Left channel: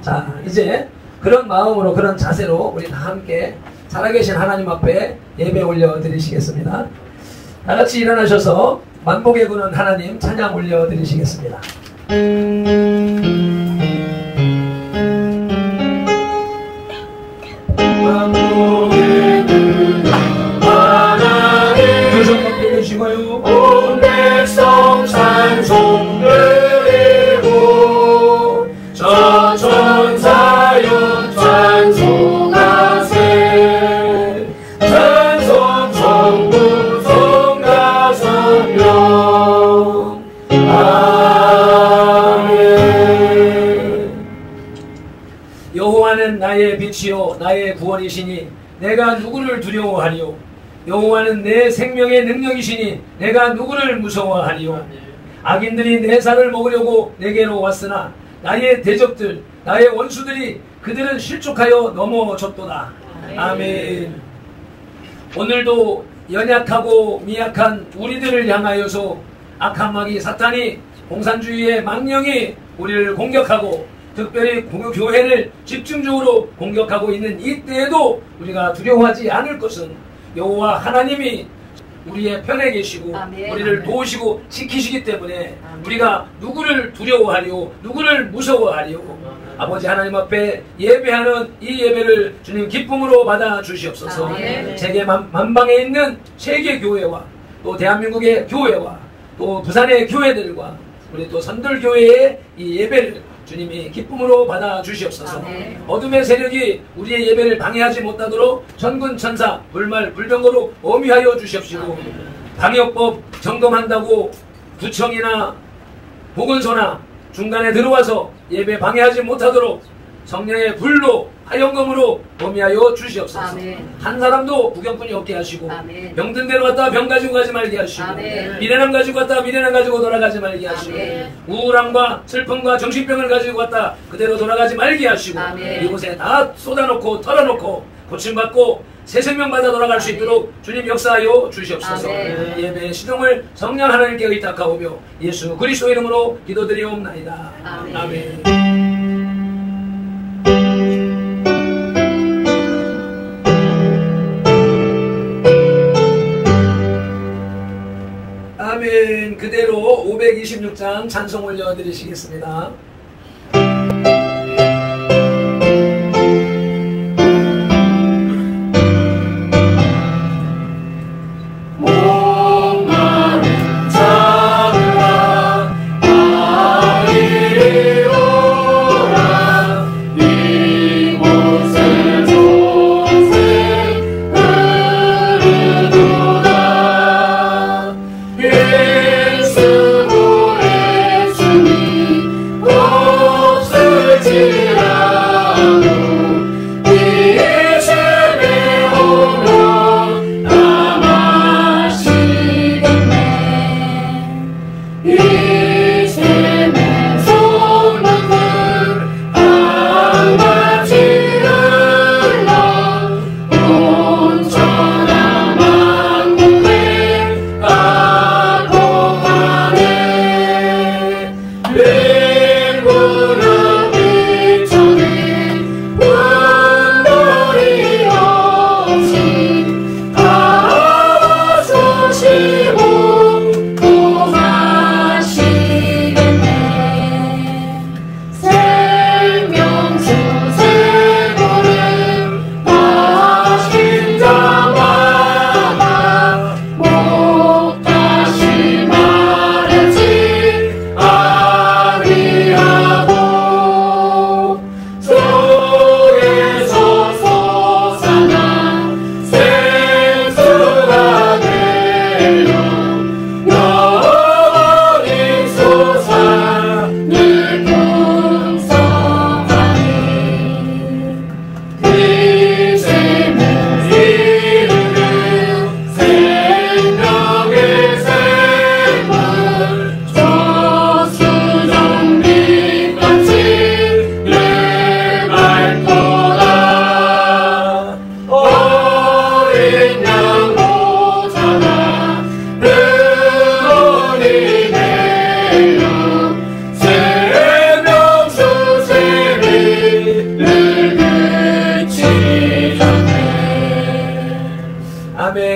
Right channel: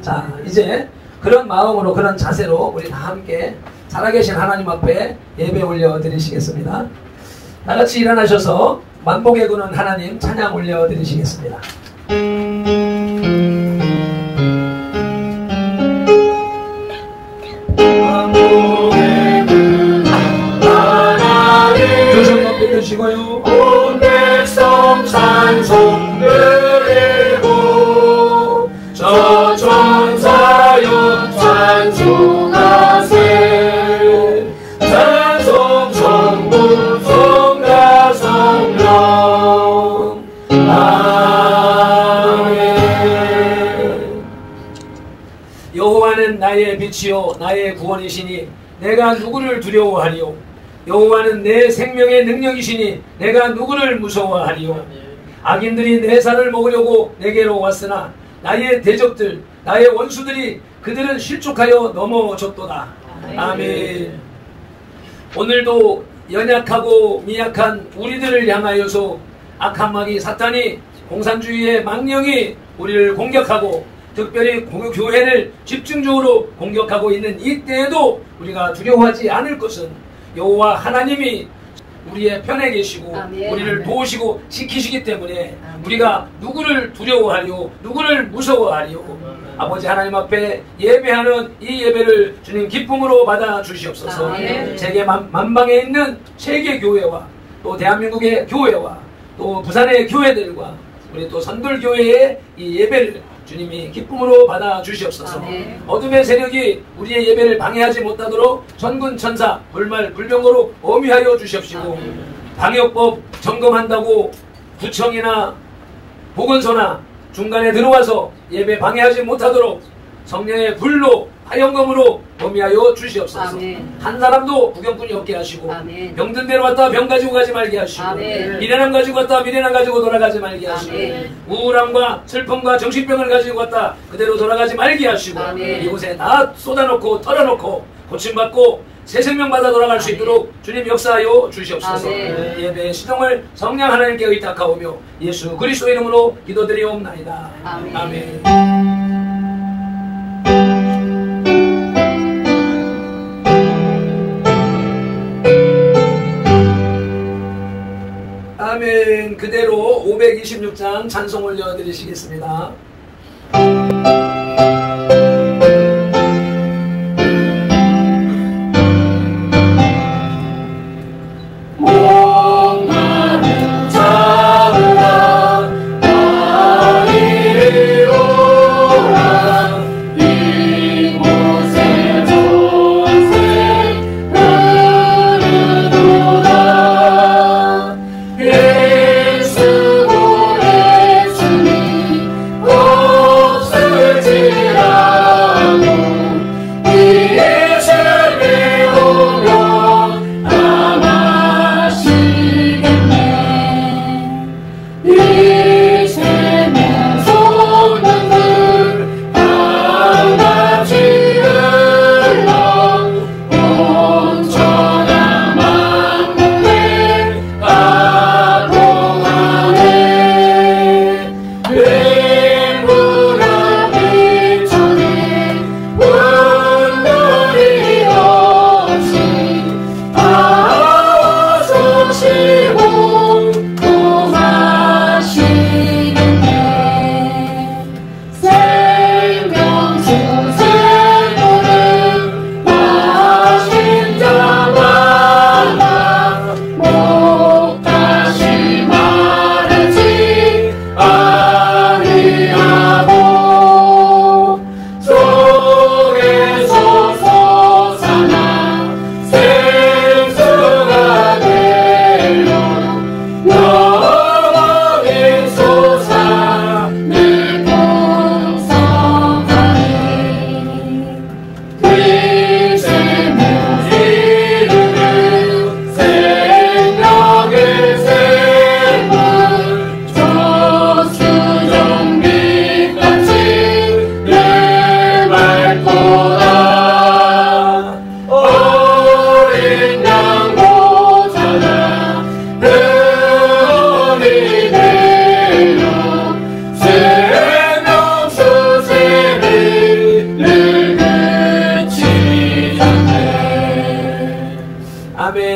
자, 이제 그런 마음으로, 그런 자세로 우리 다 함께 살아계신 하나님 앞에 예배 올려드리시겠습니다. 다 같이 일어나셔서 만복의 구는 하나님 찬양 올려드리시겠습니다. 만복의 구는 하나님 두 손 높이 드시고요. 온 백성 찬송 드리고 저 천사여 찬송하세. 찬송 성부 성가 성령 아멘. 여호와는 나의 빛이요 나의 구원이시니 내가 누구를 두려워하리요. 여호와는 내 생명의 능력이시니 내가 누구를 무서워하리요. 악인들이 내 살을 먹으려고 내게로 왔으나 나의 대적들 나의 원수들이 그들은 실족하여 넘어졌도다. 아멘. 오늘도 연약하고 미약한 우리들을 향하여서 악한 마귀 사탄이 공산주의의 망령이 우리를 공격하고 특별히 교회를 집중적으로 공격하고 있는 이때에도 우리가 두려워하지 않을 것은 여호와 하나님이 우리의 편에 계시고 아멘. 우리를 도우시고 지키시기 때문에 우리가 누구를 두려워하리요 누구를 무서워하리요. 아버지 하나님 앞에 예배하는 이 예배를 주님 기쁨으로 받아 주시옵소서. 아멘. 세계 만방에 있는 세계 교회와 또 대한민국의 교회와 또 부산의 교회들과 우리 또 선돌교회의 이 예배를 주님이 기쁨으로 받아 주시옵소서. 아멘. 어둠의 세력이 우리의 예배를 방해하지 못하도록 천군 천사 불말 불병거로 엄위하여 주시옵시고 아멘. 방역법 점검한다고 구청이나 보건소나 중간에 들어와서 예배 방해하지 못하도록 성령의 불로 화영검으로 범위하여 주시옵소서. 아멘. 한 사람도 구경꾼이 없게 하시고 아멘. 병든 데로 왔다 병 가지고 가지 말게 하시고 아멘. 미련함 가지고 왔다 미련함 가지고 돌아가지 말게 하시고 아멘. 우울함과 슬픔과 정신병을 가지고 왔다 그대로 돌아가지 말게 하시고 아멘. 이곳에 다 쏟아놓고 털어놓고 고침받고 새 생명 받아 돌아갈 수 있도록 주님 역사하여 주시옵소서. 아멘. 예배의 시동을 성령 하나님께 의탁하오며 예수 그리스도 이름으로 기도드리옵나이다. 아멘. 아멘. 아멘. 그대로 526장 찬송 올려드리시겠습니다. 예수 보내 주님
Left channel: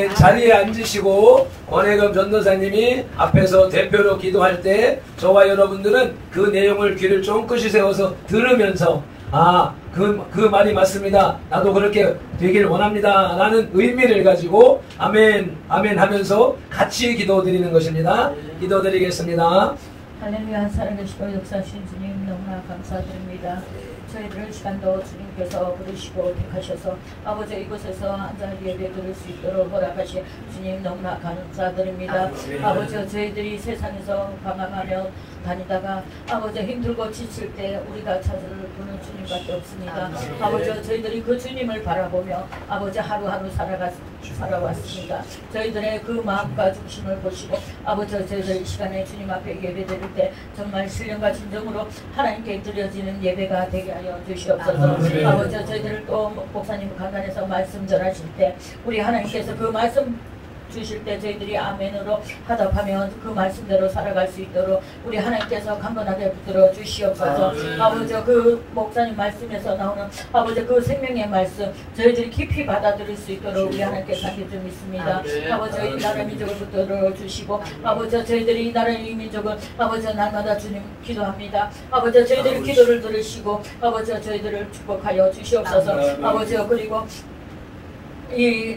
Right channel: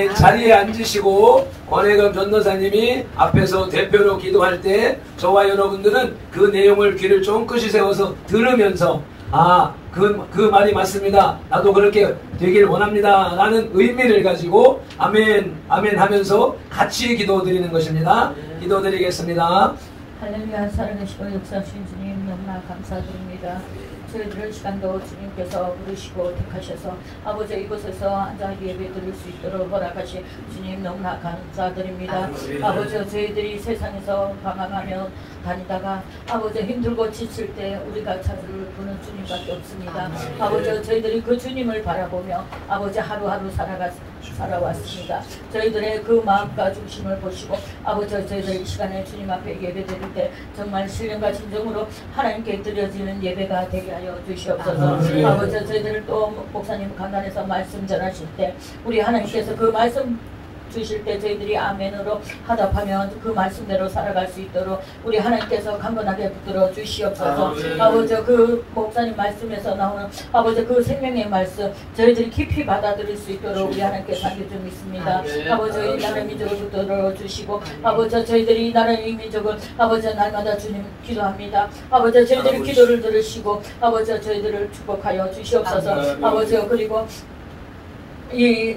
아멘. 자리에 앉으시고 권혜금 전도사님이 앞에서 대표로 기도할 때 저와 여러분들은 그 내용을 귀를 쫑긋이 세워서 들으면서 그 말이 맞습니다. 나도 그렇게 되길 원합니다. 라는 의미를 가지고 아멘 아멘 하면서 같이 기도 드리는 것입니다. 기도 드리겠습니다. 할렐루야. 살아계시고 역사하신 주님 너무나 감사드립니다. 저희들 시간도 주님께서 부르시고 택하셔서 아버지 이곳에서 앉아 예배 드릴 수 있도록 허락하신 주님 너무나 감사드립니다. 아버지 저희들이 세상에서 방황하며 다니다가 아버지 힘들고 지칠 때 우리가 찾을 분은 주님밖에 없습니다. 아버지 저희들이 그 주님을 바라보며 아버지 하루하루 살아왔습니다. 저희들의 그 마음과 중심을 보시고 아버지 저희들 이 시간에 주님 앞에 예배 드릴 때 정말 신령과 진정으로 하나님께 드려지는 예배가 되게 하여 주시옵소서. 아버지 저희들을 또 목사님 강단에서 말씀 전하실 때 우리 하나님께서 그 말씀 주실 때 저희들이 아멘으로 하답하며 그 말씀대로 살아갈 수 있도록 우리 하나님께서 강건하게 붙들어 주시옵소서. 아버지 그 목사님 말씀에서 나오는 아버지 그 생명의 말씀 저희들이 깊이 받아들일 수 있도록 우리 하나님께서 함께 좀 있습니다. 아버지 이 나라의 민족을 붙들어 주시고 아버지 저희들이 이 나라의 민족을 아버지 날마다 주님 기도합니다. 아버지 저희들의 기도를 들으시고 아버지 저희들을 축복하여 주시옵소서. 아버지 그리고 이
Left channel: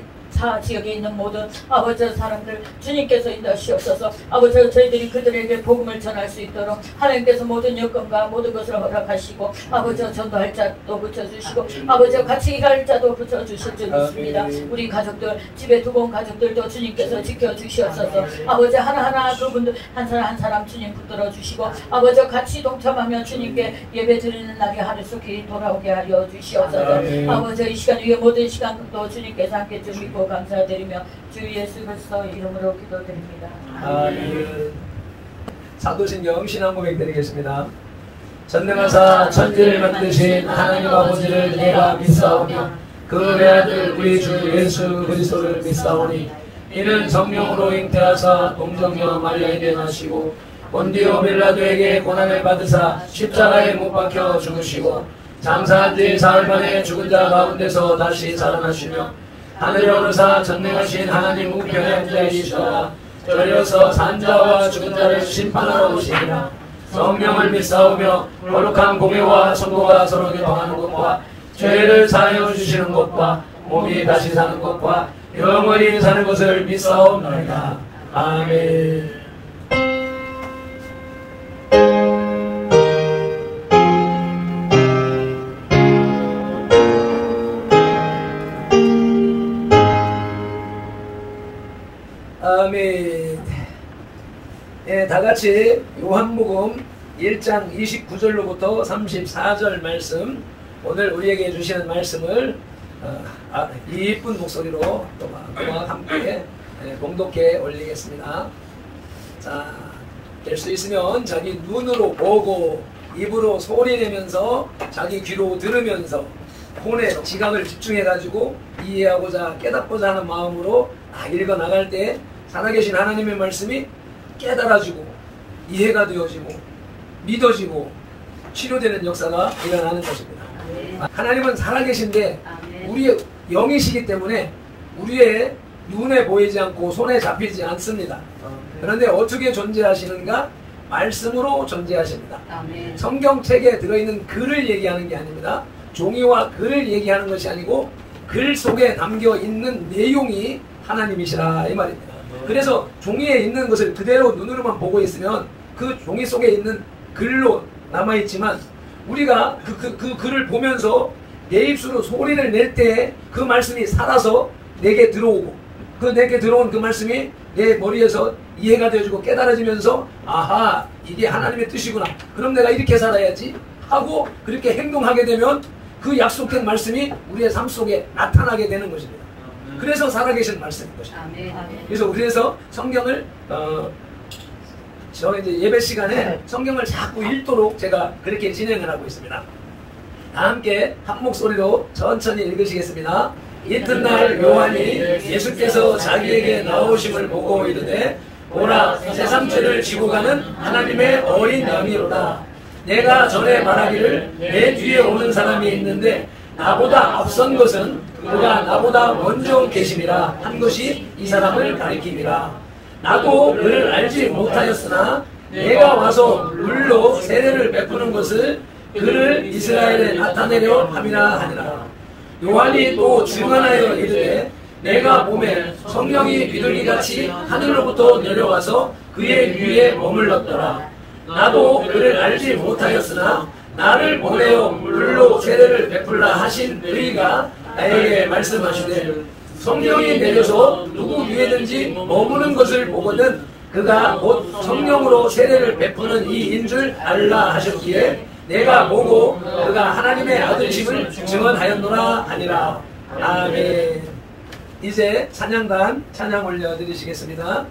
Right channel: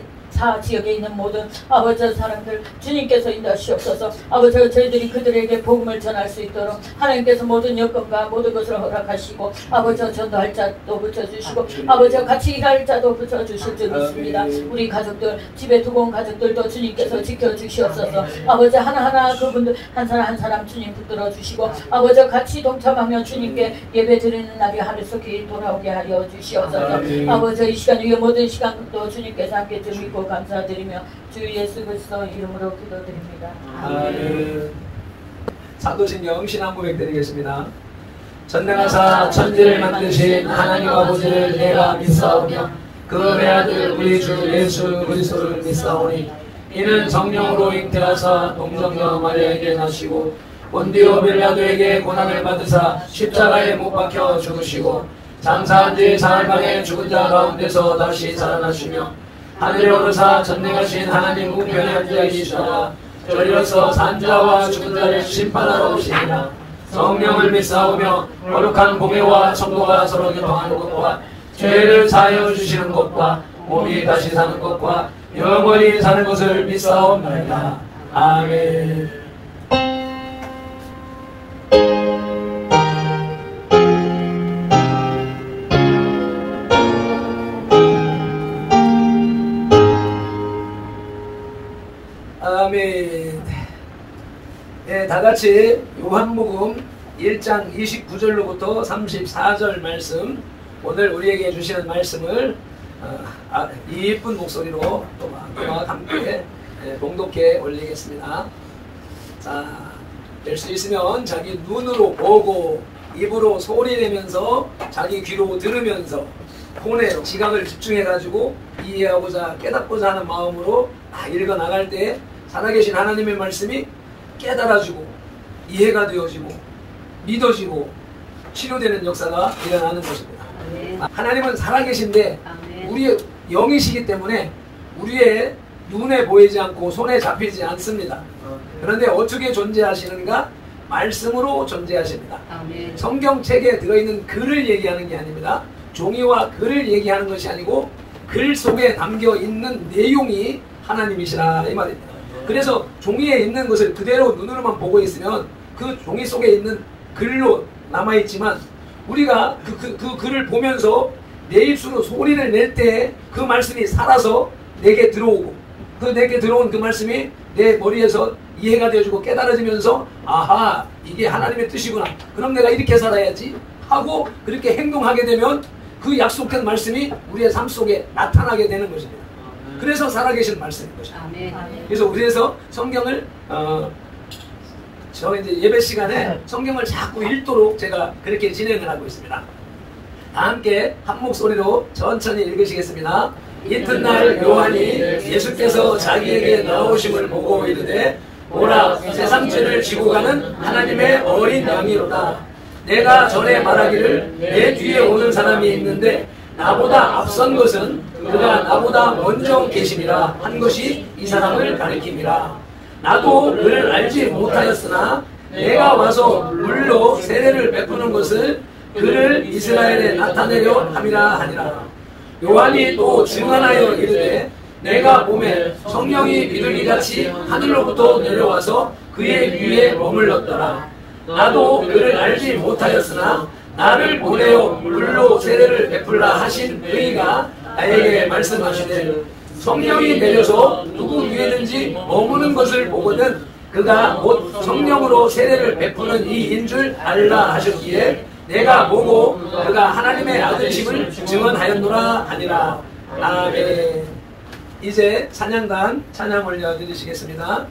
지역에 있는 모든 아버지 사람들 주님께서 인도하시옵소서. 아버지 저희들이 그들에게 복음을 전할 수 있도록 하나님께서 모든 여건과 모든 것을 허락하시고 아버지 전도할 자도 붙여주시고 아버지 같이 일할 자도 붙여주실 줄 믿습니다. 우리 가족들 집에 두고 온 가족들도 주님께서 지켜주시옵소서. 아버지 하나하나 그분들 한 사람 한 사람 주님 붙들어 주시고 아버지 같이 동참하며 주님께 예배 드리는 날이 하루속히 돌아오게 하여 주시옵소서. 아버지 이 시간 위에 모든 시간도 주님께서 함께 주시고 감사드리며 주 예수 그리스도 이름으로 기도드립니다. 아멘. 사도신경 신앙 고백 드리겠습니다. 전능하사 천지를 만드신 하나님 아버지를 내가 믿사오며 그 외아들 우리 주 예수 그리스도를 믿사오니 이는 성령으로 잉태하사 동정녀 마리아에게 나시고 본디오 빌라도에게 고난을 받으사 십자가에 못 박혀 죽으시고 장사한 지 사흘 만에 죽은 자 가운데서 다시 살아나시며 하늘에 오르사 전능하신 하나님 우편에 앉아 계시다가 떨려서 산자와 죽은 자를 심판하러 오시니라. 성령을 믿사오며 거룩한 공예와 성도가 서로 교통하는 것과 죄를 사하여 주시는 것과 몸이 다시 사는 것과 영원히 사는 것을 믿사옵나이다. 아멘. 아멘. 예, 다같이 요한복음 1장 29절로부터 34절 말씀, 오늘 우리에게 주시는 말씀을 이쁜 목소리로 또막 함께 봉독해 올리겠습니다. 자, 될 수 있으면 자기 눈으로 보고 입으로 소리내면서 자기 귀로 들으면서 폰에 지각을 집중해가지고 이해하고자 깨닫고자 하는 마음으로 읽어 나갈 때 살아계신 하나님의 말씀이 깨달아지고 이해가 되어지고 믿어지고 치료되는 역사가 일어나는 것입니다. 하나님은 살아계신데 우리의 영이시기 때문에 우리의 눈에 보이지 않고 손에 잡히지 않습니다. 그런데 어떻게 존재하시는가? 말씀으로 존재하십니다. 성경책에 들어있는 글을 얘기하는 게 아닙니다. 종이와 글을 얘기하는 것이 아니고 글 속에 담겨있는 내용이 하나님이시라 이 말입니다. 그래서 종이에 있는 것을 그대로 눈으로만 보고 있으면 그 종이 속에 있는 글로 남아있지만 우리가 그 글을 보면서 내 입술로 소리를 낼 때 그 말씀이 살아서 내게 들어오고 내게 들어온 그 말씀이 내 머리에서 이해가 되어지고 깨달아지면서 아하 이게 하나님의 뜻이구나 그럼 내가 이렇게 살아야지 하고 그렇게 행동하게 되면 그 약속된 말씀이 우리의 삶 속에 나타나게 되는 것입니다. 그래서 살아계신 말씀인 것입니다. 그래서 우리에서 성경을 저 이제 예배 시간에 성경을 자꾸 읽도록 제가 그렇게 진행을 하고 있습니다. 다 함께 한 목소리로 천천히 읽으시겠습니다. 이튿날 요한이 예수께서 자기에게 나오심을 보고 이르되 오라 세상 죄를 지고 가는 하나님의 어린 양이로다. 내가 전에 말하기를 내 뒤에 오는 사람이 있는데 나보다 앞선 것은 그가 나보다 먼저 계심이라 한 것이 이 사람을 가리킵니다. 나도 그를 알지 못하였으나 내가 와서 물로 세례를 베푸는 것을 그를 이스라엘에 나타내려 함이라 하니라. 요한이 또 증언하여 이르되 내가 보매 성령이 비둘기같이 하늘로부터 내려와서 그의 위에 머물렀더라. 나도 그를 알지 못하였으나 나를 보내어 물로 세례를 베풀라 하신 그이가 나에게 말씀하시되 성령이 내려서 누구 위에든지 머무는 것을 보거든 그가 곧 성령으로 세례를 베푸는 이인 줄 알라 하셨기에 내가 보고 그가 하나님의 아들임을 증언하였노라 하니라. 아멘. 이제 찬양단 찬양 올려드리시겠습니다.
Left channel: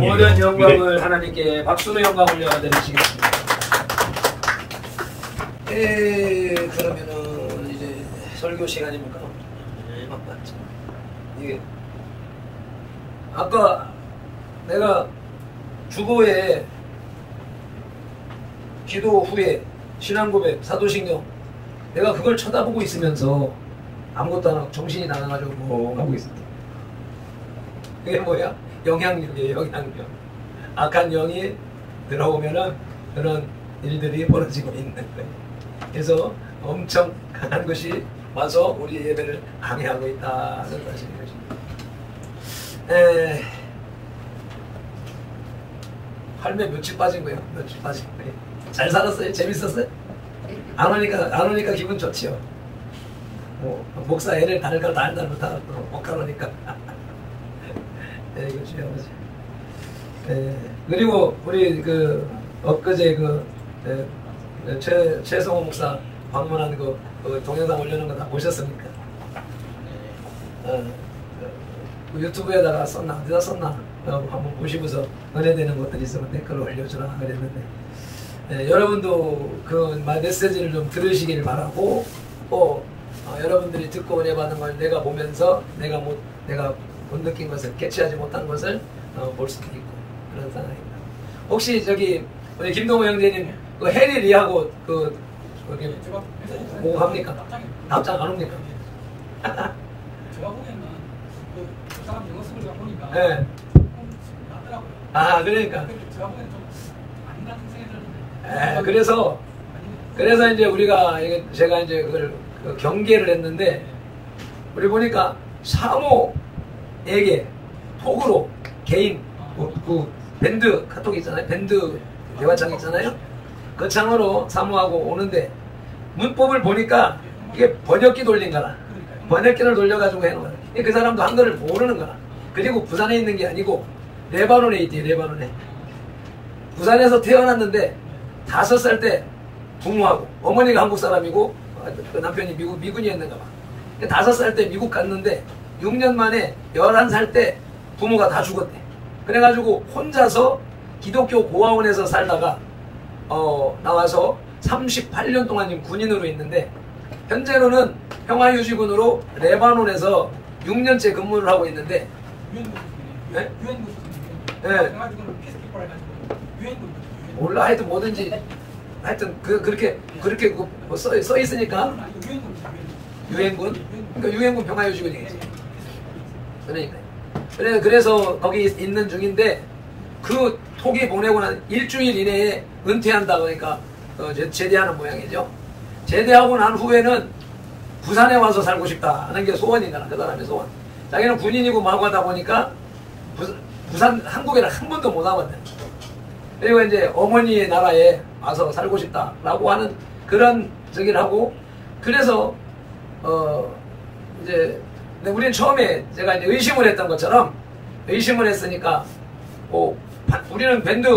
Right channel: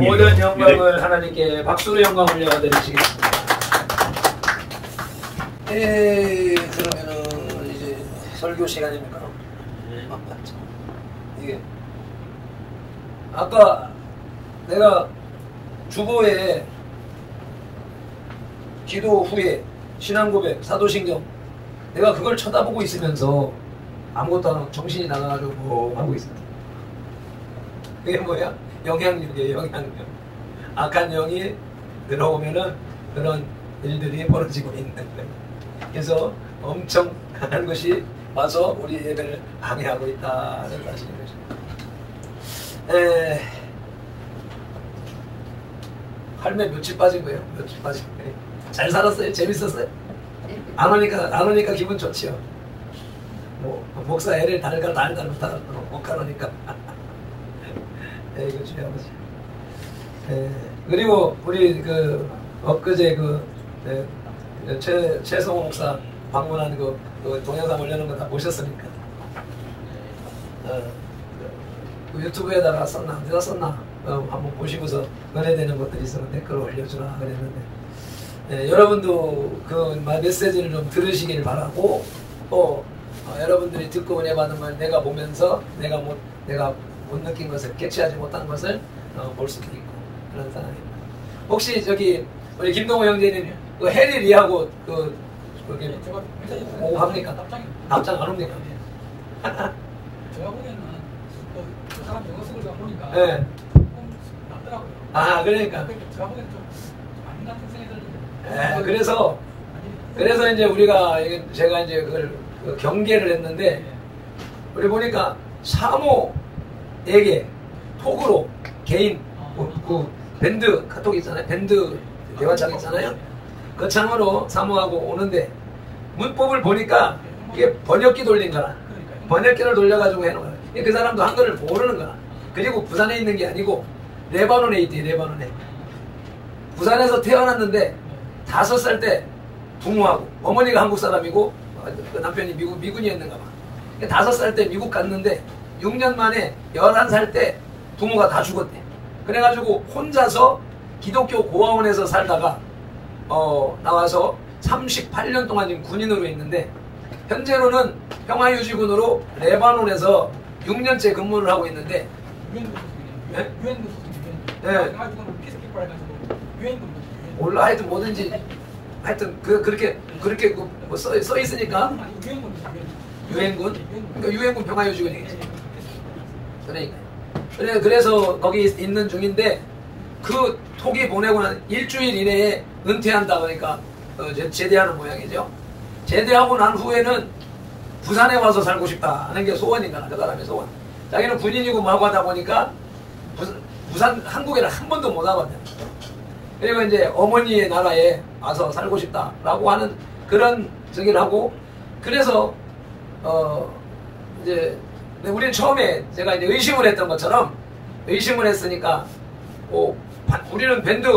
모든 영광을 하나님께 박수로 영광 올려드리시겠습니다. 그러면은 이제 설교 시간입니까? 맞죠? 이게 아까 내가 주보에 기도 후에 신앙고백, 사도신경 내가 그걸 쳐다보고 있으면서 아무것도 안 하고 정신이 나가가지고 뭐 하고 있습니다. 그게 뭐야? 영향력이에요. 영향력. 악한 영이 들어오면은 그런 일들이 벌어지고 있는 거예요. 그래서 엄청 강한 것이 와서 우리 예배를 방해하고 있다는 사실인 것입니다. 할매 며칠 빠진 거예요? 며칠 빠진 거예요? 잘 살았어요? 재밌었어요? 안 오니까 기분 좋지요. 뭐 목사 애를 달달 못하고 못 가라니까. 이거 주의하지. 그리고 우리 그 엊그제 최성호 목사 방문한 그 동영상 올려놓은 거 다 보셨습니까? 유튜브에다가 썼나 어디다 썼나 한번 보시고서 은혜되는 것들이 있으면 댓글을 올려주라 그랬는데 네, 여러분도 그 메시지를 좀 들으시길 바라고 또 여러분들이 듣고 은혜 받는 걸 내가 보면서 내가 못 느낀 것을 캐치하지 못한 것을 볼 수도 있고 그런 상황입니다. 혹시 저기 우리 김동호 형제님 그 해리 리하고 그 거기 보고 합니까? 답장 안 옵니까? 제가 보기에는 그 사람 영어 쓰는 거 보니까 네. 낫더라고요. 아 그러니까. 제가 보기에는 좀 아닌 같은 생각이 들던데. 그래서 이제 우리가 제가 이제 그걸 경계를 했는데 우리 보니까 사모에게 톡으로 개인 그 밴드 카톡 있잖아요. 밴드 대화창 있잖아요. 그 창으로 사모하고 오는데 문법을 보니까 이게 번역기 돌린 거라. 번역기를 돌려가지고 해놓은 거라. 그 사람도 한글을 모르는 거라. 그리고 부산에 있는 게 아니고 레바논에 있대. 레바논에. 부산에서 태어났는데 5살 때 부모하고 어머니가 한국 사람이고 그 남편이 미군이었는가 봐. 5살 때 미국 갔는데 6년 만에 11살 때 부모가 다 죽었대. 그래가지고 혼자서 기독교 고아원에서 살다가 나와서 38년 동안 지금 군인으로 있는데 현재로는 평화유지군으로 레바논에서 6년째 근무를 하고 있는데 유엔군 네. 몰라 하여튼 뭐든지 하여튼 그렇게 뭐 써 있으니까 유엔군 그러니까 유엔군 평화유지군이겠지. 그래서 거기 있는 중인데 그 톡이 보내고 난 일주일 이내에 은퇴한다 그러니까 제대하는 모양이죠. 제대하고 난 후에는 부산에 와서 살고 싶다 하는 게 소원인가 그 사람의 소원. 자기는 군인이고 마구 하다 보니까 부산 한국에는 한 번도 못 와봤네. 그리고 이제 어머니의 나라에 와서 살고 싶다라고 하는 그런 저기를 하고 그래서 이제 우리는 처음에 제가 이제 의심을 했던 것처럼 의심을 했으니까 우리는 밴드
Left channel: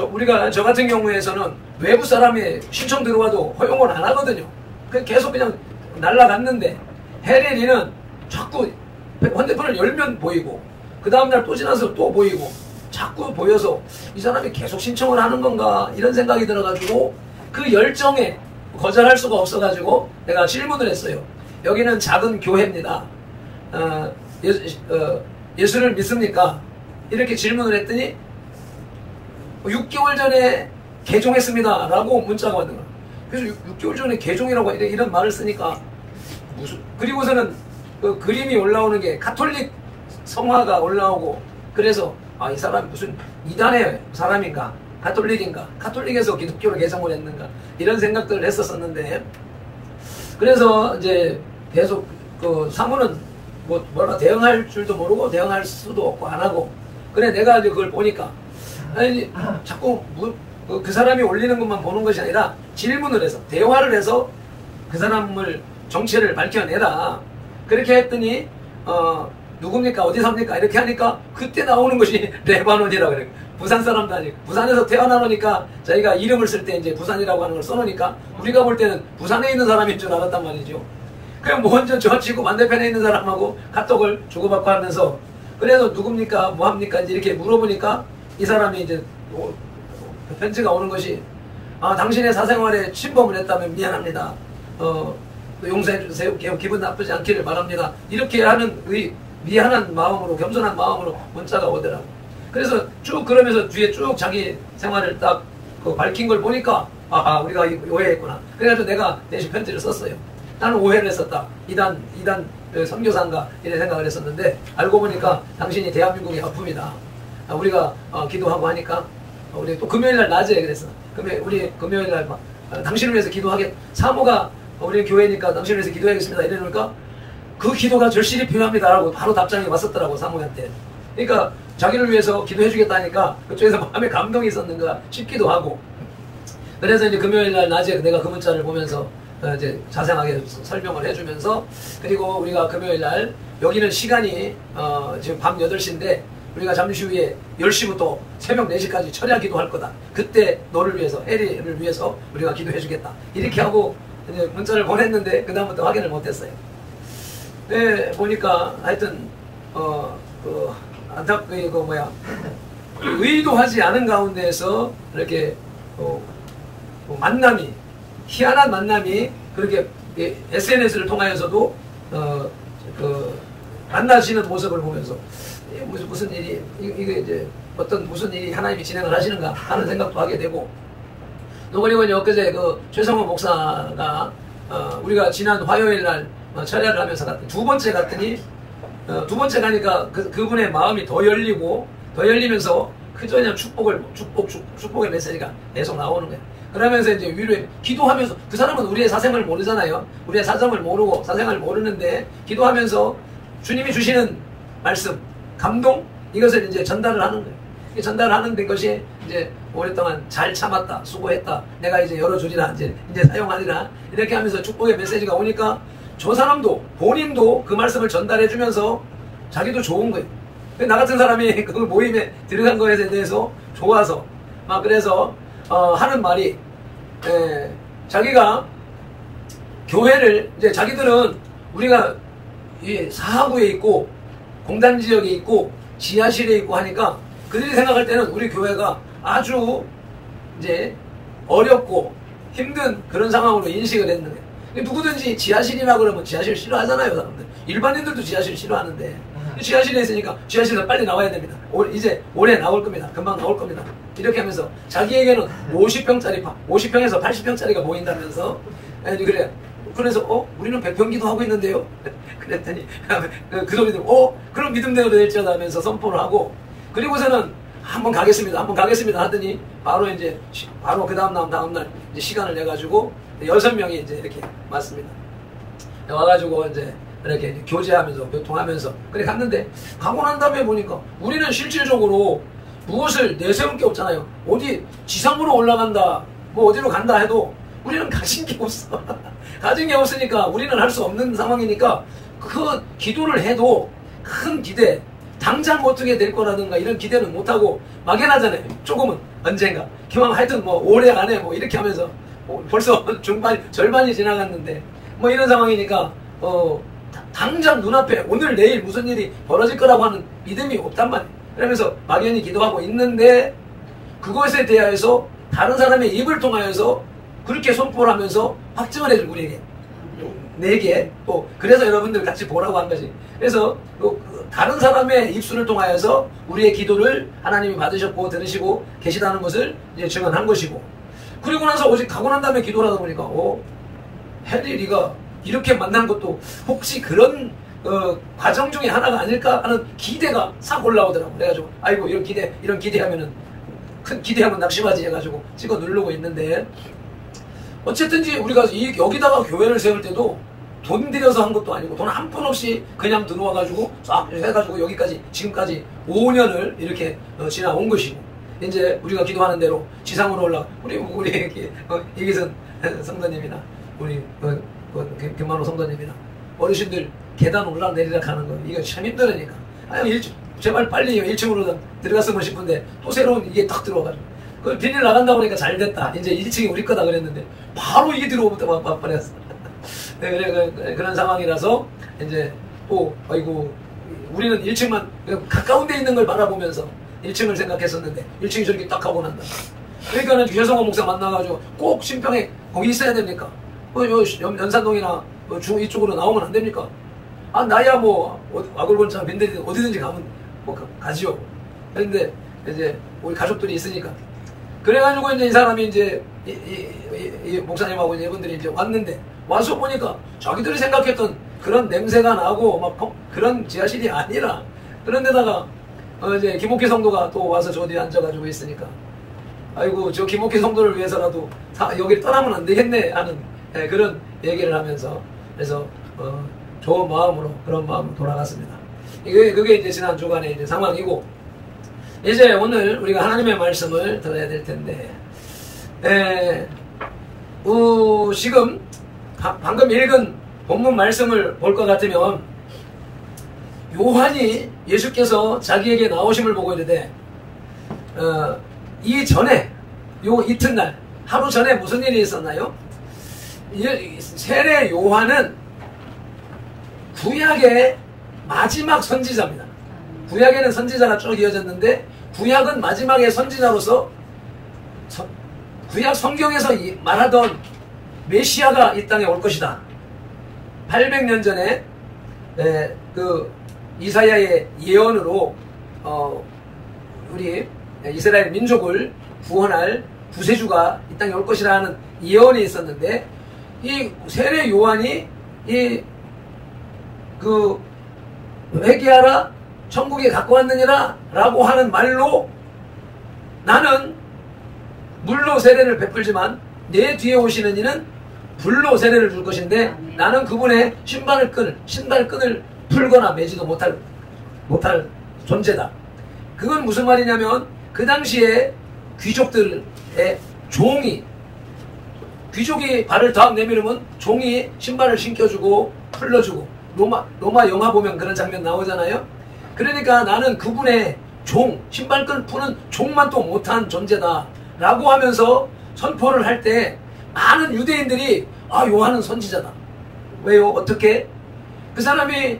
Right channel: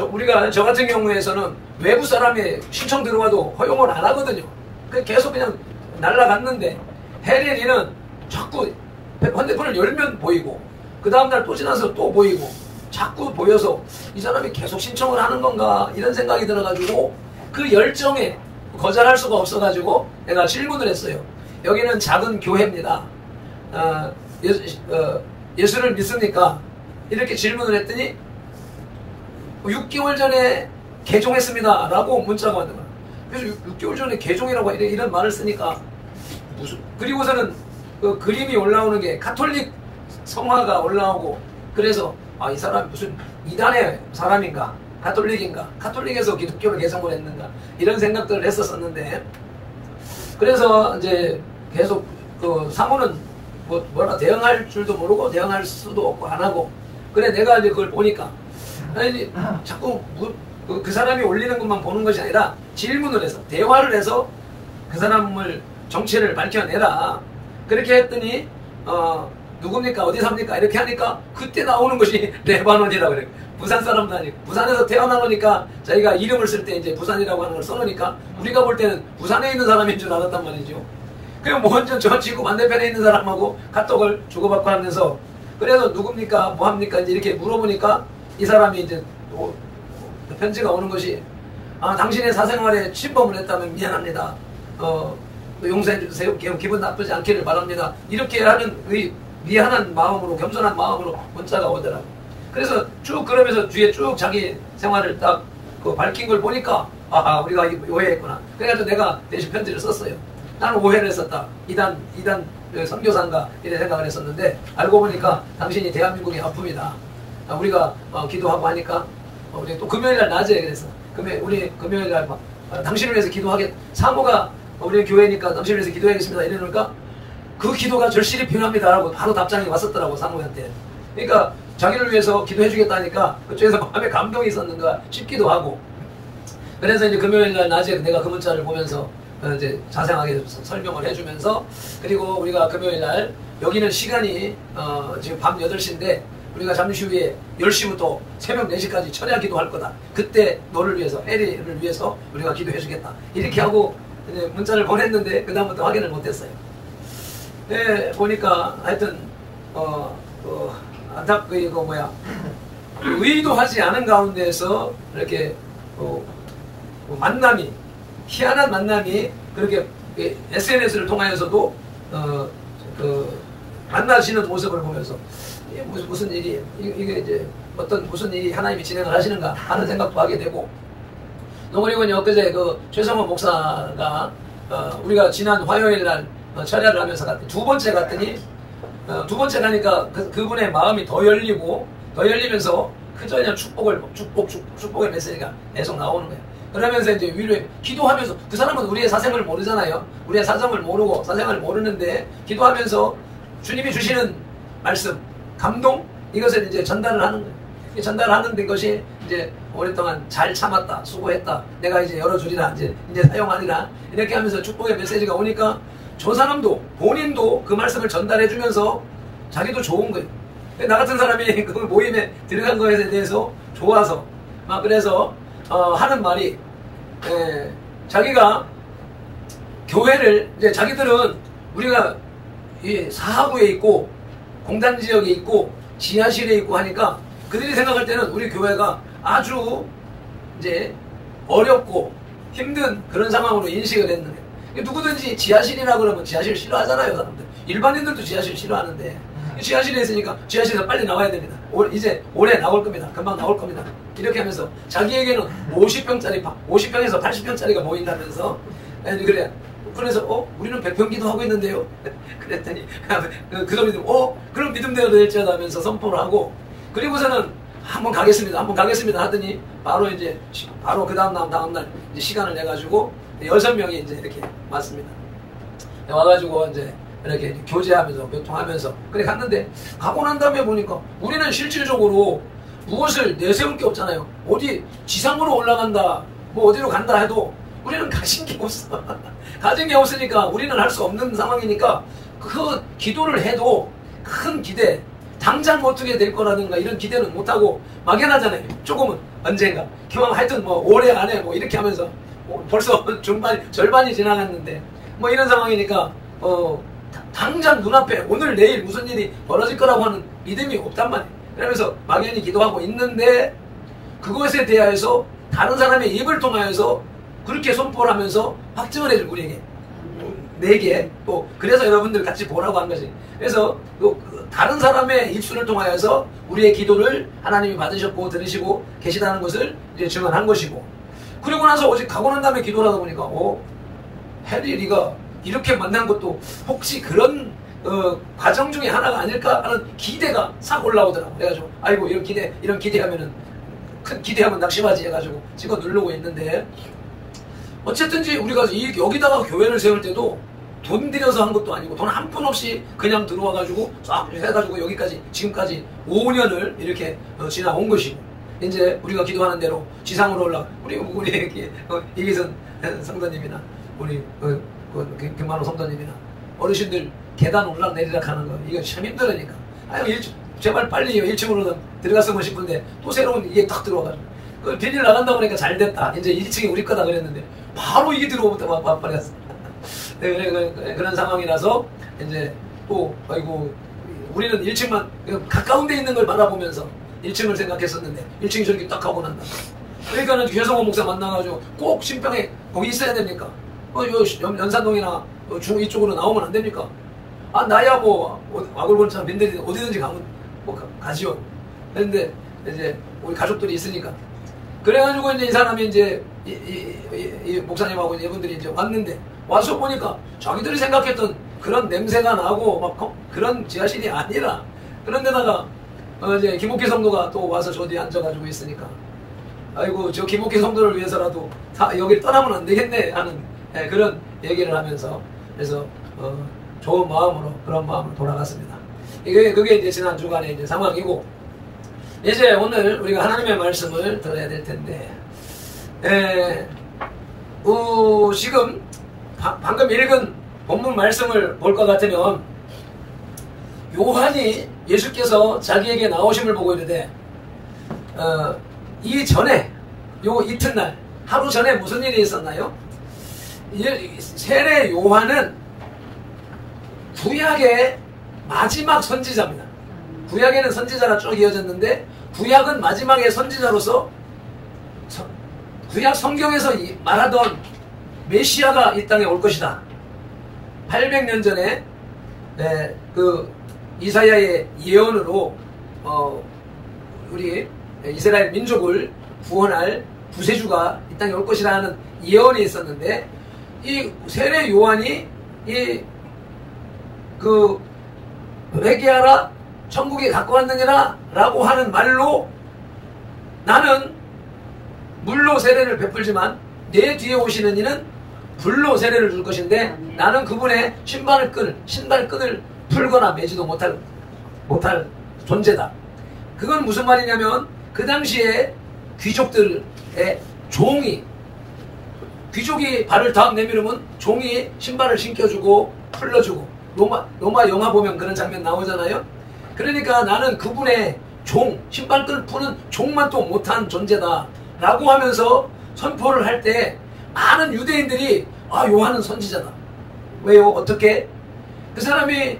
우리가 저 같은 경우에서는 외부 사람이 신청 들어와도 허용을 안 하거든요. 계속 그냥 날라갔는데 해리는 자꾸 핸드폰을 열면 보이고 그 다음날 또 지나서 또 보이고 자꾸 보여서 이 사람이 계속 신청을 하는 건가 이런 생각이 들어가지고 그 열정에 거절할 수가 없어가지고 내가 질문을 했어요. 여기는 작은 교회입니다. 예수를 믿습니까? 이렇게 질문을 했더니 6개월 전에 개종했습니다 라고 문자가 왔는 거야. 그래서 6개월 전에 개종이라고 이런 말을 쓰니까 그리고서는 그 그림이 올라오는 게 가톨릭 성화가 올라오고 그래서 이 사람이 무슨 이단의 사람인가 가톨릭인가 가톨릭에서 기독교를 개종을 했는가 이런 생각들을 했었었는데 그래서 이제 계속 그 사모는 뭐라 대응할 줄도 모르고 대응할 수도 없고 안 하고 그래 내가 이제 그걸 보니까 아니 자꾸 그 사람이 올리는 것만 보는 것이 아니라 질문을 해서 대화를 해서 그 사람을 정체를 밝혀내라 그렇게 했더니 누굽니까 어디 삽니까 이렇게 하니까 그때 나오는 것이 레바논이라 그래. 부산 사람도 아니고 부산에서 태어나니까 저희가 이름을 쓸 때 이제 부산이라고 하는 걸 써놓으니까 우리가 볼 때는 부산에 있는 사람인 줄 알았단 말이죠. 그럼 먼저 저 지구 반대편에 있는 사람하고 카톡을 주고받고 하면서 그래서 누굽니까 뭐합니까 이렇게 물어보니까 이 사람이 이제 편지가 오는 것이 당신의 사생활에 침범을 했다면 미안합니다. 용서해 주세요. 기분 나쁘지 않기를 바랍니다. 이렇게 하는 미안한 마음으로 겸손한 마음으로 문자가 오더라고. 그래서 쭉 그러면서 뒤에 쭉 자기 생활을 딱 밝힌 걸 보니까 우리가 오해했구나. 그래가지고 내가 대신 편지를 썼어요. 나는 오해를 했었다. 이단 선교사인가 이런 생각을 했었는데 알고 보니까 당신이 대한민국의 아픔이다. 우리가 기도하고 하니까 우리 또 금요일날 낮에 그랬어. 우리 금요일날 당신을 위해서 사모가 우리 교회니까 당신을 위해서 기도하겠습니다. 이러니까 그 기도가 절실히 필요합니다. 라고 바로 답장이 왔었더라고 사모한테. 그러니까 자기를 위해서 기도해 주겠다니까 그쪽에서 마음에 감동이 있었는가 싶기도 하고 그래서 이제 금요일날 낮에 내가 그 문자를 보면서 이제 자세하게 설명을 해주면서 그리고 우리가 금요일날 여기는 시간이 지금 밤 8시인데 우리가 잠시 후에 10시부터 새벽 4시까지 철야 기도할 거다. 그때 너를 위해서 해리를 위해서 우리가 기도해 주겠다. 이렇게 하고 이제 문자를 보냈는데 그 다음부터 확인을 못했어요. 네, 보니까 하여튼 의도하지 않은 가운데에서 이렇게 만남이, 희한한 만남이 그렇게 SNS를 통하여서도 만나시는 모습을 보면서 무슨 일이 이게 이제 어떤 무슨 일이 하나님이 진행을 하시는가 하는 생각도 하게 되고, 또 그리고 이제 엊그제 최성원 목사가 우리가 지난 화요일 날 철야를 하면서 갔더니 두 번째 갔더니 두 번째 가니까 그분의 마음이 더 열리면서 그전에 축복의 메시지가 계속 나오는 거예요. 그러면서 이제 위로에 기도하면서, 그 사람은 우리의 사생을 모르잖아요. 우리의 사정을 모르고 사생을 모르는데 기도하면서 주님이 주시는 말씀, 감동, 이것을 이제 전달을 하는 거예요. 전달하는 것이 이제 오랫동안 잘 참았다, 수고했다, 내가 이제 열어주리라, 이제 사용하리라, 이렇게 하면서 축복의 메시지가 오니까 저 사람도 본인도 그 말씀을 전달해주면서 자기도 좋은 거예요. 나 같은 사람이 그 모임에 들어간 것에 대해서 좋아서 막 그래서 하는 말이, 자기가 교회를 이제 자기들은 우리가 이 사하구에 있고 공단 지역에 있고 지하실에 있고 하니까 그들이 생각할 때는 우리 교회가 아주 이제 어렵고 힘든 그런 상황으로 인식을 했는 거예요. 누구든지 지하실이라 그러면 지하실 싫어하잖아요, 사람들. 일반인들도 지하실 싫어하는데 지하실에 있으니까 지하실에서 빨리 나와야 됩니다. 이제 올해 나올 겁니다. 금방 나올 겁니다. 이렇게 하면서 자기에게는 50평에서 80평짜리가 보인다면서, 그래. 그래서 우리는 100평 기도하고 있는데요. 그랬더니 그 소리 듣고 그럼 믿음대로 될지어다 하면서 선포를 하고, 그리고서는 한번 가겠습니다 하더니 바로 그 다음날 이제 시간을 내가지고 6명이 이제 이렇게 왔습니다. 와가지고 이제 이렇게 교제하면서 교통하면서 그래 갔는데, 가고 난 다음에 보니까 우리는 실질적으로 무엇을 내세울 게 없잖아요. 어디 지상으로 올라간다, 뭐 어디로 간다 해도 우리는 가진 게 없어. 가진 게 없으니까 우리는 할 수 없는 상황이니까 그 기도를 해도 큰 기대, 당장 어떻게 될 거라든가 이런 기대는 못하고 막연하잖아요. 조금은 언젠가 하여튼 뭐 올해 안에 뭐 이렇게 하면서 벌써 절반이 지나갔는데 뭐 이런 상황이니까 당장 눈앞에 오늘 내일 무슨 일이 벌어질 거라고 하는 믿음이 없단 말이에요. 그러면서 막연히 기도하고 있는데 그것에 대하여서 다른 사람의 입을 통하여서 그렇게 선포를 하면서 확증을 해줄 우리에게 내게 또 그래서 여러분들 같이 보라고 한 거지. 그래서 다른 사람의 입술을 통하여서 우리의 기도를 하나님이 받으셨고 들으시고 계시다는 것을 이제 증언한 것이고, 그리고 나서 오직 가고 난 다음에 기도를 하다 보니까 해리 네가 이렇게 만난 것도 혹시 그런 과정 중에 하나가 아닐까 하는 기대가 싹 올라오더라고. 그래가지고 아이고 이런 기대하면은 큰 기대하면 낙심하지 해가지고 찍어 누르고 있는데, 어쨌든지 우리가 여기다가 교회를 세울 때도 돈 들여서 한 것도 아니고 돈 한 푼 없이 그냥 들어와가지고 싹 해가지고 여기까지 지금까지 5년을 이렇게 지나온 것이고, 이제 우리가 기도하는 대로 지상으로 올라가 우리 이기선 성도님이나 우리 김만호 성도님이나 어르신들 계단 올라내리락 하는 거 이거 참 힘들으니까 제발 빨리 1층으로 들어갔으면 싶은데 또 새로운 이게 딱 들어와가지고 비닐 나간다 보니까 잘 됐다. 이제 1층이 우리 거다 그랬는데 바로 이게 들어오면 와버렸어. 네, 그런 상황이라서 이제 또 아이고 우리는 1층만 가까운 데 있는 걸 바라보면서 1층을 생각했었는데 1층이 저렇게 딱 하고 난다. 그러니까는 최성원 목사 만나가지고 꼭 신평에 거기 있어야 됩니까? 연산동이나 이쪽으로 나오면 안 됩니까? 나야 뭐 와글건처럼 빈들이 어디든지 가면 뭐 가지요. 그런데 이제 우리 가족들이 있으니까. 그래가지고 이제 이 사람이 이제 이 목사님하고 이분들이 이제 왔는데 와서 보니까 자기들이 생각했던 그런 냄새가 나고 막 그런 지하실이 아니라, 그런데다가 이제 김옥희 성도가 또 와서 저 뒤에 앉아가지고 있으니까 아이고 저 김옥희 성도를 위해서라도 여기를 떠나면 안 되겠네 하는 그런 얘기를 하면서, 그래서 좋은 마음으로 그런 마음으로 돌아갔습니다. 그게 이제 지난 주간의 이제 상황이고, 이제 오늘 우리가 하나님의 말씀을 들어야 될 텐데, 지금 방금 읽은 본문 말씀을 볼 것 같으면 요한이 예수께서 자기에게 나오심을 보고 이르되 이전에 이튿날 하루 전에 무슨 일이 있었나요? 세례 요한은 구약의 마지막 선지자입니다. 구약에는 선지자가 쭉 이어졌는데 구약은 마지막에 선지자로서 구약 성경에서 말하던 메시아가 이 땅에 올 것이다. 800년 전에 그 이사야의 예언으로 우리 이스라엘 민족을 구원할 구세주가 이 땅에 올 것이라는 예언이 있었는데, 이 세례 요한이 그 회개하라 천국에 갖고 왔느니라 라고 하는 말로, 나는 물로 세례를 베풀지만 내 뒤에 오시는 이는 불로 세례를 줄 것인데 나는 그분의 신발끈을 풀거나 매지도 못할 존재다. 그건 무슨 말이냐면, 그 당시에 귀족들의 귀족이 발을 딱 내밀으면 종이 신발을 신겨주고 풀러주고, 로마 영화 보면 그런 장면 나오잖아요. 그러니까 나는 그분의 신발끈 푸는 종만 또 못한 존재다 라고 하면서 선포를 할 때, 많은 유대인들이 요한은 선지자다. 왜요? 어떻게? 그 사람이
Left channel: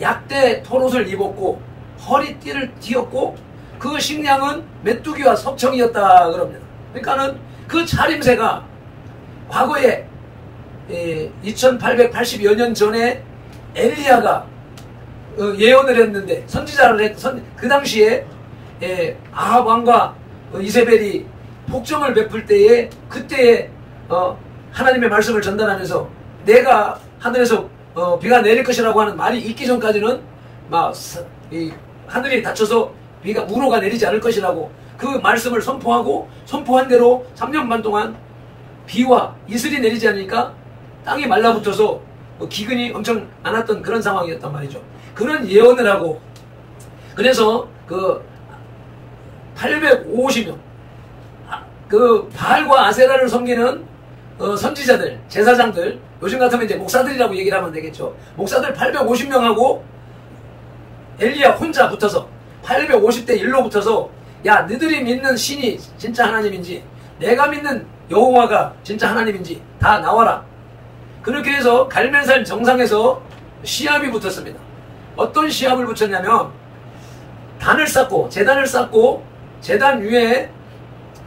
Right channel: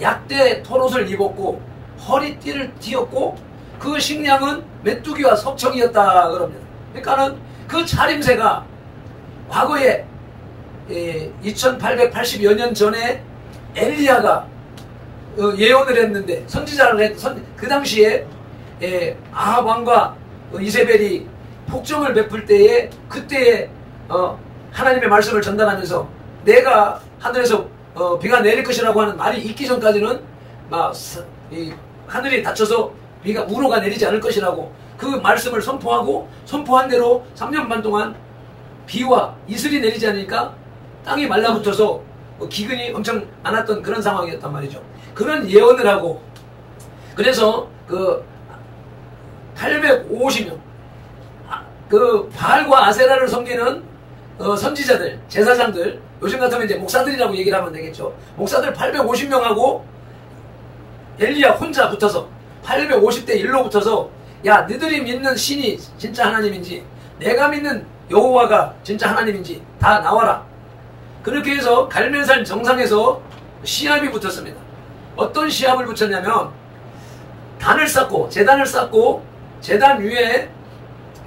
약대 털옷을 입었고 허리띠를 띠었고 그 식량은 메뚜기와 석청이었다 그럽니다. 그러니까는 그 차림새가 과거에 2880여 년 전에 엘리야가 예언을 했는데, 선지자를 그 당시에 아합 왕과 이세벨이 폭정을 베풀 때에, 그때에 하나님의 말씀을 전달하면서 내가 하늘에서 비가 내릴 것이라고 하는 말이 있기 전까지는 하늘이 닫혀서 우로가 내리지 않을 것이라고 그 말씀을 선포한 대로 3년 반 동안 비와 이슬이 내리지 않으니까 땅이 말라붙어서 기근이 엄청 많았던 그런 상황이었단 말이죠. 그런 예언을 하고, 그래서 그 850명 그 바알과 아세라를 섬기는 선지자들, 제사장들, 요즘 같으면 이제 목사들이라고 얘기를 하면 되겠죠. 목사들 850명하고 엘리야 혼자 붙어서 850대 1로 붙어서, 야, 너희들이 믿는 신이 진짜 하나님인지 내가 믿는 여호와가 진짜 하나님인지 다 나와라. 그렇게 해서 갈멜산 정상에서 시합이 붙었습니다. 어떤 시합을 붙였냐면, 제단을 쌓고 제단 위에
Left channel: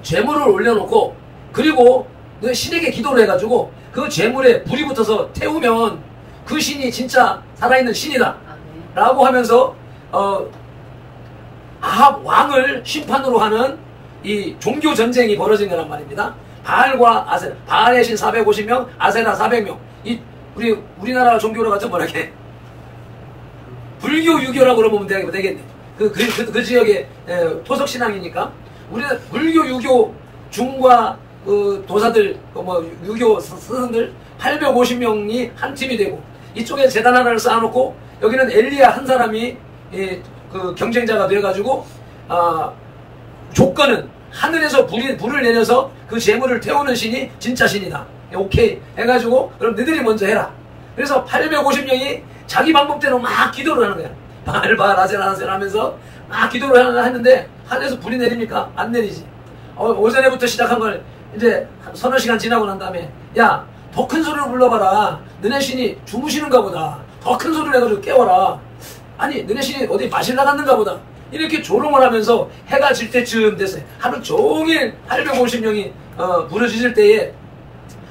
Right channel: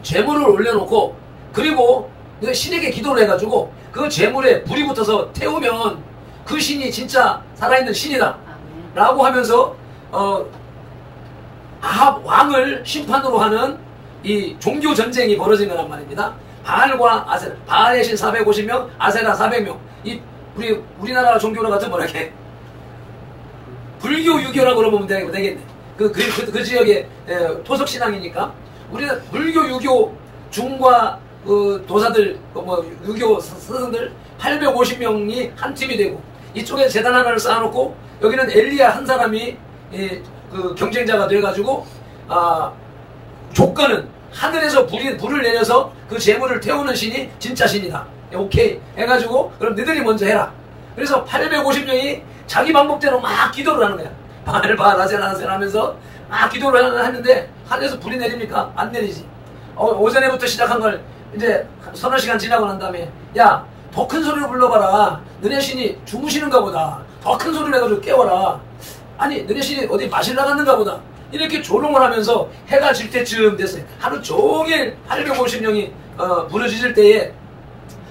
제물을 올려놓고, 그리고 신에게 기도를 해가지고 그 제물에 불이 붙어서 태우면 그 신이 진짜 살아있는 신이다 라고 하면서 아합 왕을 심판으로 하는 이 종교 전쟁이 벌어진 거란 말입니다. 바알과 아세라, 바알의 신 450명, 아세라 400명. 우리나라 종교로 같은 이렇게 불교 유교라고 그러면 되겠네. 그 지역의 토속 신앙이니까. 우리는 불교 유교 중과 도사들, 유교 스승들 850명이 한 팀이 되고, 이쪽에 제단 하나를 쌓아놓고 여기는 엘리야 한 사람이 그 경쟁자가 돼가지고, 조건은 하늘에서 불을 내려서 그 재물을 태우는 신이 진짜 신이다. 오케이 해가지고, 그럼 너희들이 먼저 해라. 그래서 850명이 자기 방법대로 막 기도를 하는 거야. 바알 아세라 하면서 막 기도를 하는데, 하늘에서 불이 내립니까? 안 내리지. 오전에부터 시작한 걸 이제 서너 시간 지나고 난 다음에, 야, 더 큰 소리로 불러봐라. 너네 신이 주무시는가 보다. 더 큰 소리를 해가지고 깨워라. 아니, 너네 신이 어디 마실 나갔는가 보다. 이렇게 조롱을 하면서 해가 질 때쯤 됐어요. 하루 종일 850명이 부르짖을 때에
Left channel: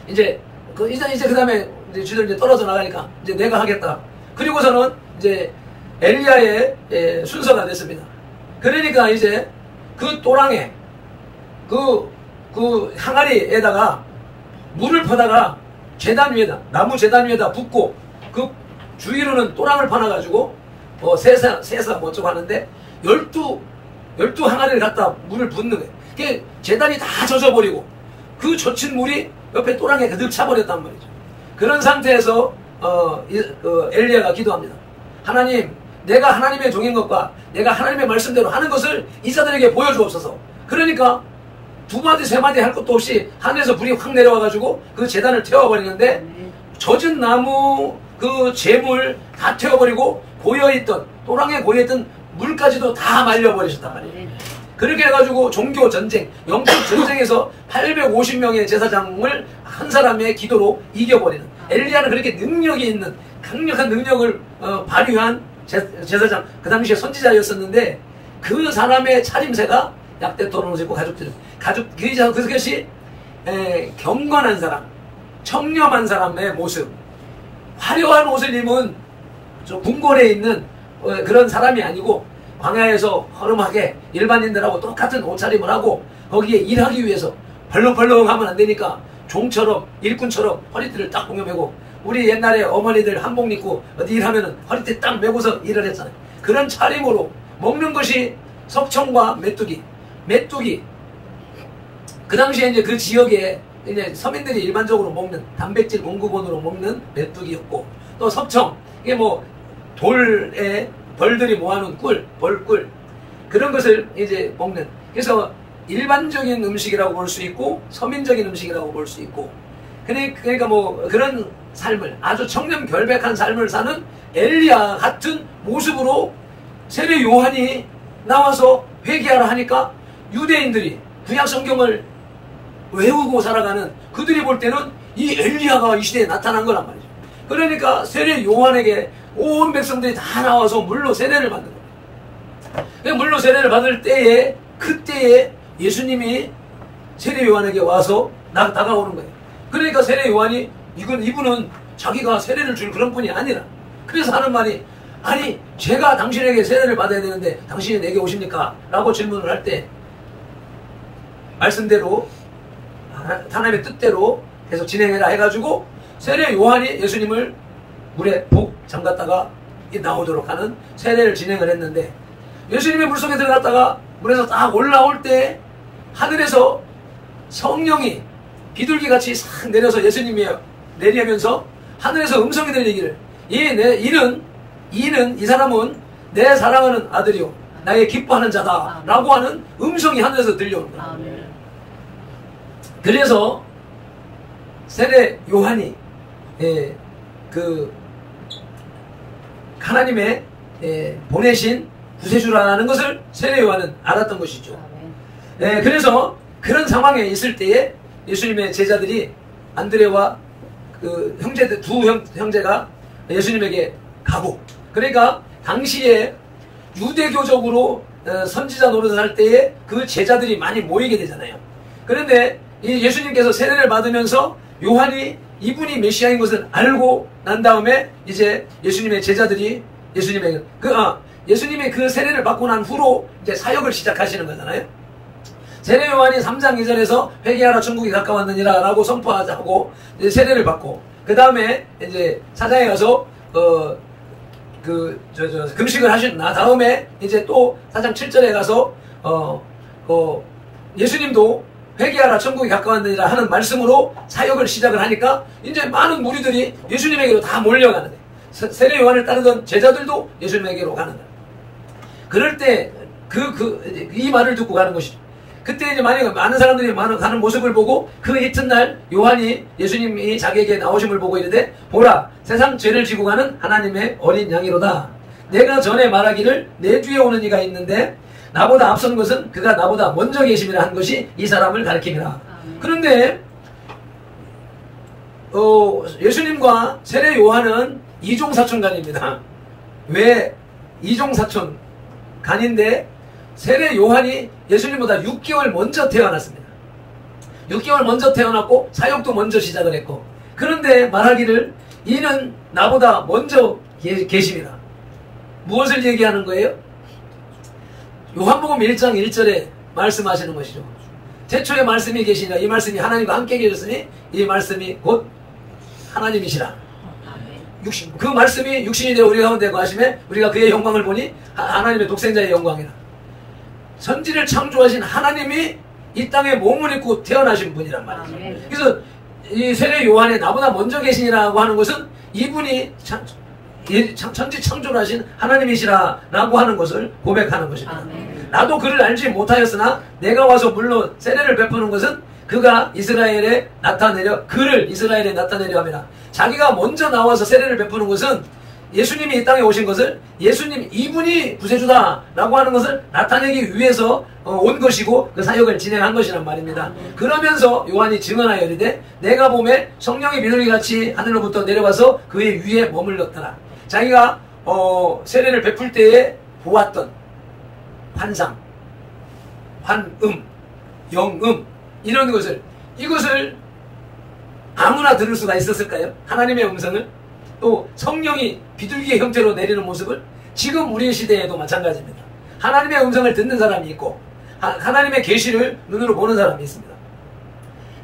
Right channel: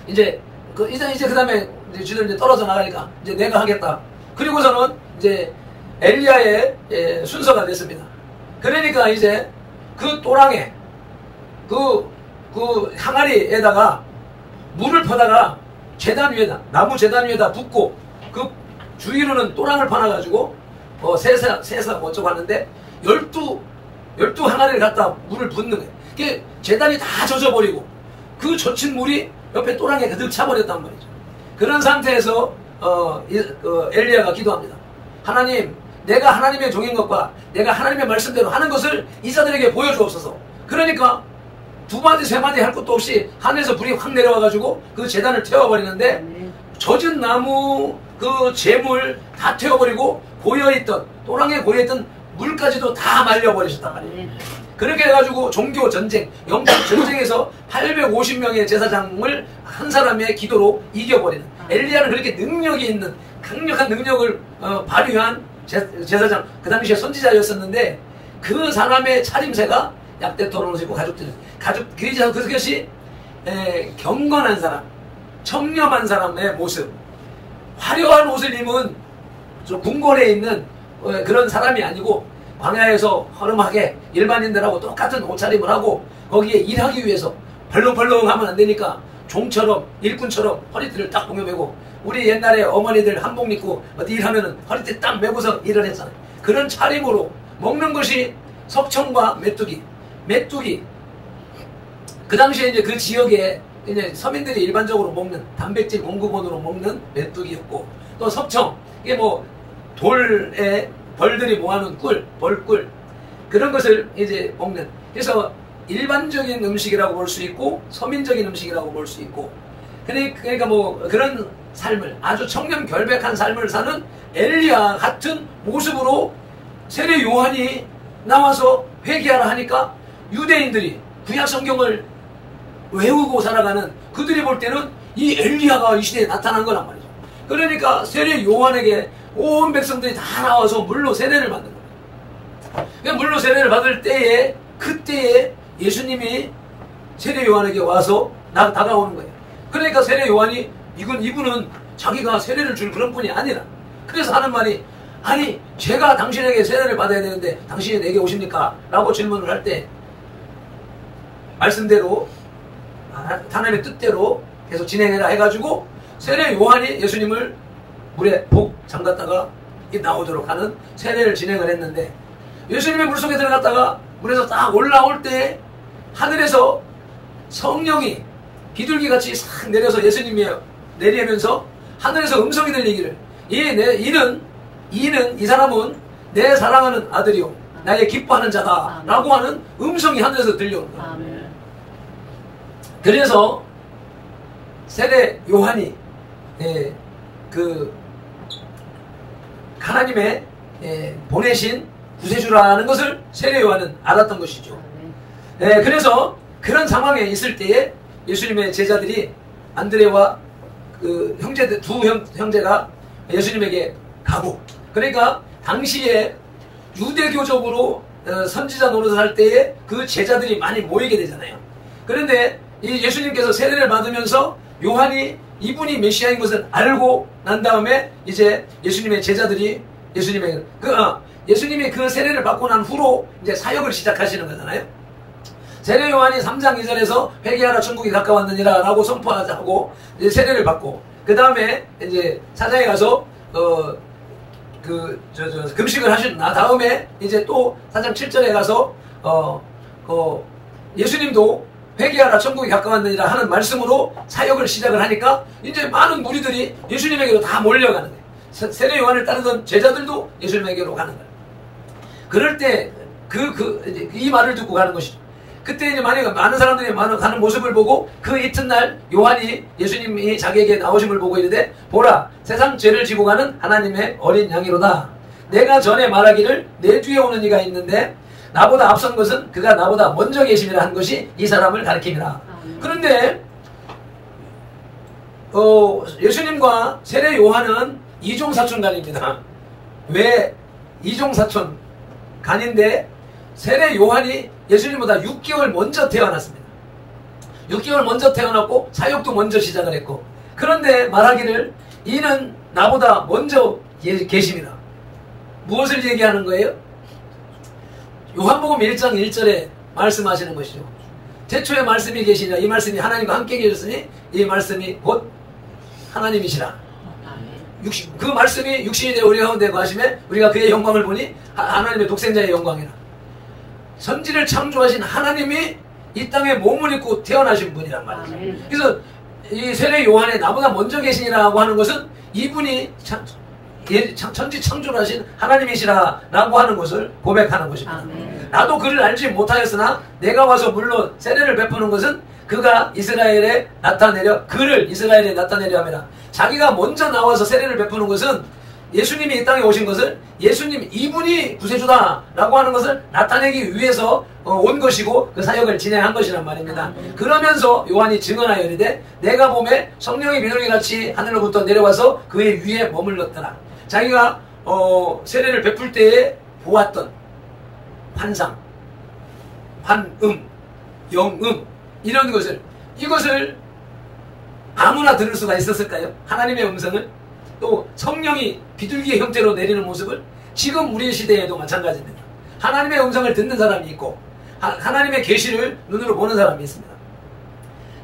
이제 그 다음에 이제 쥐들 이제 떨어져 나가니까 이제 내가 하겠다. 그리고서는 이제 엘리야의 순서가 됐습니다. 그러니까 이제 그 또랑에 그 항아리에다가 물을 퍼다가 나무 제단 위에다 붓고, 그 주위로는 또랑을 파놔가지고 세사 어쩌고 하는데 12 항아리를 갖다 물을 붓는 거예요. 그게 제단이 다 젖어버리고 그 젖힌 물이 옆에 또랑에 가득 차버렸단 말이죠. 그런 상태에서 엘리야가 기도합니다. 하나님, 내가 하나님의 종인 것과 내가 하나님의 말씀대로 하는 것을 이자들에게 보여주옵소서. 그러니까 2마디 3마디 할 것도 없이 하늘에서 불이 확 내려와가지고 그 제단을 태워버리는데, 젖은 나무 그 재물 다 태워버리고 또랑에 고여있던 물까지도 다 말려버리셨단 말이에요. 그렇게 해가지고 종교 전쟁, 영적 전쟁에서 850명의 제사장을 한 사람의 기도로 이겨버리는, 엘리야는 그렇게 능력이 있는 강력한 능력을 발휘한 제사장, 그 당시에 선지자였었는데, 그 사람의 차림새가 약대 털옷을 입고 그것이 경건한 사람, 청렴한 사람의 모습, 화려한 옷을 입은 궁궐에 있는 그런 사람이 아니고 광야에서 허름하게 일반인들하고 똑같은 옷차림을 하고 거기에 일하기 위해서 벌렁벌렁 하면 안 되니까 종처럼 일꾼처럼 허리띠를 딱 동여매고, 우리 옛날에 어머니들 한복 입고 어디 일하면은 허리띠 딱 메고서 일을 했잖아요. 그런 차림으로 먹는 것이 석청과 메뚜기. 그 당시에 이제 그 지역에 이제 서민들이 일반적으로 먹는 단백질 공급원으로 먹는 메뚜기였고, 또 석청, 이게 뭐 돌에 벌들이 모아놓은 벌꿀, 그런 것을 이제 먹는. 그래서 일반적인 음식이라고 볼 수 있고 서민적인 음식이라고 볼 수 있고, 그러니까 뭐 그런 삶을, 아주 청렴 결백한 삶을 사는 엘리야 같은 모습으로 세례 요한이 나와서 회개하라 하니까 유대인들이 구약 성경을 외우고 살아가는 그들이 볼 때는 이 엘리야가 이 시대에 나타난 거란 말이죠. 그러니까 세례 요한에게 온 백성들이 다 나와서 물로 세례를 받는 거예요. 물로 세례를 받을 때에, 그때에 예수님이 세례 요한에게 와서 다가오는 거예요. 그러니까 세례 요한이 이분은 자기가 세례를 줄 그런 분이 아니라, 그래서 하는 말이, 아니 제가 당신에게 세례를 받아야 되는데 당신이 내게 오십니까? 라고 질문을 할 때 말씀대로 하나님의 뜻대로 계속 진행해라 해가지고 세례 요한이 예수님을 물에 복 잠갔다가 나오도록 하는 세례를 진행을 했는데, 예수님의 물속에 들어갔다가 물에서 딱 올라올 때 하늘에서 성령이 비둘기같이 싹 내려서 예수님이 내리면서 하늘에서 음성이 들리기를, 이 사람은 내 사랑하는 아들이요 나의 기뻐하는 자다 라고 하는 음성이 하늘에서 들려오는 거예요. 그래서 세례 요한이 하나님의 보내신 구세주라는 것을 세례 요한은 알았던 것이죠. 그래서 그런 상황에 있을 때에 예수님의 제자들이 안드레와 그 형제들, 두 형제가 예수님에게 가고, 그러니까 당시에 유대교적으로 선지자 노릇을 할 때에 그 제자들이 많이 모이게 되잖아요. 그런데 이 예수님께서 세례를 받으면서 요한이 이분이 메시아인 것을 알고 난 다음에 이제 예수님의 제자들이 예수님이 그 세례를 받고 난 후로 이제 사역을 시작하시는 거잖아요. 세례 요한이 3장 2절에서 회개하라 천국이 가까웠느니라 라고 선포하고 이제 세례를 받고, 그 다음에 이제 사장에 가서 금식을 하신 다음에 이제 또 4장 7절에 가서 예수님도 회개하라 천국이 가까웠느니라 하는 말씀으로 사역을 시작을 하니까 이제 많은 무리들이 예수님에게로 다 몰려가는 거예요. 세례 요한을 따르던 제자들도 예수님에게로 가는 거예요. 그럴 때 이 말을 듣고 가는 것이죠. 그때 이제 많은 사람들이 가는 모습을 보고 그 이튿날 요한이 예수님이 자기에게 나오심을 보고 이르되, 보라 세상 죄를 지고 가는 하나님의 어린 양이로다. 내가 전에 말하기를 내 뒤에 오는 이가 있는데 나보다 앞선 것은 그가 나보다 먼저 계심이라 한 것이 이 사람을 가리킵니다. 그런데 예수님과 세례 요한은 이종사촌간입니다. 왜 이종사촌간인데 세례 요한이 예수님보다 6개월 먼저 태어났습니다. 6개월 먼저 태어났고 사역도 먼저 시작을 했고, 그런데 말하기를 이는 나보다 먼저 계십니다. 무엇을 얘기하는 거예요? 요한복음 1장 1절에 말씀하시는 것이죠. 태초에 말씀이 계시니라. 이 말씀이 하나님과 함께 계셨으니 이 말씀이 곧 하나님이시라. 그 말씀이 육신이 되어 우리 가운데 거하심에 우리가 그의 영광을 보니 하나님의 독생자의 영광이라. 선지를 창조하신 하나님이 이 땅에 몸을 입고 태어나신 분이란 말이죠. 그래서 이 세례 요한에 나보다 먼저 계시니라고 하는 것은 이분이 천지 창조를 하신 하나님이시라라고 하는 것을 고백하는 것입니다. 나도 그를 알지 못하였으나 내가 와서 물론 세례를 베푸는 것은 그가 이스라엘에 나타내려 함이라. 자기가 먼저 나와서 세례를 베푸는 것은 예수님이 이 땅에 오신 것을 이분이 구세주다라고 하는 것을 나타내기 위해서 온 것이고 그 사역을 진행한 것이란 말입니다. 그러면서 요한이 증언하여 이르되 내가 보매 성령이 비둘기같이 하늘로부터 내려와서 그의 위에 머물렀더라. 자기가 세례를 베풀 때에 보았던 환상, 환음, 영음 이런 것을 이것을 아무나 들을 수가 있었을까요? 하나님의 음성을, 또 성령이 비둘기의 형태로 내리는 모습을. 지금 우리 시대에도 마찬가지입니다. 하나님의 음성을 듣는 사람이 있고 하나님의 계시를 눈으로 보는 사람이 있습니다.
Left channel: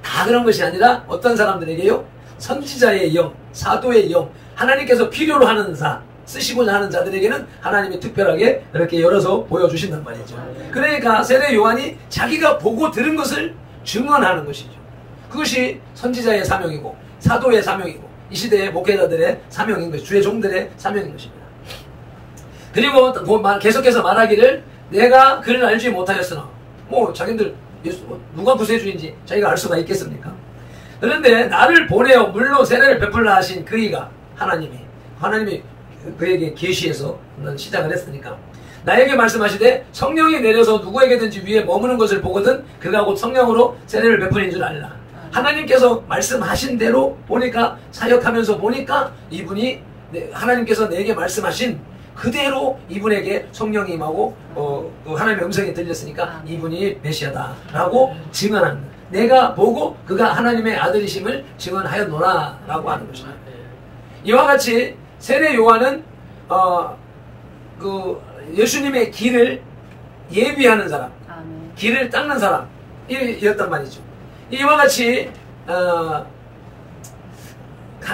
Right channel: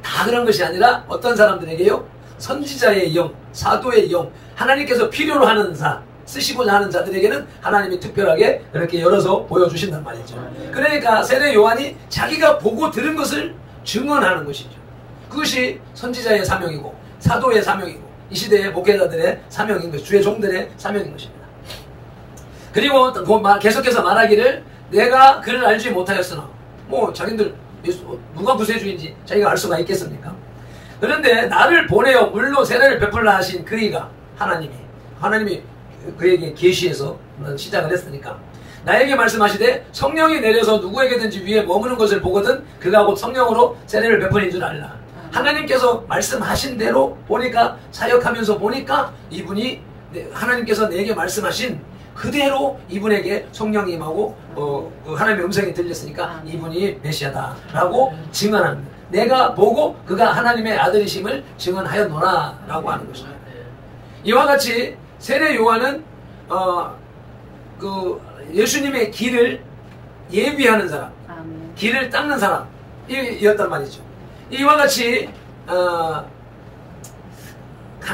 다 그런 것이 아니라 어떤 사람들에게요, 선지자의 영, 사도의 영, 하나님께서 필요로 하는 자, 쓰시고자 하는 자들에게는 하나님이 특별하게 이렇게 열어서 보여주신단 말이죠. 그러니까 세례 요한이 자기가 보고 들은 것을 증언하는 것이죠. 그것이 선지자의 사명이고 사도의 사명이고 이 시대의 목회자들의 사명인 것이, 주의 종들의 사명인 것입니다. 그리고 계속해서 말하기를 내가 그를 알지 못하였으나, 뭐 자기들 누가 구세주인지 자기가 알 수가 있겠습니까? 그런데 나를 보내어 물로 세례를 베풀라 하신 그이가, 하나님이 그에게 계시해서 시작을 했으니까, 나에게 말씀하시되 성령이 내려서 누구에게든지 위에 머무는 것을 보거든 그가 곧 성령으로 세례를 베푸는 줄 알라. 하나님께서 말씀하신 대로 보니까, 사역하면서 보니까 이분이 하나님께서 내게 말씀하신 그대로 이분에게 성령이 임하고 하나님의 음성이 들렸으니까 이분이 메시아다라고 증언합니다. 내가 보고 그가 하나님의 아들이심을 증언하였노라 라고 하는 것입니다. 이와 같이 세례 요한은 예수님의 길을 예비하는 사람, 길을 닦는 사람이었단 말이죠. 이와 같이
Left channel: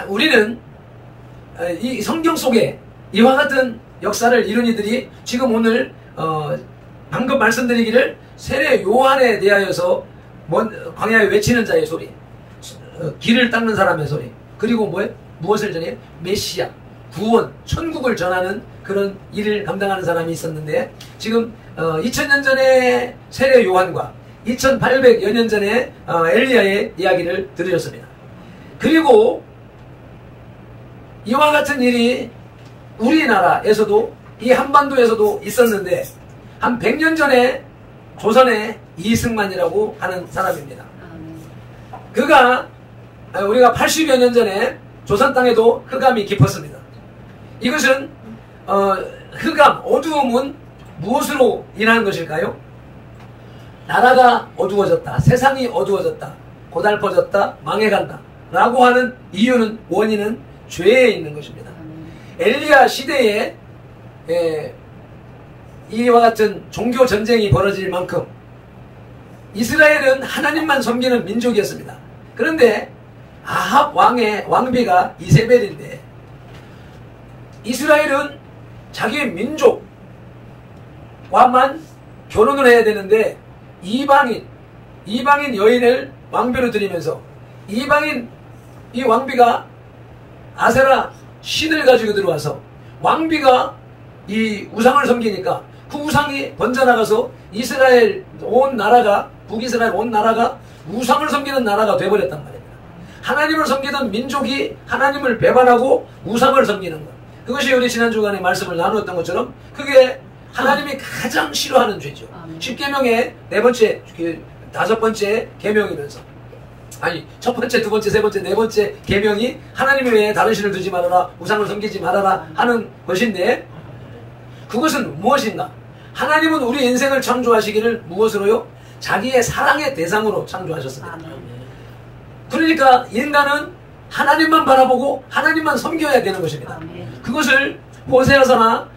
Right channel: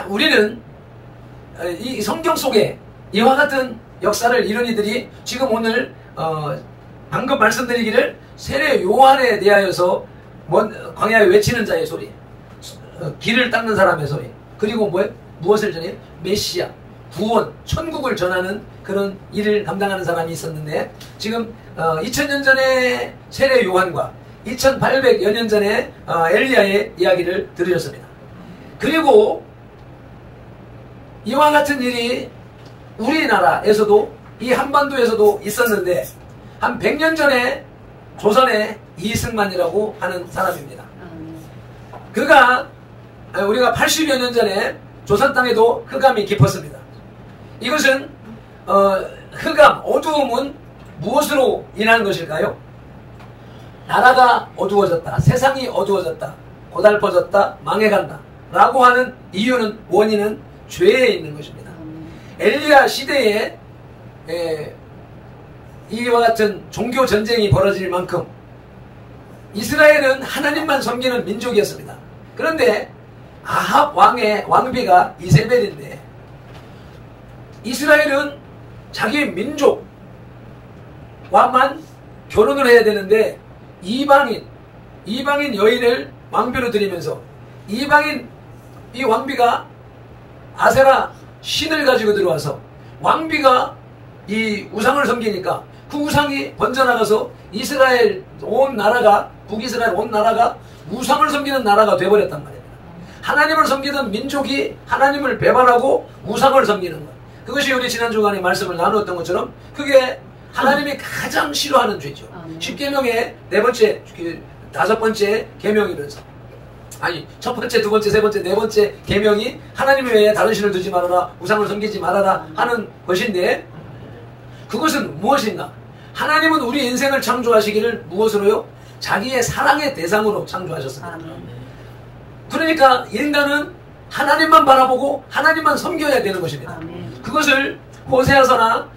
우리는 이 성경 속에 이와 같은 역사를 이룬 이들이 지금 오늘 방금 말씀드리기를 세례 요한에 대하여서 광야에 외치는 자의 소리, 길을 닦는 사람의 소리, 그리고 무엇을 전해요? 메시아, 구원, 천국을 전하는 그런 일을 감당하는 사람이 있었는데, 지금 2000년 전에 세례 요한과 2800여 년 전에 엘리야의 이야기를 들으셨습니다. 그리고 이와 같은 일이 우리나라에서도, 이 한반도에서도 있었는데, 한 100년 전에 조선의 이승만이라고 하는 사람입니다. 그가 우리가 80여 년 전에 조선 땅에도 흑암이 깊었습니다. 이것은 흑암, 어두움은 무엇으로 인한 것일까요? 나라가 어두워졌다, 세상이 어두워졌다, 고달퍼졌다, 망해간다 라고 하는 이유는, 원인은 죄에 있는 것입니다. 엘리야 시대에 이와 같은 종교 전쟁이 벌어질 만큼 이스라엘은 하나님만 섬기는 민족이었습니다. 그런데 아합 왕의 왕비가 이세벨인데, 이스라엘은 자기 민족과만 결혼을 해야 되는데 이방인 여인을 왕비로 들이면서, 이방인 이 왕비가 아세라 신을 가지고 들어와서 왕비가 이 우상을 섬기니까 그 우상이 번져나가서 이스라엘 온 나라가, 북이스라엘 온 나라가 우상을 섬기는 나라가 되어버렸단 말입니다. 하나님을 섬기던 민족이 하나님을 배반하고 우상을 섬기는 것, 그것이 우리 지난 주간에 말씀을 나누었던 것처럼 그게 하나님이 가장 싫어하는 죄죠. 10계명의 다섯 번째 계명이면서, 아니 첫 번째, 두 번째, 세 번째, 네 번째 계명이 하나님 외에 다른 신을 두지 말아라, 우상을 섬기지 말아라 하는 것인데, 그것은 무엇인가? 하나님은 우리 인생을 창조하시기를 무엇으로요? 자기의 사랑의 대상으로 창조하셨습니다. 그러니까 인간은 하나님만 바라보고 하나님만 섬겨야 되는 것입니다. 그것을 호세아서나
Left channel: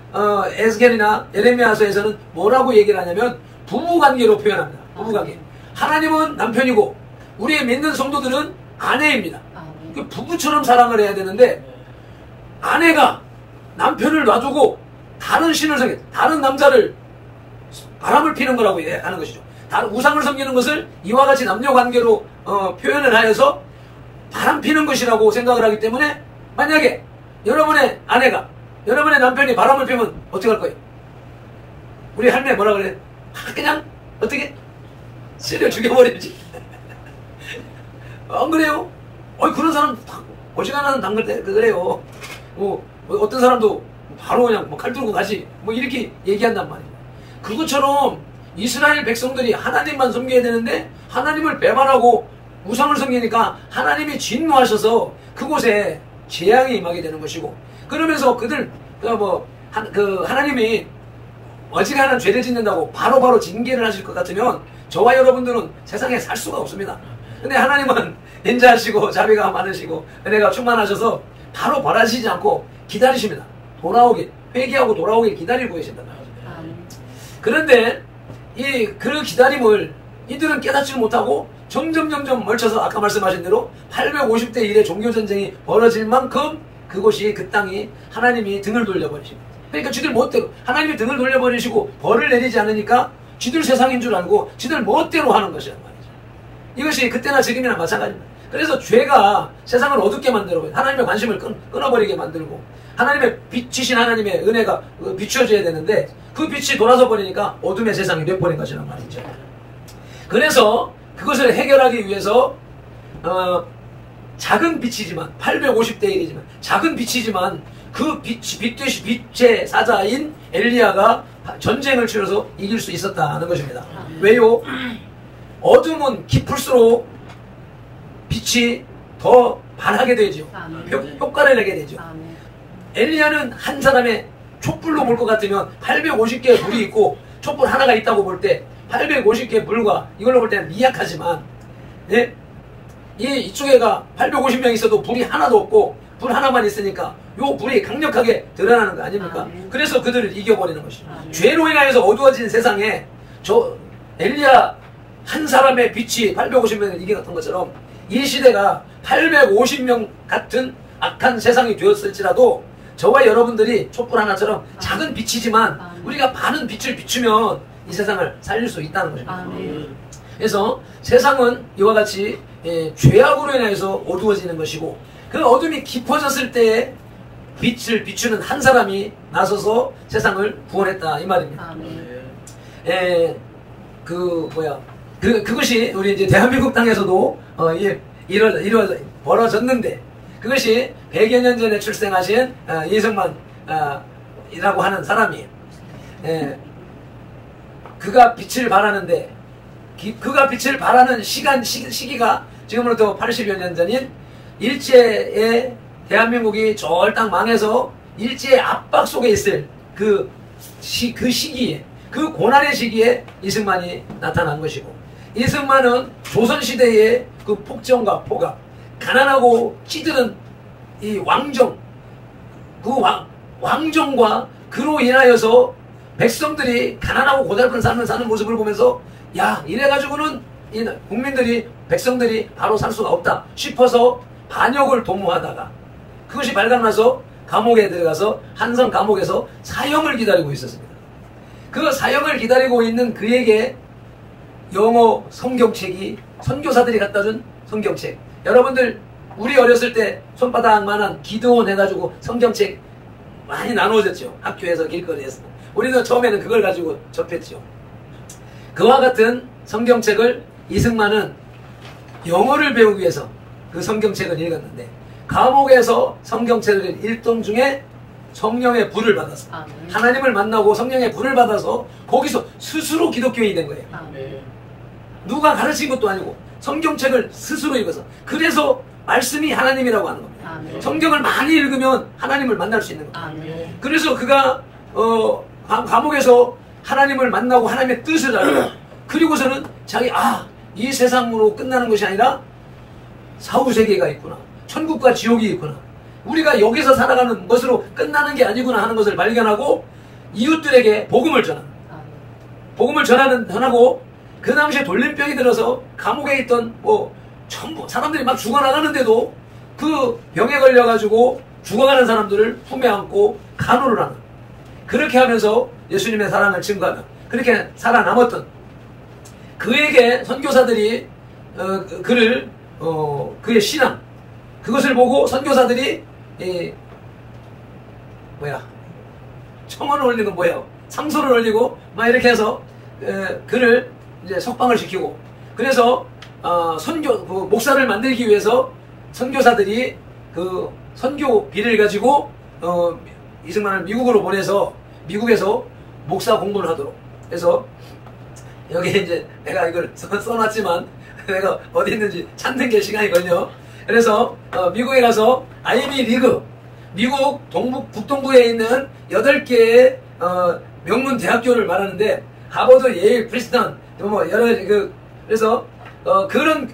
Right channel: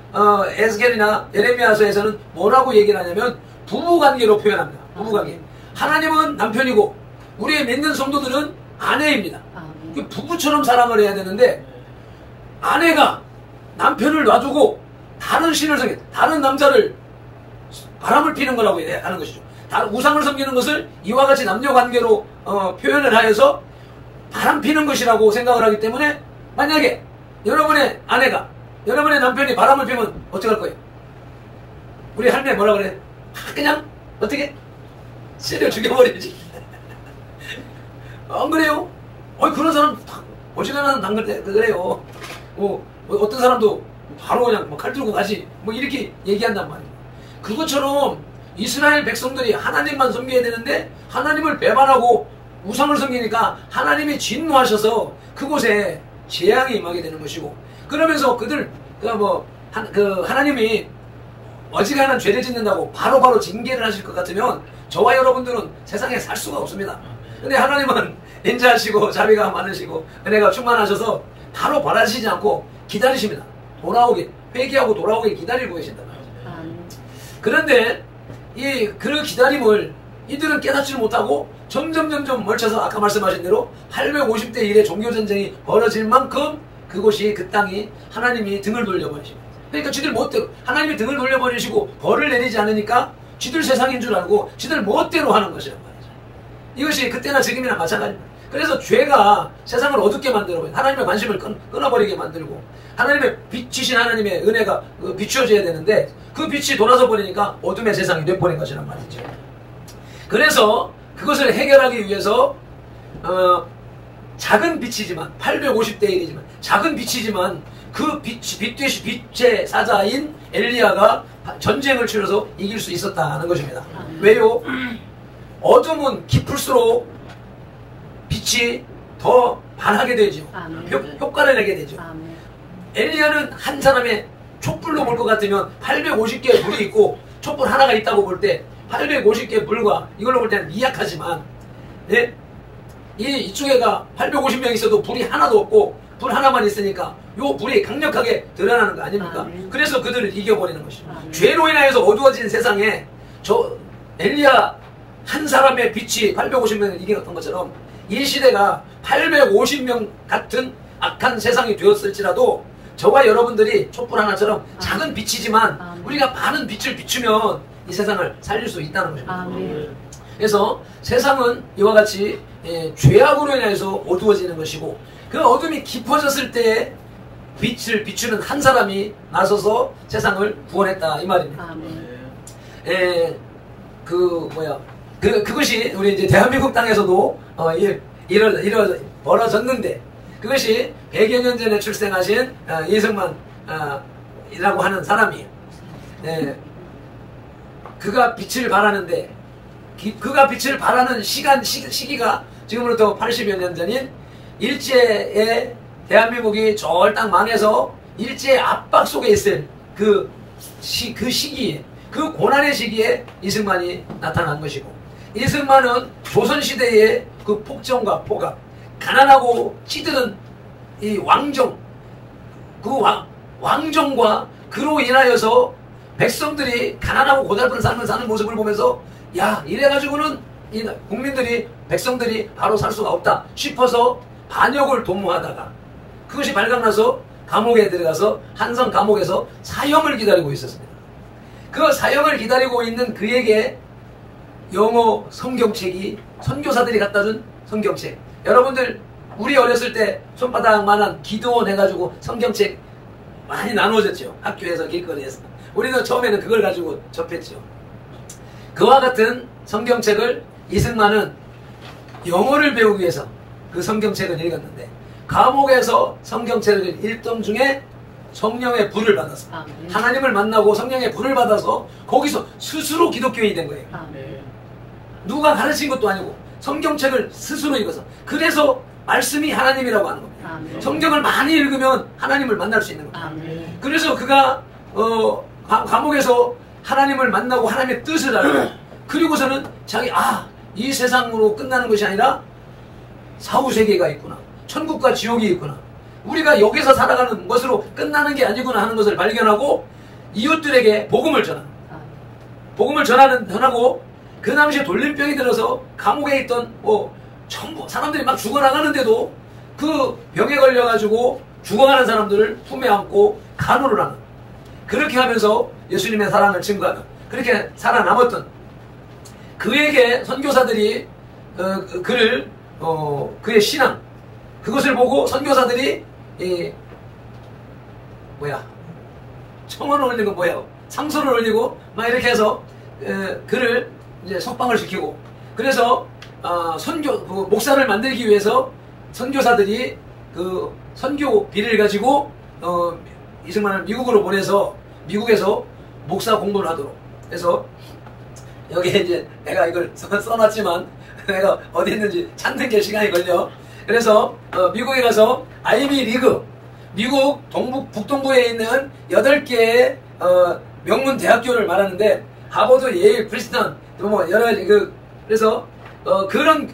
에스겔이나 예레미야서에서는 뭐라고 얘기를 하냐면 부부관계로 표현합니다. 부부관계. 하나님은 남편이고 우리 믿는 성도들은 아내입니다. 부부처럼 사랑을 해야 되는데, 아내가 남편을 놔두고 다른 신을 섬겨, 다른 남자를 바람을 피는 거라고 하는 것이죠. 다른 우상을 섬기는 것을 이와 같이 남녀관계로 표현을 하여서 바람 피는 것이라고 생각을 하기 때문에, 만약에 여러분의 아내가, 여러분의 남편이 바람을 피면 어떻게 할 거예요? 우리 할매 뭐라 그래? 그냥 어떻게? 쓰려 죽여버리지. 안 그래요? 그런 사람 어지간한 당근 그래요. 어떤 사람도 바로 그냥 칼 들고 가지, 이렇게 얘기한단 말이에요. 그것처럼 이스라엘 백성들이 하나님만 섬겨야 되는데 하나님을 배반하고 우상을 섬기니까 하나님이 진노하셔서 그곳에 재앙이 임하게 되는 것이고, 그러면서 하나님이 어지간한 죄를 짓는다고 바로바로 징계를 하실 것 같으면 저와 여러분들은 세상에 살 수가 없습니다. 근데 하나님은 인자하시고 자비가 많으시고 은혜가 충만하셔서 바로 벌하시지 않고 기다리십니다. 돌아오길, 회개하고 돌아오길 기다리고 계신단 말이죠. 그런데 그 기다림을 이들은 깨닫지를 못하고 점점 멀쳐서 아까 말씀하신 대로 850대 1의 종교전쟁이 벌어질 만큼 그곳이, 그 땅이 하나님이 등을 돌려버리십니다. 그러니까 쥐들 멋대로 하나님이 등을 돌려버리시고 벌을 내리지 않으니까 쥐들 세상인 줄 알고 쥐들 멋대로 하는 것이란 말이죠. 이것이 그때나 지금이나 마찬가지입니다. 그래서 죄가 세상을 어둡게 만들어버려요. 하나님의 관심을 끊어버리게 만들고, 하나님의 빛이신 하나님의 은혜가 비추어져야 되는데 그 빛이 돌아서 버리니까 어둠의 세상이 돼버린 것이란 말이죠. 그래서 그것을 해결하기 위해서 작은 빛이지만 850대 1이지만 작은 빛이지만 그 빛의 사자인 엘리야가 전쟁을 치러서 이길 수 있었다는 것입니다. 왜요? 어둠은 깊을수록 빛이 더 반하게 되죠. 효과를 내게 되죠. 엘리야는 한 사람의 촛불로 볼 것 같으면 850개의 불이 있고 촛불 하나가 있다고 볼 때 850개의 불과 이걸로 볼 때는 미약하지만, 예? 이쪽에가 850명 있어도 불이 하나도 없고 불 하나만 있으니까 요 불이 강력하게 드러나는 거 아닙니까? 그래서 그들을 이겨버리는 것이죠. 죄로 인하여서 어두워진 세상에 저 엘리야 한 사람의 빛이 850명을 이겼던 것처럼 이 시대가 850명 같은 악한 세상이 되었을지라도 저와 여러분들이 촛불 하나처럼 작은 빛이지만 우리가 많은 빛을 비추면 이 세상을 살릴 수 있다는 것입니다. 그래서 세상은 이와 같이 죄악으로 인해서 어두워지는 것이고, 그 어둠이 깊어졌을 때에 빛을 비추는 한 사람이 나서서 세상을 구원했다 이 말입니다. 그것이 우리 이제 대한민국 땅에서도 벌어졌는데, 그것이 100여 년 전에 출생하신 이승만 이라고 하는 사람이, 그가 빛을 발하는데, 그가 빛을 발하는 시기가 지금으로부터 80여 년 전인 일제의 대한민국이 절딱 망해서 일제의 압박 속에 있을 그 시기에, 그 고난의 시기에 이승만이 나타난 것이고, 이승만은 조선시대의 그 폭정과 포갑, 가난하고 찌드는 이 왕정, 그 왕정과 그로 인하여서 백성들이 가난하고 고달픈 삶을 사는 모습을 보면서, 야, 이래가지고는 이 국민들이, 백성들이 바로 살 수가 없다 싶어서 반역을 도모하다가 그것이 발각나서 감옥에 들어가서 한성 감옥에서 사형을 기다리고 있었습니다. 그 사형을 기다리고 있는 그에게 영어 성경책이, 선교사들이 갖다 준 성경책, 여러분들 우리 어렸을 때 손바닥만한 기도원 해가지고 성경책 많이 나눠졌죠. 학교에서 길거리에서. 우리는 처음에는 그걸 가지고 접했죠. 그와 같은 성경책을 이승만은 영어를 배우기 위해서 그 성경책을 읽었는데, 감옥에서 성경책을 읽던 중에 성령의 불을 받아서, 하나님을 만나고 성령의 불을 받아서 거기서 스스로 기독교인이 된 거예요. 누가 가르친 것도 아니고 성경책을 스스로 읽어서. 그래서 말씀이 하나님이라고 하는 겁니다. 성경을 많이 읽으면 하나님을 만날 수 있는 겁니다. 그래서 그가 감옥에서 하나님을 만나고 하나님의 뜻을 알고, 그리고서는 이 세상으로 끝나는 것이 아니라 사후세계가 있구나, 천국과 지옥이 있구나, 우리가 여기서 살아가는 것으로 끝나는 게 아니구나 하는 것을 발견하고 이웃들에게 복음을 전하고, 그 당시에 돌림병이 들어서 감옥에 있던 전부 사람들이 막 죽어나가는데도 그 병에 걸려가지고 죽어가는 사람들을 품에 안고 간호를 하는, 그렇게 하면서 예수님의 사랑을 증거하며 그렇게 살아남았던 그에게 선교사들이 그의 신앙, 그것을 보고 선교사들이 청원을 올리는 건 뭐예요? 상소를 올리고 막 이렇게 해서 그를 이제 석방을 시키고, 그래서 목사를 만들기 위해서 선교사들이 그 선교비를 가지고 이승만을 미국으로 보내서 미국에서 목사 공부를 하도록 해서, 여기에 이제 내가 이걸 써놨지만 내가 어디 있는지 찾는 게 시간이 걸려. 그래서 미국에 가서 아이비 리그, 미국 북동부에 있는 8개의 명문 대학교를 말하는데, 하버드, 예일, 프린스턴, 뭐 여러 가지 그래서 그런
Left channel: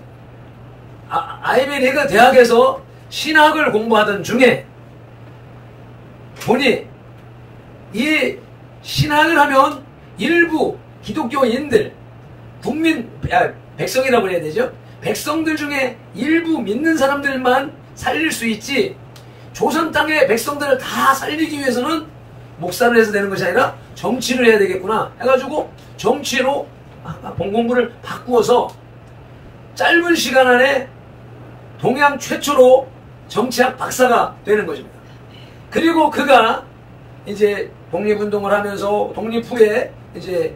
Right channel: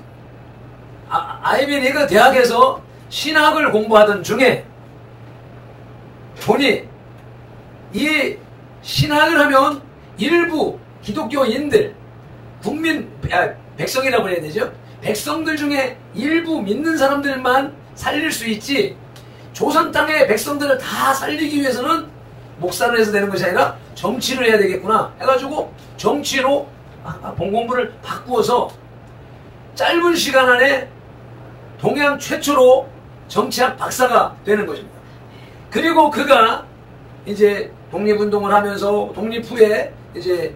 아이베리그 대학에서 신학을 공부하던 중에 보니 이 신학을 하면 일부 기독교인들, 백성이라고 해야 되죠. 백성들 중에 일부 믿는 사람들만 살릴 수 있지, 조선 땅의 백성들을 다 살리기 위해서는 목사를 해서 되는 것이 아니라 정치를 해야 되겠구나 해가지고 정치로 본공부를 바꾸어서 짧은 시간 안에 동양 최초로 정치학 박사가 되는 것입니다. 그리고 그가 이제 독립운동을 하면서 독립 후에 이제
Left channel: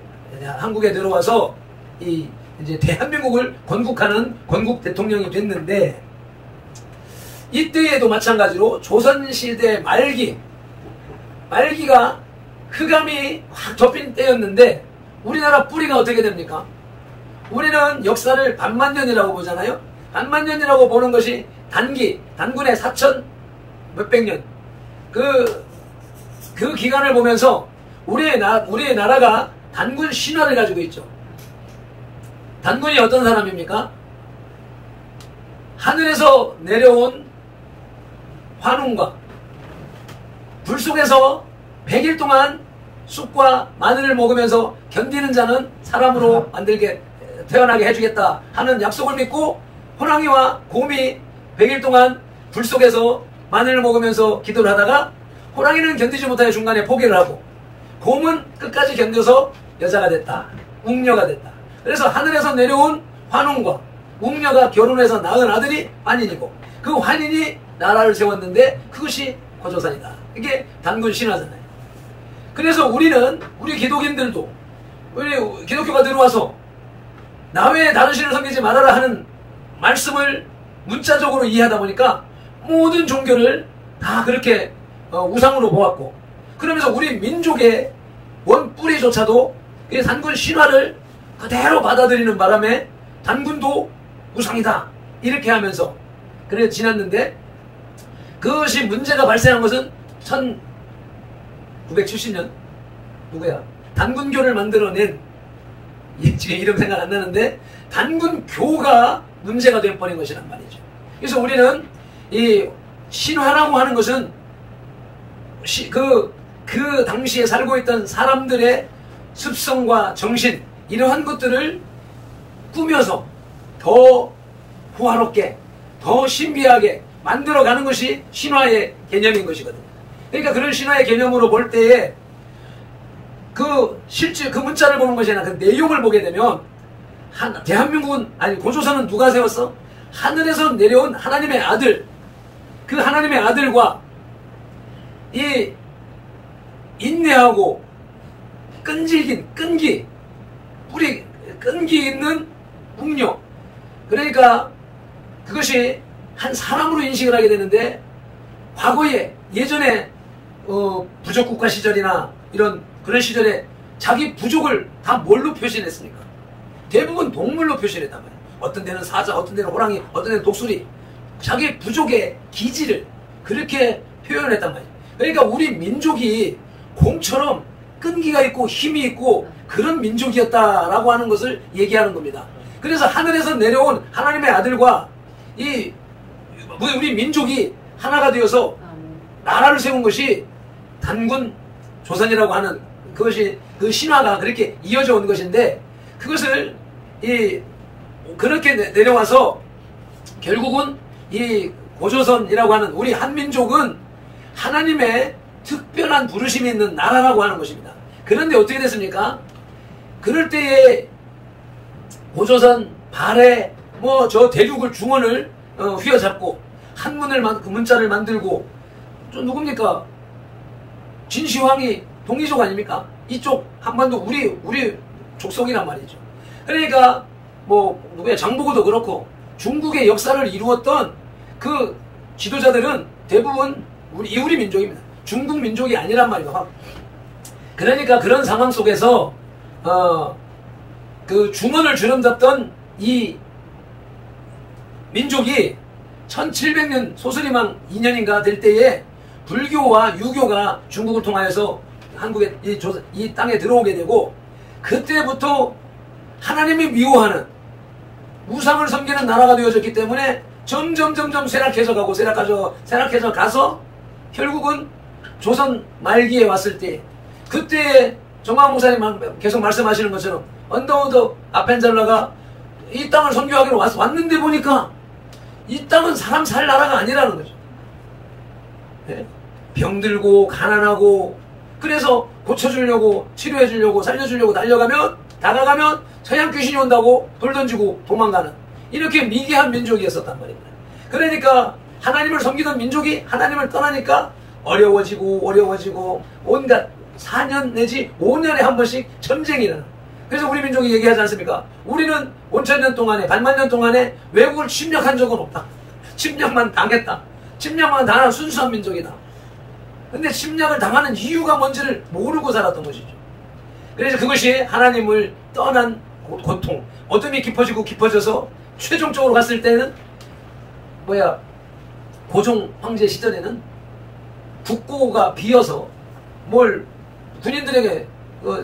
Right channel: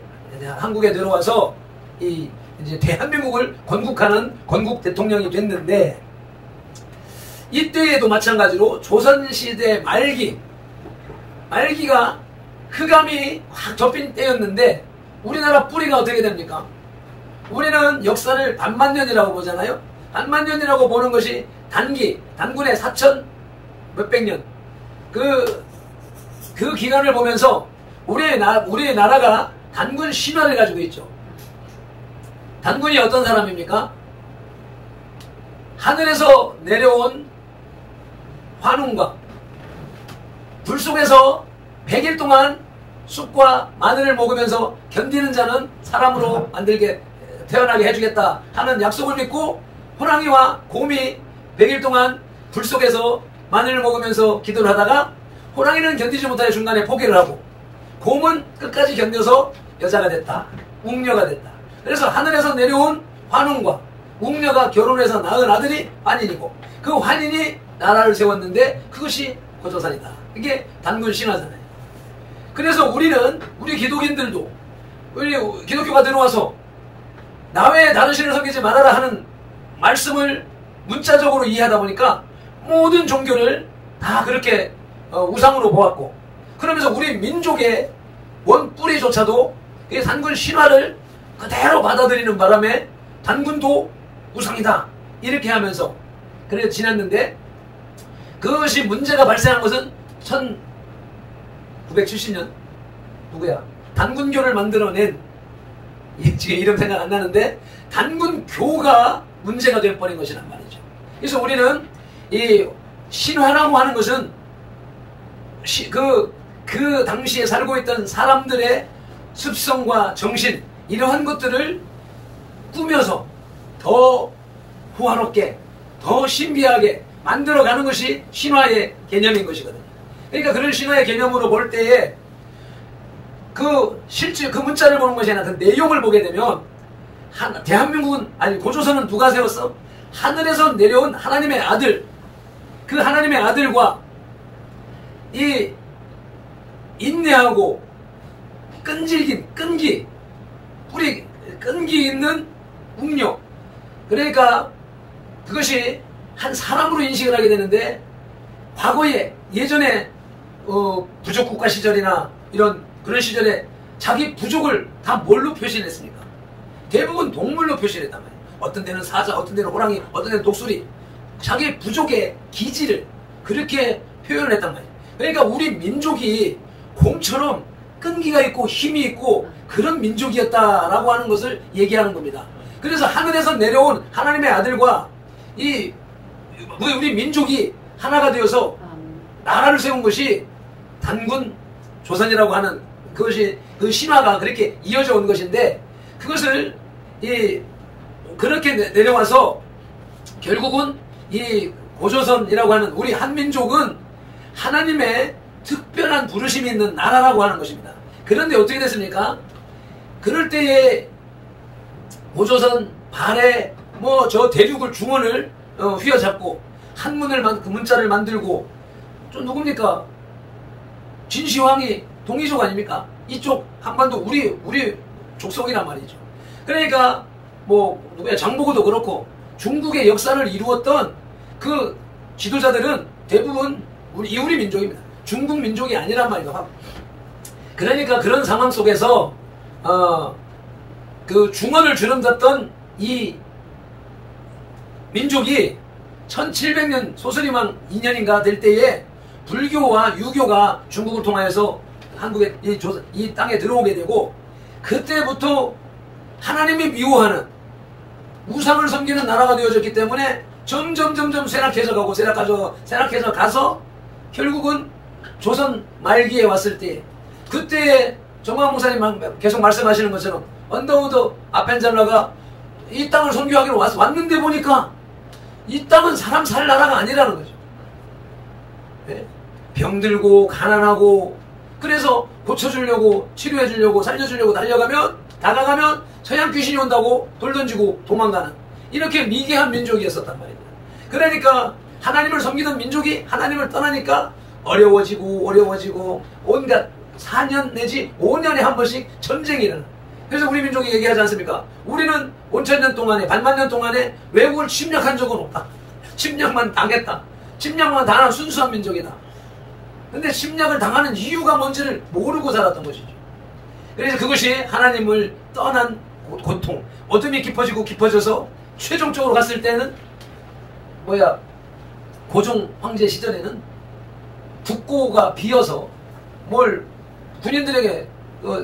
한국에 들어와서 이제 대한민국을 건국하는 건국 대통령이 됐는데, 이때에도 마찬가지로 조선시대 말기가 흑암이 확 덮인 때였는데, 우리나라 뿌리가 어떻게 됩니까? 우리는 역사를 반만년이라고 보잖아요. 반만년이라고 보는 것이 단군의 4천 몇백 년 그 기간을 보면서 우리의 나라가 단군 신화를 가지고 있죠. 단군이 어떤 사람입니까? 하늘에서 내려온 환웅과 불 속에서 100일 동안 쑥과 마늘을 먹으면서 견디는 자는 사람으로 만들게 태어나게 해주겠다 하는 약속을 믿고, 호랑이와 곰이 100일 동안 불 속에서 마늘을 먹으면서 기도를 하다가 호랑이는 견디지 못하여 중간에 포기를 하고, 곰은 끝까지 견뎌서 여자가 됐다, 웅녀가 됐다. 그래서 하늘에서 내려온 환웅과 웅녀가 결혼해서 낳은 아들이 환인이고, 그 환인이 나라를 세웠는데 그것이 고조선이다. 이게 단군 신화잖아요. 그래서 우리 기독인들도, 우리 기독교가 들어와서 나 외에 다른 신을 섬기지 말아라 하는 말씀을 문자적으로 이해하다 보니까 모든 종교를 다 그렇게 우상으로 보았고, 그러면서 우리 민족의 원 뿌리조차도 이 단군 신화를 그대로 받아들이는 바람에 단군도 우상이다 이렇게 하면서 그래 지났는데, 그것이 문제가 발생한 것은 1970년 누구야? 단군교를 만들어낸, 지금 이름 생각 안 나는데, 단군교가 문제가 되어버린 것이란 말이죠. 그래서 우리는 이 신화라고 하는 것은 그 당시에 살고 있던 사람들의 습성과 정신, 이러한 것들을 꾸며서 더 호화롭게, 더 신비하게 만들어가는 것이 신화의 개념인 것이거든요. 그러니까 그런 신화의 개념으로 볼 때에 실제 그 문자를 보는 것이 아니라 그 내용을 보게 되면, 대한민국은, 아니 고조선은 누가 세웠어? 하늘에서 내려온 하나님의 아들, 그 하나님의 아들과 이 인내하고 끈기 있는 웅녀, 그러니까 그것이 한 사람으로 인식을 하게 되는데, 과거에 예전에 부족국가 시절이나 그런 시절에 자기 부족을 다 뭘로 표시했습니까? 대부분 동물로 표시를 했단 말이에요. 어떤 데는 사자, 어떤 데는 호랑이, 어떤 데는 독수리, 자기 부족의 기질을 그렇게 표현을 했단 말이에요. 그러니까 우리 민족이 곰처럼 끈기가 있고 힘이 있고 그런 민족이었다라고 하는 것을 얘기하는 겁니다. 그래서 하늘에서 내려온 하나님의 아들과 우리 민족이 하나가 되어서 나라를 세운 것이 단군 조선이라고 하는 그것이, 그 신화가 그렇게 이어져 온 것인데, 그것을 그렇게 내려와서 결국은 이 고조선이라고 하는 우리 한민족은 하나님의 특별한 부르심이 있는 나라라고 하는 것입니다. 그런데 어떻게 됐습니까? 그럴 때에 고조선 발해 저 대륙을 중원을 휘어잡고 한문을 그 문자를 만들고, 좀 누굽니까? 진시황이 동이족 아닙니까? 이쪽 한반도 우리 족속이란 말이죠. 그러니까 누구야, 장보고도 그렇고 중국의 역사를 이루었던 그 지도자들은 대부분 우리 민족입니다. 중국 민족이 아니란 말이에요. 그러니까 그런 상황 속에서 그 중원을 주름잡던 이 민족이 1700년 소설이망 2년인가 될 때에 불교와 유교가 중국을 통하여서 한국에 이 땅에 들어오게 되고, 그때부터 하나님이 미워하는 우상을 섬기는 나라가 되어졌기 때문에 점점 쇠락해져 가서 결국은 조선 말기에 왔을 때, 그때 정광 목사님 계속 말씀하시는 것처럼 언더우드 아펜젤러가 이 땅을 선교하기로 왔는데 보니까 이 땅은 사람 살 나라가 아니라는 거죠. 네? 병들고 가난하고, 그래서 고쳐주려고 치료해주려고 살려주려고 다가가면 서양 귀신이 온다고 돌 던지고 도망가는, 이렇게 미개한 민족이었었단 말입니다. 그러니까 하나님을 섬기던 민족이 하나님을 떠나니까 어려워지고 온갖 4년 내지 5년에 한 번씩 전쟁이 일어나. 그래서 우리 민족이 얘기하지 않습니까? 우리는 5천년 동안에, 반만년 동안에 외국을 침략한 적은 없다. 침략만 당했다. 침략만 당한 순수한 민족이다. 근데 침략을 당하는 이유가 뭔지를 모르고 살았던 것이죠. 그래서 그것이 하나님을 떠난 고통, 어둠이 깊어져서 최종적으로 갔을 때는 고종 황제 시절에는 국고가 비어서 뭘 군인들에게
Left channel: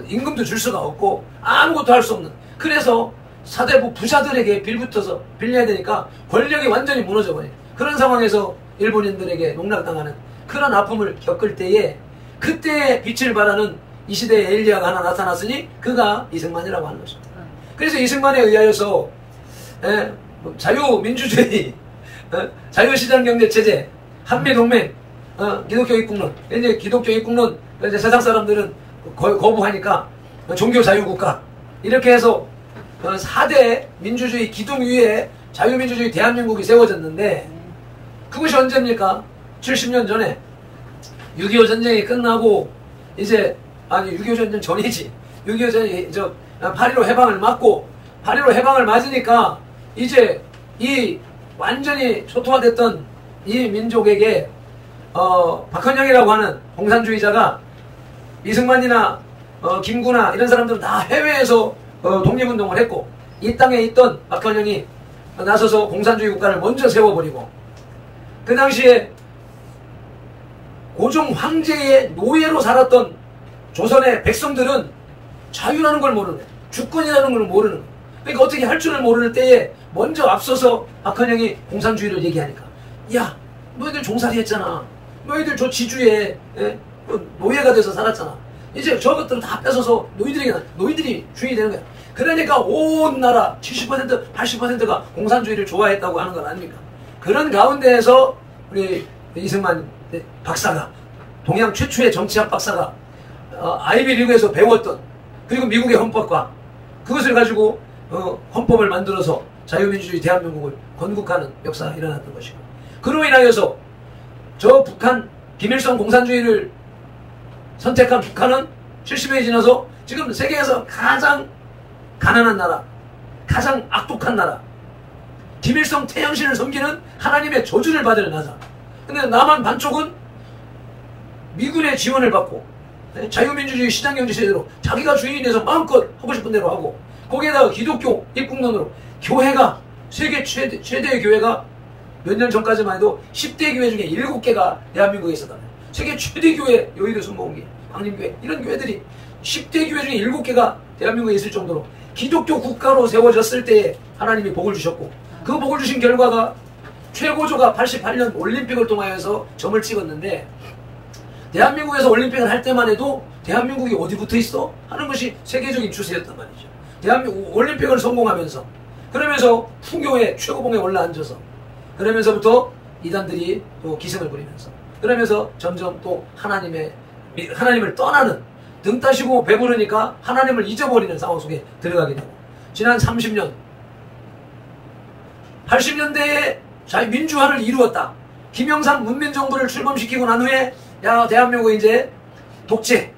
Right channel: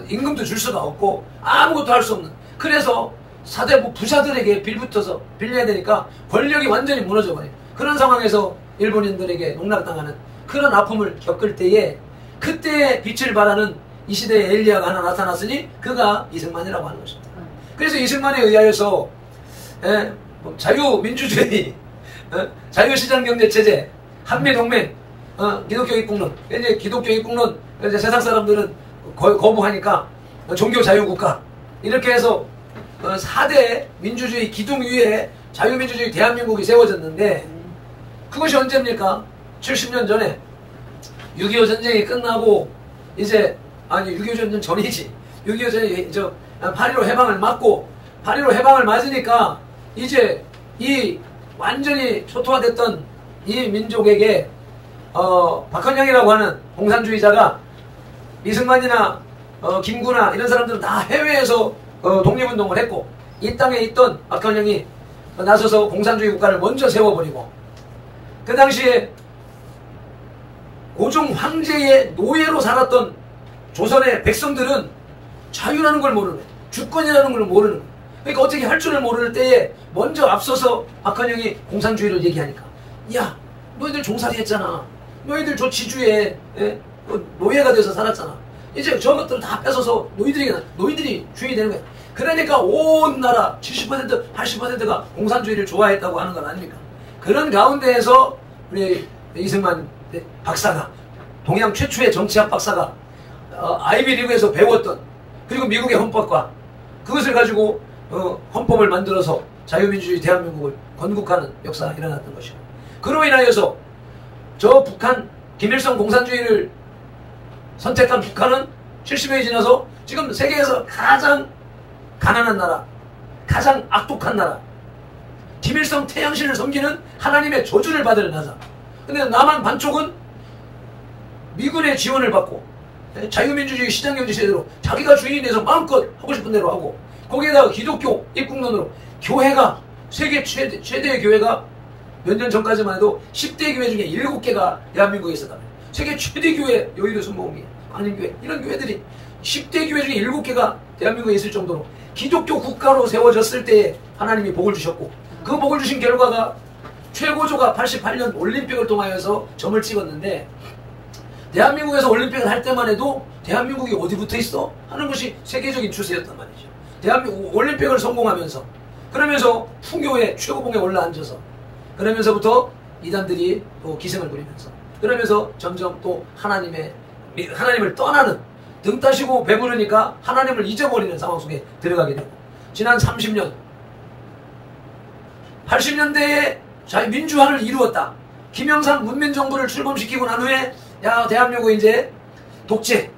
임금도 줄 수가 없고 아무것도 할 수 없는, 그래서 사대부 부자들에게 빌려야 되니까 권력이 완전히 무너져버려요. 그런 상황에서 일본인들에게 농락당하는 그런 아픔을 겪을 때에, 그때의 빛을 발하는 이 시대의 엘리야가 하나 나타났으니 그가 이승만이라고 하는 것입니다. 그래서 이승만에 의하여서 자유민주주의, 자유시장경제체제, 한미동맹, 기독교입국론, 이제 기독교입국론, 이제 세상 사람들은 거부하니까 종교자유국가, 이렇게 해서 4대 민주주의 기둥 위에 자유민주주의 대한민국이 세워졌는데, 그것이 언제입니까? 70년 전에 6.25 전쟁이 끝나고, 6.25 전쟁 전이지. 6.25 전이 8.15 해방을 맞고, 8.15 해방을 맞으니까 이제 이 완전히 초토화됐던 이 민족에게 박헌영이라고 하는 공산주의자가, 이승만이나 김구나 이런 사람들은 다 해외에서 독립운동을 했고, 이 땅에 있던 박헌영이 나서서 공산주의 국가를 먼저 세워버리고, 그 당시에 고종 황제의 노예로 살았던 조선의 백성들은 자유라는 걸 모르는 거예요. 주권이라는 걸 모르는 거예요. 그러니까 어떻게 할 줄을 모르는 때에 먼저 앞서서 박헌영이 공산주의를 얘기하니까, 야, 너희들 종살이 했잖아. 너희들 저 지주에 노예가 돼서 살았잖아. 이제 저것들을 다 뺏어서 너희들이 주인이 되는 거야. 그러니까 온 나라 70% 80%가 공산주의를 좋아했다고 하는 건 아닙니까? 그런 가운데에서 우리 이승만 박사가, 동양 최초의 정치학 박사가 아이비리그에서 배웠던, 그리고 미국의 헌법과 그것을 가지고 헌법을 만들어서 자유민주주의 대한민국을 건국하는 역사가 일어났던 것이고, 그로 인하여서 저 북한, 김일성 공산주의를 선택한 북한은 70년이 지나서 지금 세계에서 가장 가난한 나라, 가장 악독한 나라, 김일성 태양신을 섬기는 하나님의 저주를 받을 나라. 근데 남한 반쪽은 미군의 지원을 받고 자유민주주의 시장경제제대로 자기가 주인이 돼서 마음껏 하고 싶은 대로 하고, 거기에다가 기독교 입국론으로 교회가, 세계 최대의 교회가 몇 년 전까지만 해도 10대 교회 중에 7개가 대한민국에 있었다면, 세계 최대 교회, 여의도 순복음교회, 광림교회, 이런 교회들이 10대 교회 중에 7개가 대한민국에 있을 정도로 기독교 국가로 세워졌을 때에 하나님이 복을 주셨고, 그 복을 주신 결과가 최고조가 88년 올림픽을 통하여서 점을 찍었는데, 대한민국에서 올림픽을 할 때만 해도 대한민국이 어디 붙어 있어? 하는 것이 세계적인 추세였단 말이죠. 대한민국 올림픽을 성공하면서, 그러면서 풍요의 최고봉에 올라앉아서, 그러면서부터 이단들이 또 기승을 부리면서, 그러면서 점점 또 하나님을 떠나는, 등 따시고 배부르니까 하나님을 잊어버리는 상황 속에 들어가게 되고, 지난 30년 80년대에 민주화를 이루었다. 김영삼 문민정부를 출범시키고 난 후에, 야, 대한민국 이제 독재,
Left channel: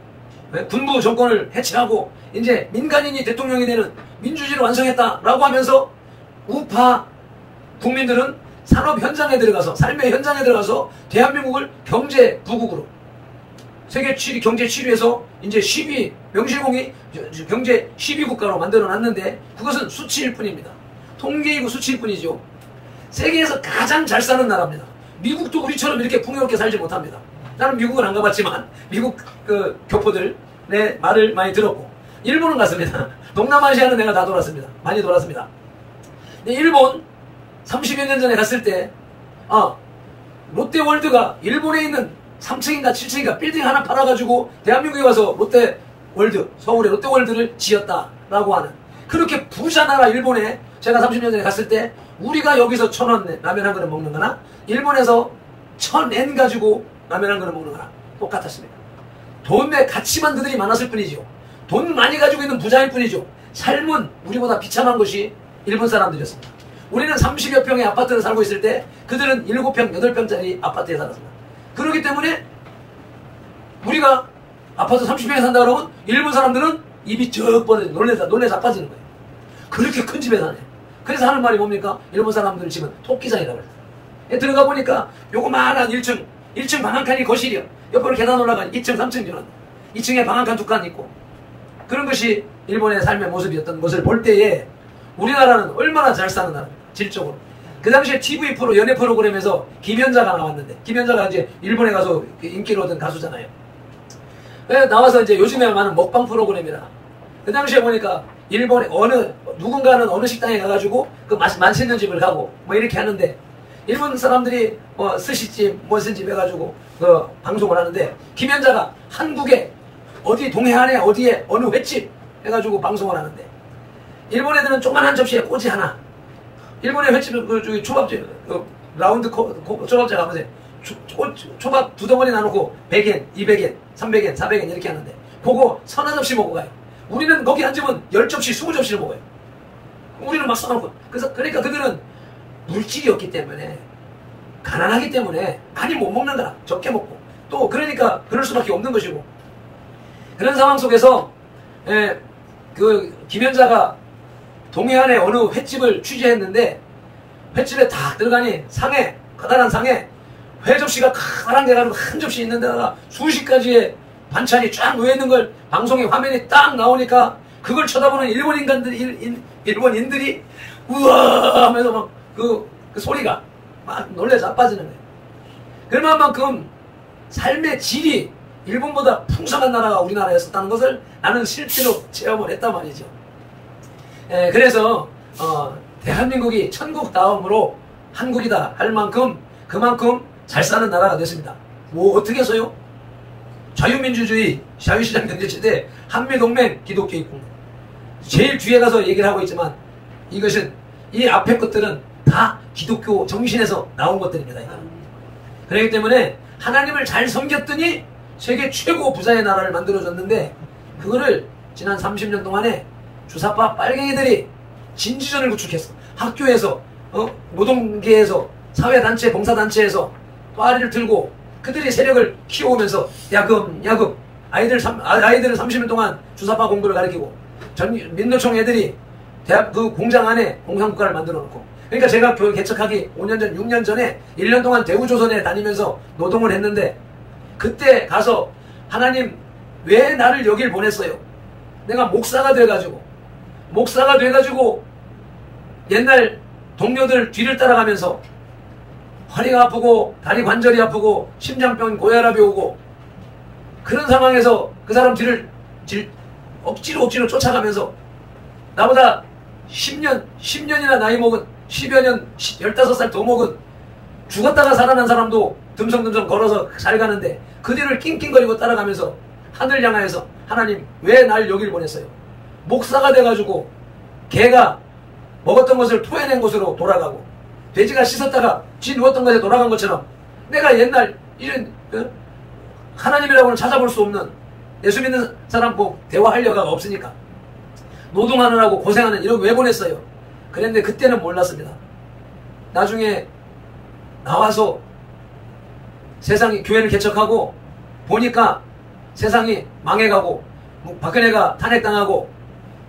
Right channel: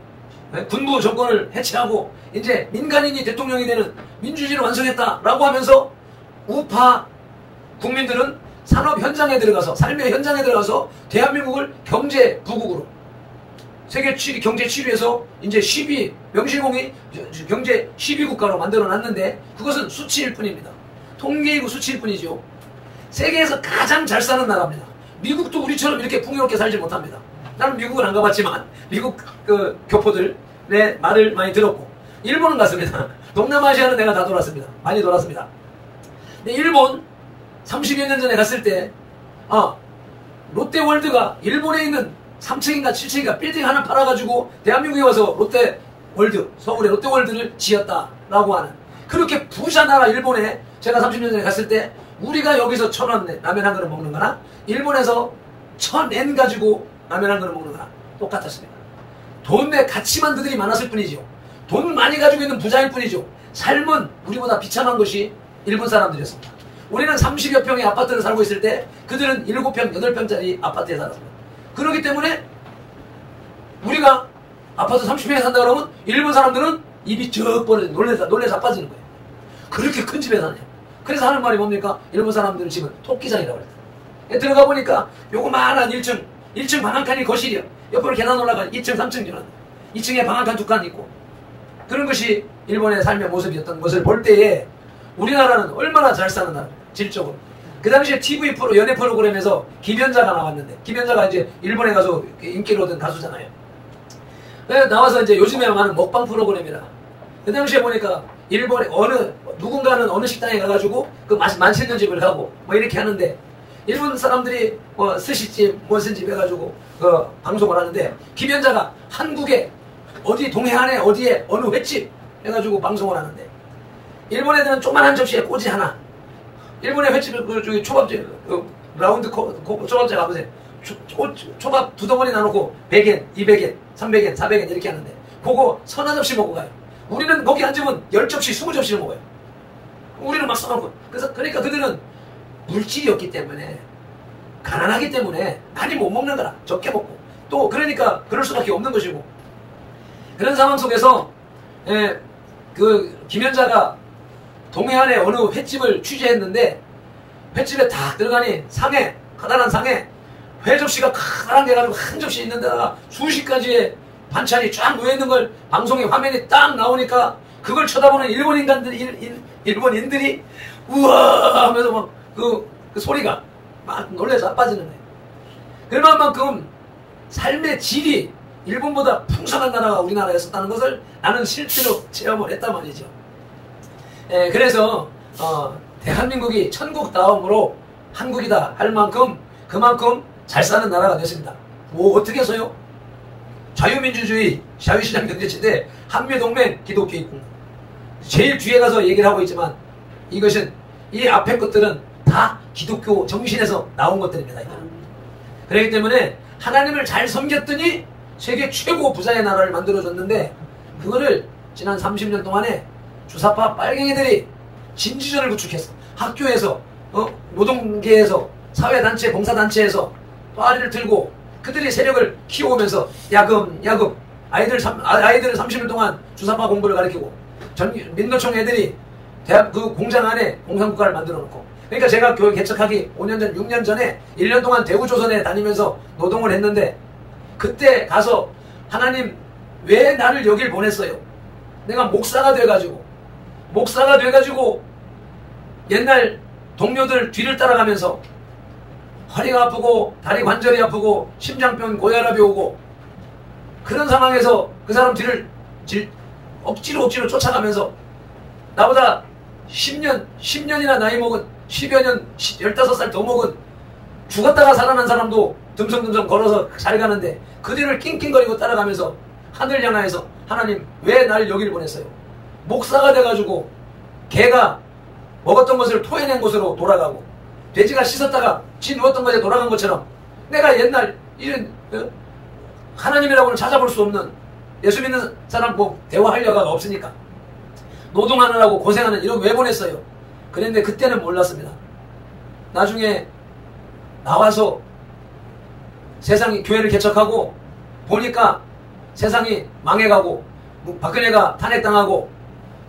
군부 정권을 해체하고 이제 민간인이 대통령이 되는 민주주의를 완성했다라고 하면서 우파 국민들은 산업 현장에 들어가서, 삶의 현장에 들어가서 대한민국을 경제 부국으로, 세계 7위 경제 7위에서 이제 10위, 명실공히 경제 10위 국가로 만들어 놨는데, 그것은 수치일 뿐입니다. 통계이고 수치일 뿐이죠. 세계에서 가장 잘 사는 나라입니다. 미국도 우리처럼 이렇게 풍요롭게 살지 못합니다. 나는 미국은 안 가봤지만 미국 교포들 내 말을 많이 들었고, 일본은 갔습니다. 동남아시아는 내가 다 돌았습니다. 많이 돌았습니다. 근데 일본 30여 년 전에 갔을 때 롯데월드가 일본에 있는 3층인가 7층인가 빌딩 하나 팔아가지고 대한민국에 와서 롯데월드, 서울의 롯데월드를 지었다라고 하는, 그렇게 부자 나라 일본에 제가 30년 전에 갔을 때 우리가 여기서 1,000원 라면 한 그릇 먹는 거나 일본에서 1,000엔 가지고 라면 한 그릇 먹는 거나 똑같았습니다. 돈의 가치만 그들이 많았을 뿐이죠. 돈 많이 가지고 있는 부자일 뿐이죠. 삶은 우리보다 비참한 것이 일본 사람들이었습니다. 우리는 30여 평의 아파트를 살고 있을 때 그들은 7평, 8평짜리 아파트에 살았습니다. 그렇기 때문에 우리가 아파트 30평에 산다 그러면 일본 사람들은 입이 쩍 벌어져 놀래서 빠지는 거예요. 그렇게 큰 집에 사네요. 그래서 하는 말이 뭡니까? 일본 사람들 집은 토끼장이라고 해요. 들어가 보니까 요거만한 1층 방 한 칸이 거실이요. 옆으로 계단 올라가니 2층, 3층 지나 2층에 방 한 칸, 2칸 있고, 그런 것이 일본의 삶의 모습이었던 것을 볼 때에 우리나라는 얼마나 잘 사는 나라입니다. 질적으로. 그 당시에 TV 프로, 연예 프로그램에서 김연자가 나왔는데, 김연자가 이제 일본에 가서 인기를 얻은 가수잖아요. 그래서 나와서 이제 요즘에 많은 먹방 프로그램이라, 그 당시에 보니까 일본에 누군가는 어느 식당에 가가지고 그 맛있는 집을 가고 뭐 이렇게 하는데, 일본 사람들이 뭐 스시집, 무슨 집 해가지고 방송을 하는데, 김연자가 한국에 어디 동해안에 어디에 어느 횟집 해가지고 방송을 하는데, 일본 애들은 조그만한 접시에 꼬지 하나, 일본의 횟집을 저기 초밥집 라운드 초밥집 가보세요. 초밥 2덩어리 나누고 100엔, 200엔, 300엔, 400엔 이렇게 하는데, 그거 서너 접시 먹고 가요. 우리는 거기 앉으면 10접시, 20접시를 먹어요. 우리는 막 써놓고. 그러니까 그들은 물질이 없기 때문에, 가난하기 때문에 많이 못 먹는 거라. 적게 먹고. 또 그러니까 그럴 수밖에 없는 것이고. 그런 상황 속에서 그 김연자가 동해안의 어느 횟집을 취재했는데, 횟집에 딱 들어가니 상에, 커다란 상에 회 접시가 커다란 게 가지고 한 접시 있는 데다가 수십 가지의 반찬이 쫙 놓여있는 걸 방송에 화면이 딱 나오니까 그걸 쳐다보는 일본인들이 우와 하면서 막 그 소리가 막 놀라서 자빠지는 거예요. 그럴 만큼 삶의 질이 일본보다 풍성한 나라가 우리나라였었다는 것을 나는 실제로 체험을 했단 말이죠. 그래서 대한민국이 천국다움으로 한국이다 할 만큼 그만큼 잘 사는 나라가 됐습니다. 뭐 어떻게 해서요? 자유민주주의, 자유시장 경제체제, 한미동맹, 기독교 입국. 제일 뒤에 가서 얘기를 하고 있지만 이것은, 이 앞에 것들은 다 기독교 정신에서 나온 것들입니다. 그렇기 때문에 하나님을 잘 섬겼더니 세계 최고 부자의 나라를 만들어줬는데, 그거를 지난 30년 동안에 주사파 빨갱이들이 진지전을 구축했어. 학교에서, 노동계에서, 사회단체, 봉사단체에서 또아리를 들고 그들이 세력을 키워오면서 야금 아이들을 30년 동안 주사파 공부를 가르치고, 민노총 애들이 대학 그 공장 안에 공산국가를 만들어 놓고. 그러니까 제가 교회 개척하기 5년 전, 6년 전에 1년 동안 대구조선에 다니면서 노동을 했는데, 그때 가서 하나님 왜 나를 여길 보냈어요? 내가 목사가 돼가지고 옛날 동료들 뒤를 따라가면서 허리가 아프고 다리 관절이 아프고 심장병, 고혈압이 오고, 그런 상황에서 그 사람 뒤를 억지로 쫓아가면서 나보다 10년이나 나이 먹은, 10여 년, 15살 더 먹은, 죽었다가 살아난 사람도 듬성듬성 걸어서 잘 가는데 그 뒤를 낑낑거리고 따라가면서 하늘 향하여서 하나님 왜 날 여길 보냈어요? 목사가 돼가지고 개가 먹었던 것을 토해낸 곳으로 돌아가고, 돼지가 씻었다가 쥐 누웠던 것에 돌아간 것처럼 내가 옛날 이런 하나님이라고는 찾아볼 수 없는, 예수 믿는 사람 뭐 대화할 여가가 없으니까 노동하느라고 고생하는 이렇게 왜 보냈어요? 그런데 그때는 몰랐습니다. 나중에 나와서 세상이 교회를 개척하고 보니까 세상이 망해가고, 박근혜가 탄핵당하고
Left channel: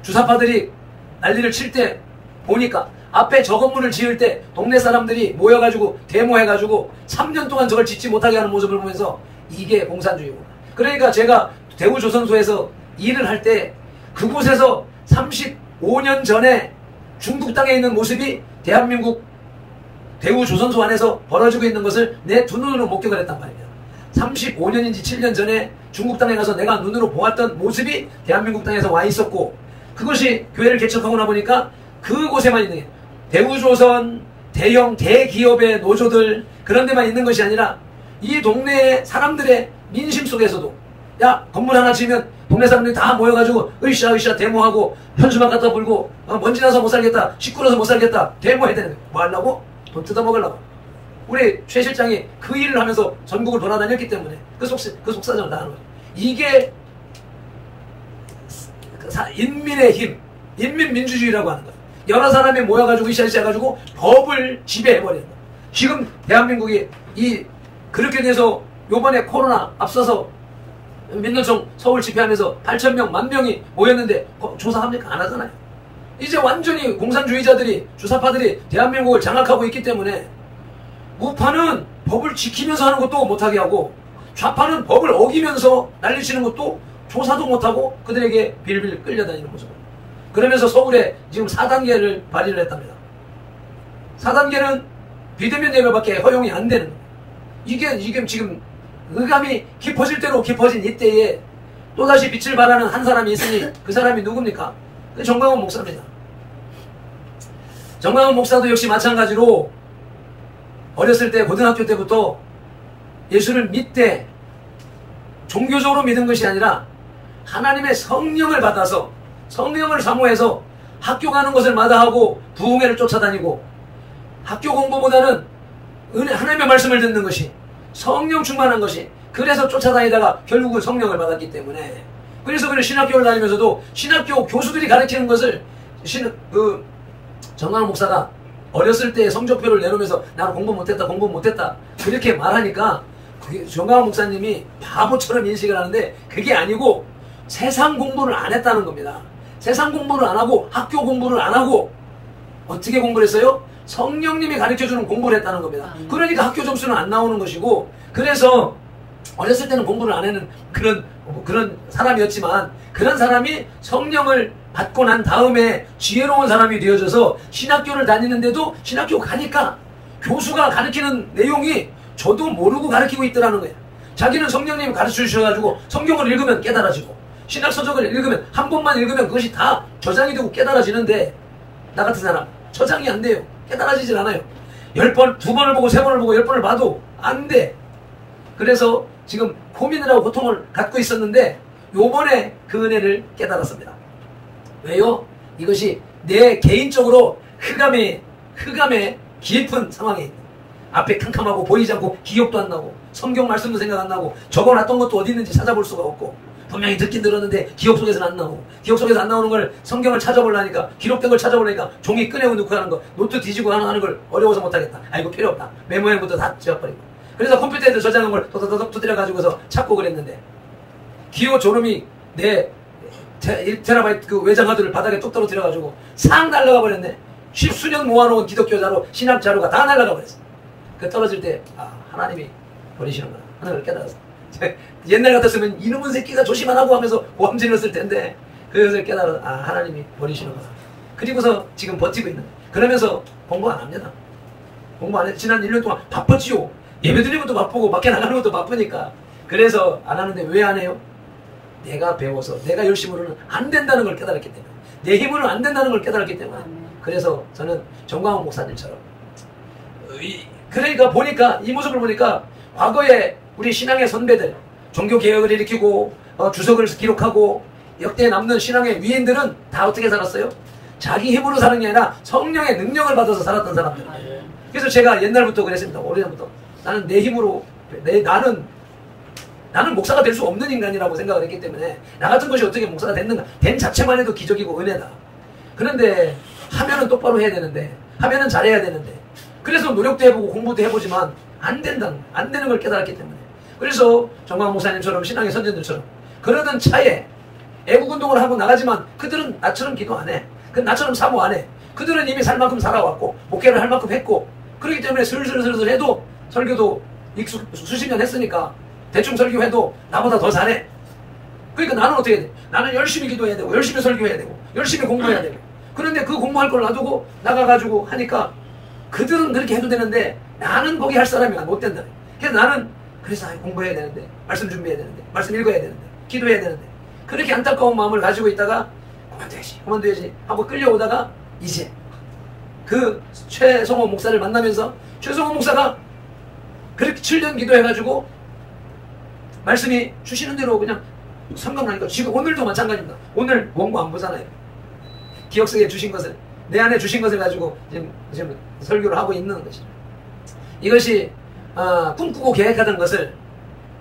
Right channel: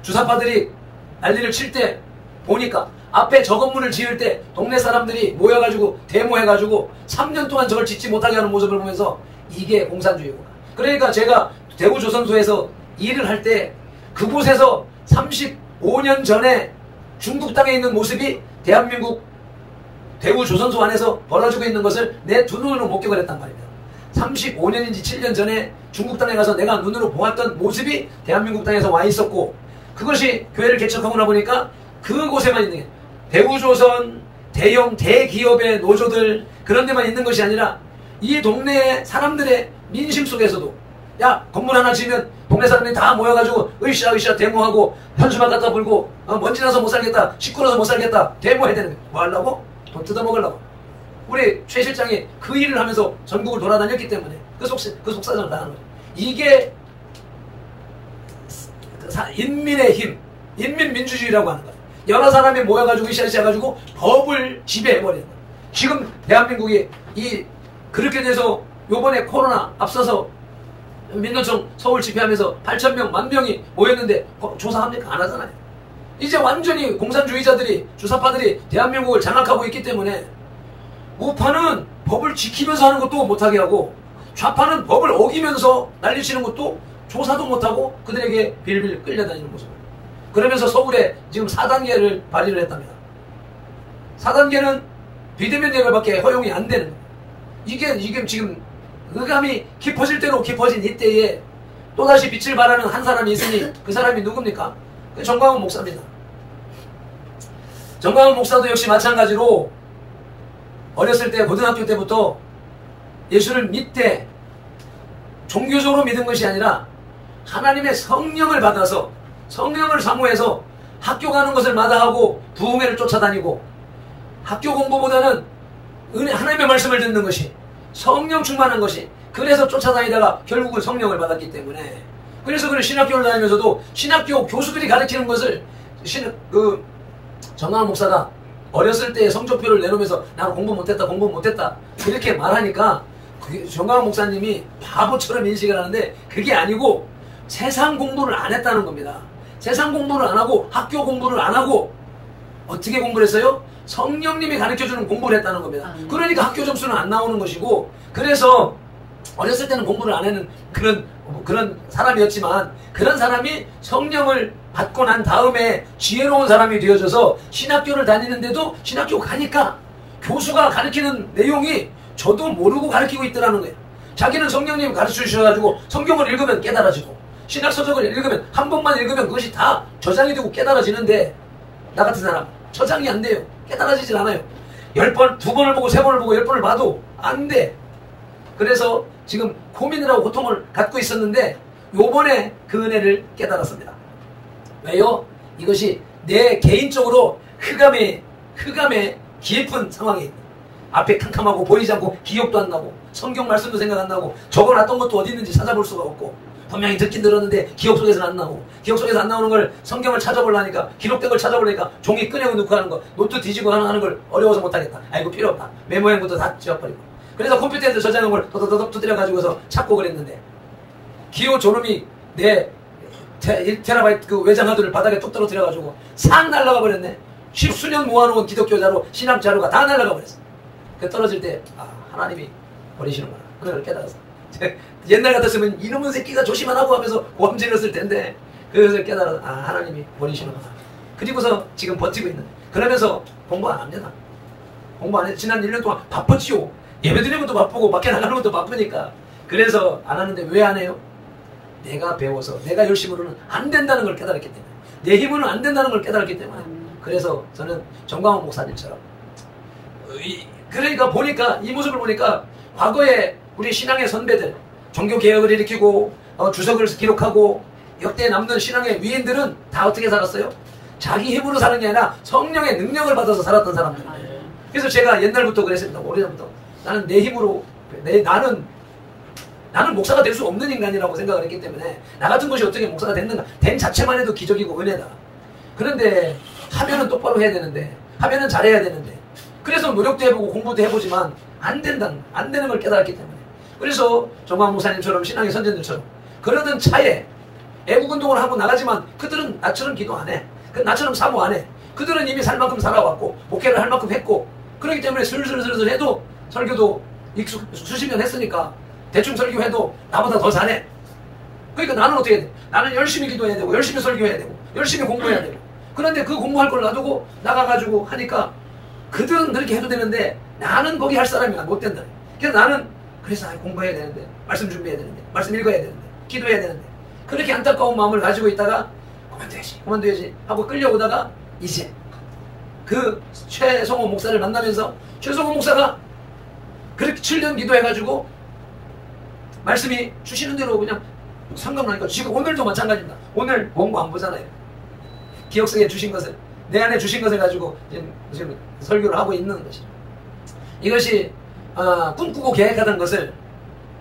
주사파들이 난리를 칠 때 보니까, 앞에 저 건물을 지을 때 동네 사람들이 모여가지고 데모해가지고 3년 동안 저걸 짓지 못하게 하는 모습을 보면서 이게 공산주의구나. 그러니까 제가 대구조선소에서 일을 할 때 그곳에서 35년 전에 중국 땅에 있는 모습이 대한민국 대구조선소 안에서 벌어지고 있는 것을 내 두 눈으로 목격을 했단 말입니다. 35년인지 7년 전에 중국 땅에 가서 내가 눈으로 보았던 모습이 대한민국 땅에서 와 있었고, 그것이 교회를 개척하고 나 보니까 그곳에만 있는 게, 대우조선, 대형 대기업의 노조들 그런 데만 있는 것이 아니라 이 동네의 사람들의 민심 속에서도 야 건물 하나 지으면 동네 사람들이 다 모여가지고 으쌰으쌰 데모하고 현수막 갖다 불고 먼지 나서 못 살겠다, 시끄러워서 못 살겠다 데모해야 되는 거야. 뭐 하려고? 돈 뜯어먹으려고. 우리 최 실장이 그 일을 하면서 전국을 돌아다녔기 때문에 그 속사정을 나가는 거예요. 이게 인민의 힘, 인민민주주의라고 하는 거예요. 여러 사람이 모여가지고 으쌰으쌰 해가지고 법을 지배해버린다. 지금 대한민국이 그렇게 돼서 요번에 코로나 앞서서 민노총 서울 집회하면서 8,000명, 10,000명이 모였는데 조사합니까? 안 하잖아요. 이제 완전히 공산주의자들이, 주사파들이 대한민국을 장악하고 있기 때문에 우파는 법을 지키면서 하는 것도 못하게 하고 좌파는 법을 어기면서 난리치는 것도 조사도 못하고 그들에게 빌빌 끌려다니는 모습. 그러면서 서울에 지금 4단계를 발의를 했답니다. 4단계는 비대면 예배밖에 허용이 안 되는 거예요. 이게 지금 의감이 깊어질 대로 깊어진 이때에 또다시 빛을 발하는 한 사람이 있으니 그 사람이 누굽니까? 정광훈 목사입니다. 정광훈 목사도 역시 마찬가지로 어렸을 때 고등학교 때부터 예수를 믿되 종교적으로 믿은 것이 아니라 하나님의 성령을 받아서 성령을 사모해서 학교 가는 것을 마다하고 부흥회를 쫓아다니고 학교 공부보다는 하나님의 말씀을 듣는 것이 성령 충만한 것이 그래서 쫓아다니다가 결국은 성령을 받았기 때문에 그래서 그는 신학교를 다니면서도 신학교 교수들이 가르치는 것을 정광훈 목사가 어렸을 때 성적표를 내놓으면서 나는 공부 못했다 그렇게 말하니까 정광훈 목사님이 바보처럼 인식을 하는데 그게 아니고 세상 공부를 안 했다는 겁니다. 세상 공부를 안 하고 학교 공부를 안 하고 어떻게 공부를 했어요? 성령님이 가르쳐주는 공부를 했다는 겁니다. 그러니까 학교 점수는 안 나오는 것이고 그래서 어렸을 때는 공부를 안 하는 그런 사람이었지만 그런 사람이 성령을 받고 난 다음에 지혜로운 사람이 되어져서 신학교를 다니는데도 신학교 가니까 교수가 가르치는 내용이 저도 모르고 가르치고 있더라는 거예요. 자기는 성령님이 가르쳐 주셔가지고 성경을 읽으면 깨달아지고 신학서적을 읽으면 한 번만 읽으면 그것이 다 저장이 되고 깨달아지는데 나 같은 사람 저장이 안 돼요. 깨달아지질 않아요. 10번, 2번을 보고 3번을 보고 10번을 봐도 안 돼. 그래서 지금 고민을 하고 고통을 갖고 있었는데 요번에 그 은혜를 깨달았습니다. 왜요? 이것이 내 개인적으로 흑암의 깊은 상황에 있는 앞에 캄캄하고 보이지 않고 기억도 안 나고 성경 말씀도 생각 안 나고 적어놨던 것도 어디 있는지 찾아볼 수가 없고 분명히 듣긴 들었는데 기억 속에서는 안 나오고 기억 속에서 안 나오는 걸 성경을 찾아보려니까 기록된 걸 찾아보려니까 종이 꺼내고 넣고 하는 거 노트 뒤지고 하는 걸 어려워서 못하겠다. 아이고 필요 없다. 메모형부터 다 지워버리고 그래서 컴퓨터에서 저장한 걸 도도도도 두드려 가지고서 찾고 그랬는데 기호 졸음이 내 1테라바이트 그 외장하드를 바닥에 뚝 떨어뜨려 가지고 싹 날아가 버렸네. 십수년 모아놓은 기독교 자료 신학 자료가 다 날아가 버렸어. 그 떨어질 때 하나님이 버리시는구나 하는 걸 깨달았어. 옛날 같았으면 이놈의 새끼가 조심 안 하고 하면서 고함질렀을 텐데 그것을 깨달아서 하나님이 버리시는구나. 그리고서 지금 버티고 있는. 그러면서 공부 안 합니다. 공부 안 해. 지난 1년 동안 바빴지요. 예배 드리는 것도 바쁘고 밖에 나가는 것도 바쁘니까. 그래서 안 하는데 왜 안 해요? 내가 배워서 내가 열심으로는 안 된다는 걸 깨달았기 때문에 내 힘으로는 안 된다는 걸 깨달았기 때문에 그래서 저는 정광훈 목사님처럼 그러니까 보니까 이 모습을 보니까 과거에 우리 신앙의 선배들 종교개혁을 일으키고 주석을 기록하고 역대 남는 신앙의 위인들은 다 어떻게 살았어요? 자기 힘으로 사는 게 아니라 성령의 능력을 받아서 살았던 사람들. 그래서 제가 옛날부터 그랬습니다. 오래전부터 나는 내 힘으로 나는 목사가 될 수 없는 인간이라고 생각을 했기 때문에 나 같은 것이 어떻게 목사가 됐는가 된 자체만 해도 기적이고 은혜다. 그런데 하면은 똑바로 해야 되는데 하면은 잘해야 되는데 그래서 노력도 해보고 공부도 해보지만 안 되는 걸 깨달았기 때문에 그래서 정광훈 목사님처럼 신앙의 선전들처럼 그러던 차에 애국운동을 하고 나가지만 그들은 나처럼 기도 안 해. 나처럼 사모 안 해. 그들은 이미 살 만큼 살아왔고 목회를 할 만큼 했고 그렇기 때문에 슬슬 해도 설교도 수십 년 했으니까 대충 설교해도 나보다 더 잘해. 그러니까 나는 어떻게 해야 돼? 나는 열심히 기도해야 되고 열심히 설교해야 되고 열심히 공부해야 되고 그런데 그 공부할 걸 놔두고 나가가지고 하니까 그들은 그렇게 해도 되는데 나는 거기 할 사람이 못 된다. 그래서 나는 공부해야 되는데 말씀 준비해야 되는데 말씀 읽어야 되는데 기도해야 되는데 그렇게 안타까운 마음을 가지고 있다가 그만둬야지 하고 끌려오다가 이제 그 최성호 목사를 만나면서 최성호 목사가 그렇게 7년 기도해가지고 말씀이 주시는 대로 그냥 성경나니까 지금 오늘도 마찬가지입니다. 오늘 원고 안 보잖아요. 기억 속에 주신 것을, 내 안에 주신 것을 가지고 지금 설교를 하고 있는 것이죠. 이것이 꿈꾸고 계획하던 것을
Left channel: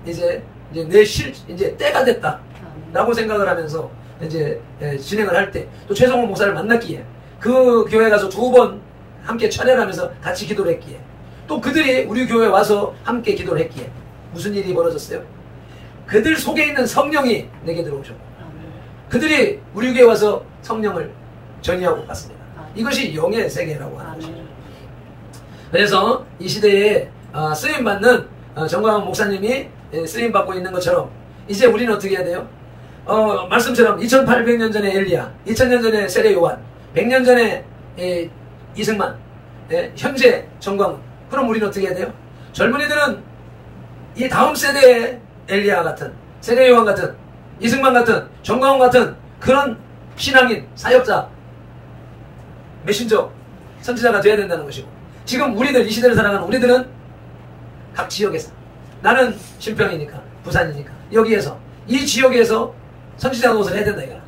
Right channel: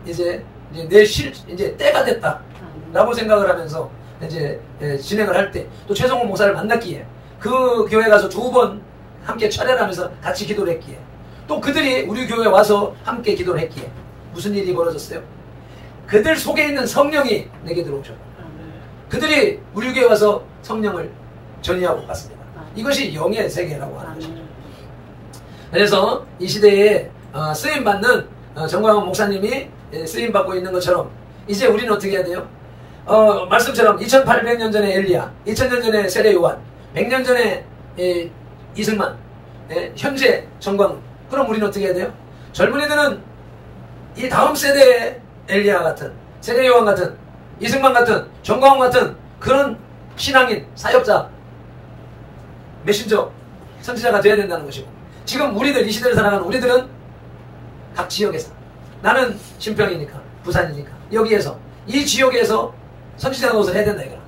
이제 때가 됐다라고 생각을 하면서 이제 진행을 할 때 또 최성호 목사를 만났기에 그 교회 가서 2번 함께 차례를 하면서 같이 기도를 했기에 또 그들이 우리 교회에 와서 함께 기도를 했기에 무슨 일이 벌어졌어요? 그들 속에 있는 성령이 내게 들어오셨다. 그들이 우리 교회에 와서 성령을 전이하고 갔습니다. 이것이 영의 세계라고 하는 것이죠. 그래서 이 시대에 쓰임받는 정광훈 목사님이 쓰임받고 있는 것처럼 이제 우리는 어떻게 해야 돼요? 말씀처럼 2800년 전에 엘리야, 2000년 전에 세례 요한, 100년 전에 이승만, 현재 정광훈. 그럼 우리는 어떻게 해야 돼요? 젊은이들은 이 다음 세대의 엘리야 같은, 세례 요한 같은, 이승만 같은, 정광훈 같은 그런 신앙인, 사역자, 메신저, 선지자가 되어야 된다는 것이고, 지금 우리들, 이 시대를 살아가는 우리들은 각 지역에서, 나는 신평이니까, 부산이니까, 여기에서, 이 지역에서 선지자 노릇을 해야 된다 이거야.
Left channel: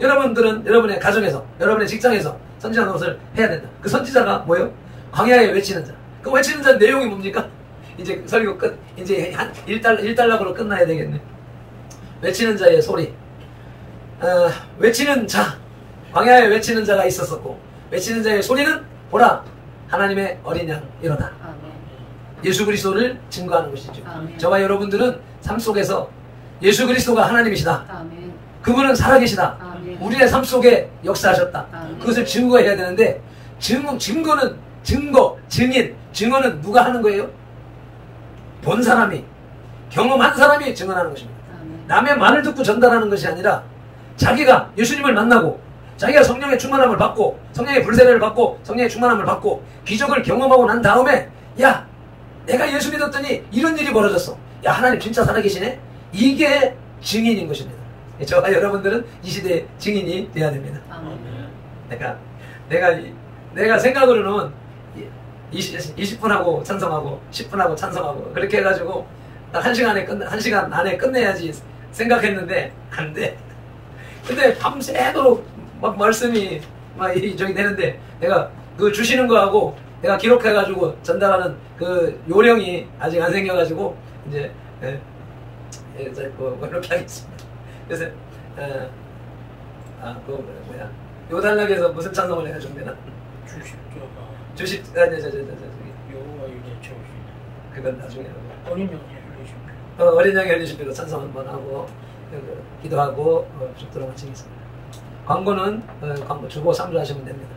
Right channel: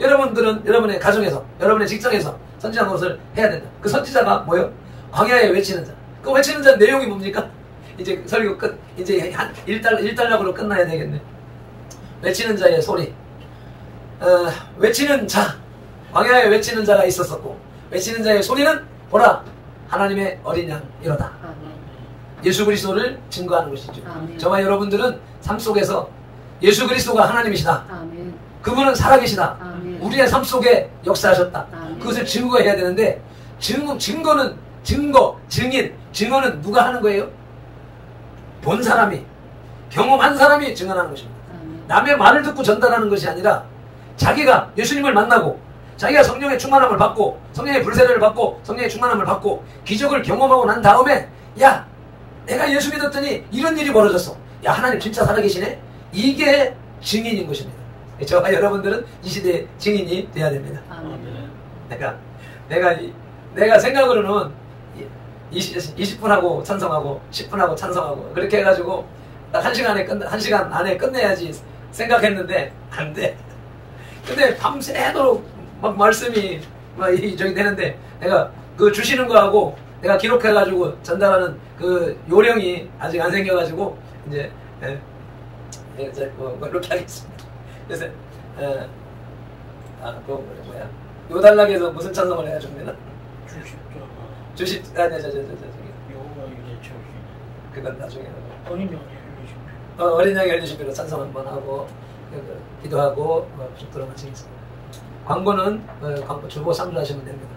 여러분들은 여러분의 가정에서, 여러분의 직장에서 선지자 노릇을 해야 된다. 그 선지자가 뭐예요? 광야에 외치는 자. 그 외치는 자 내용이 뭡니까? 이제 설교 끝, 이제 한 1달락으로 끝나야 되겠네. 외치는 자의 소리. 외치는 자, 광야에 외치는 자가 있었었고, 외치는 자의 소리는 보라, 하나님의 어린 양 이로다. 예수 그리스도를 증거하는 것이죠. 아멘. 저와 여러분들은 삶 속에서 예수 그리스도가 하나님이시다. 아멘. 그분은 살아계시다. 아멘. 우리의 삶 속에 역사하셨다. 아멘. 그것을 증거해야 되는데 증거는 증인, 증언은 누가 하는 거예요? 본 사람이, 경험한 사람이 증언하는 것입니다. 아멘. 남의 말을 듣고 전달하는 것이 아니라 자기가 예수님을 만나고 자기가 성령의 충만함을 받고 성령의 불세례를 받고 성령의 충만함을 받고 기적을 경험하고 난 다음에 야, 내가 예수 믿었더니 이런 일이 벌어졌어. 야, 하나님 진짜 살아계시네? 이게 증인인 것입니다. 저와 여러분들은 이 시대의 증인이 돼야 됩니다. 내가 생각으로는 20분 하고 찬성하고 10분 하고 찬성하고 그렇게 해가지고 딱 1시간 안에 끝내야지 생각했는데 안 돼. 근데 밤새도록 막 말씀이 막 저기 되는데 내가 그 주시는 거하고 내가 기록해가지고 전달하는 그 요령이 아직 안 생겨가지고 이제 그렇게 하겠습니다. 그래서 그 뭐야 요단락에서 무슨 찬송을 해야 줍니다. 주십 저기 그건 나중에 어린 양의 열리신비로 찬송 한번 하고 기도하고 죽도록 마치겠습니다. 광고는 광고 주고 3주 하시면 됩니다.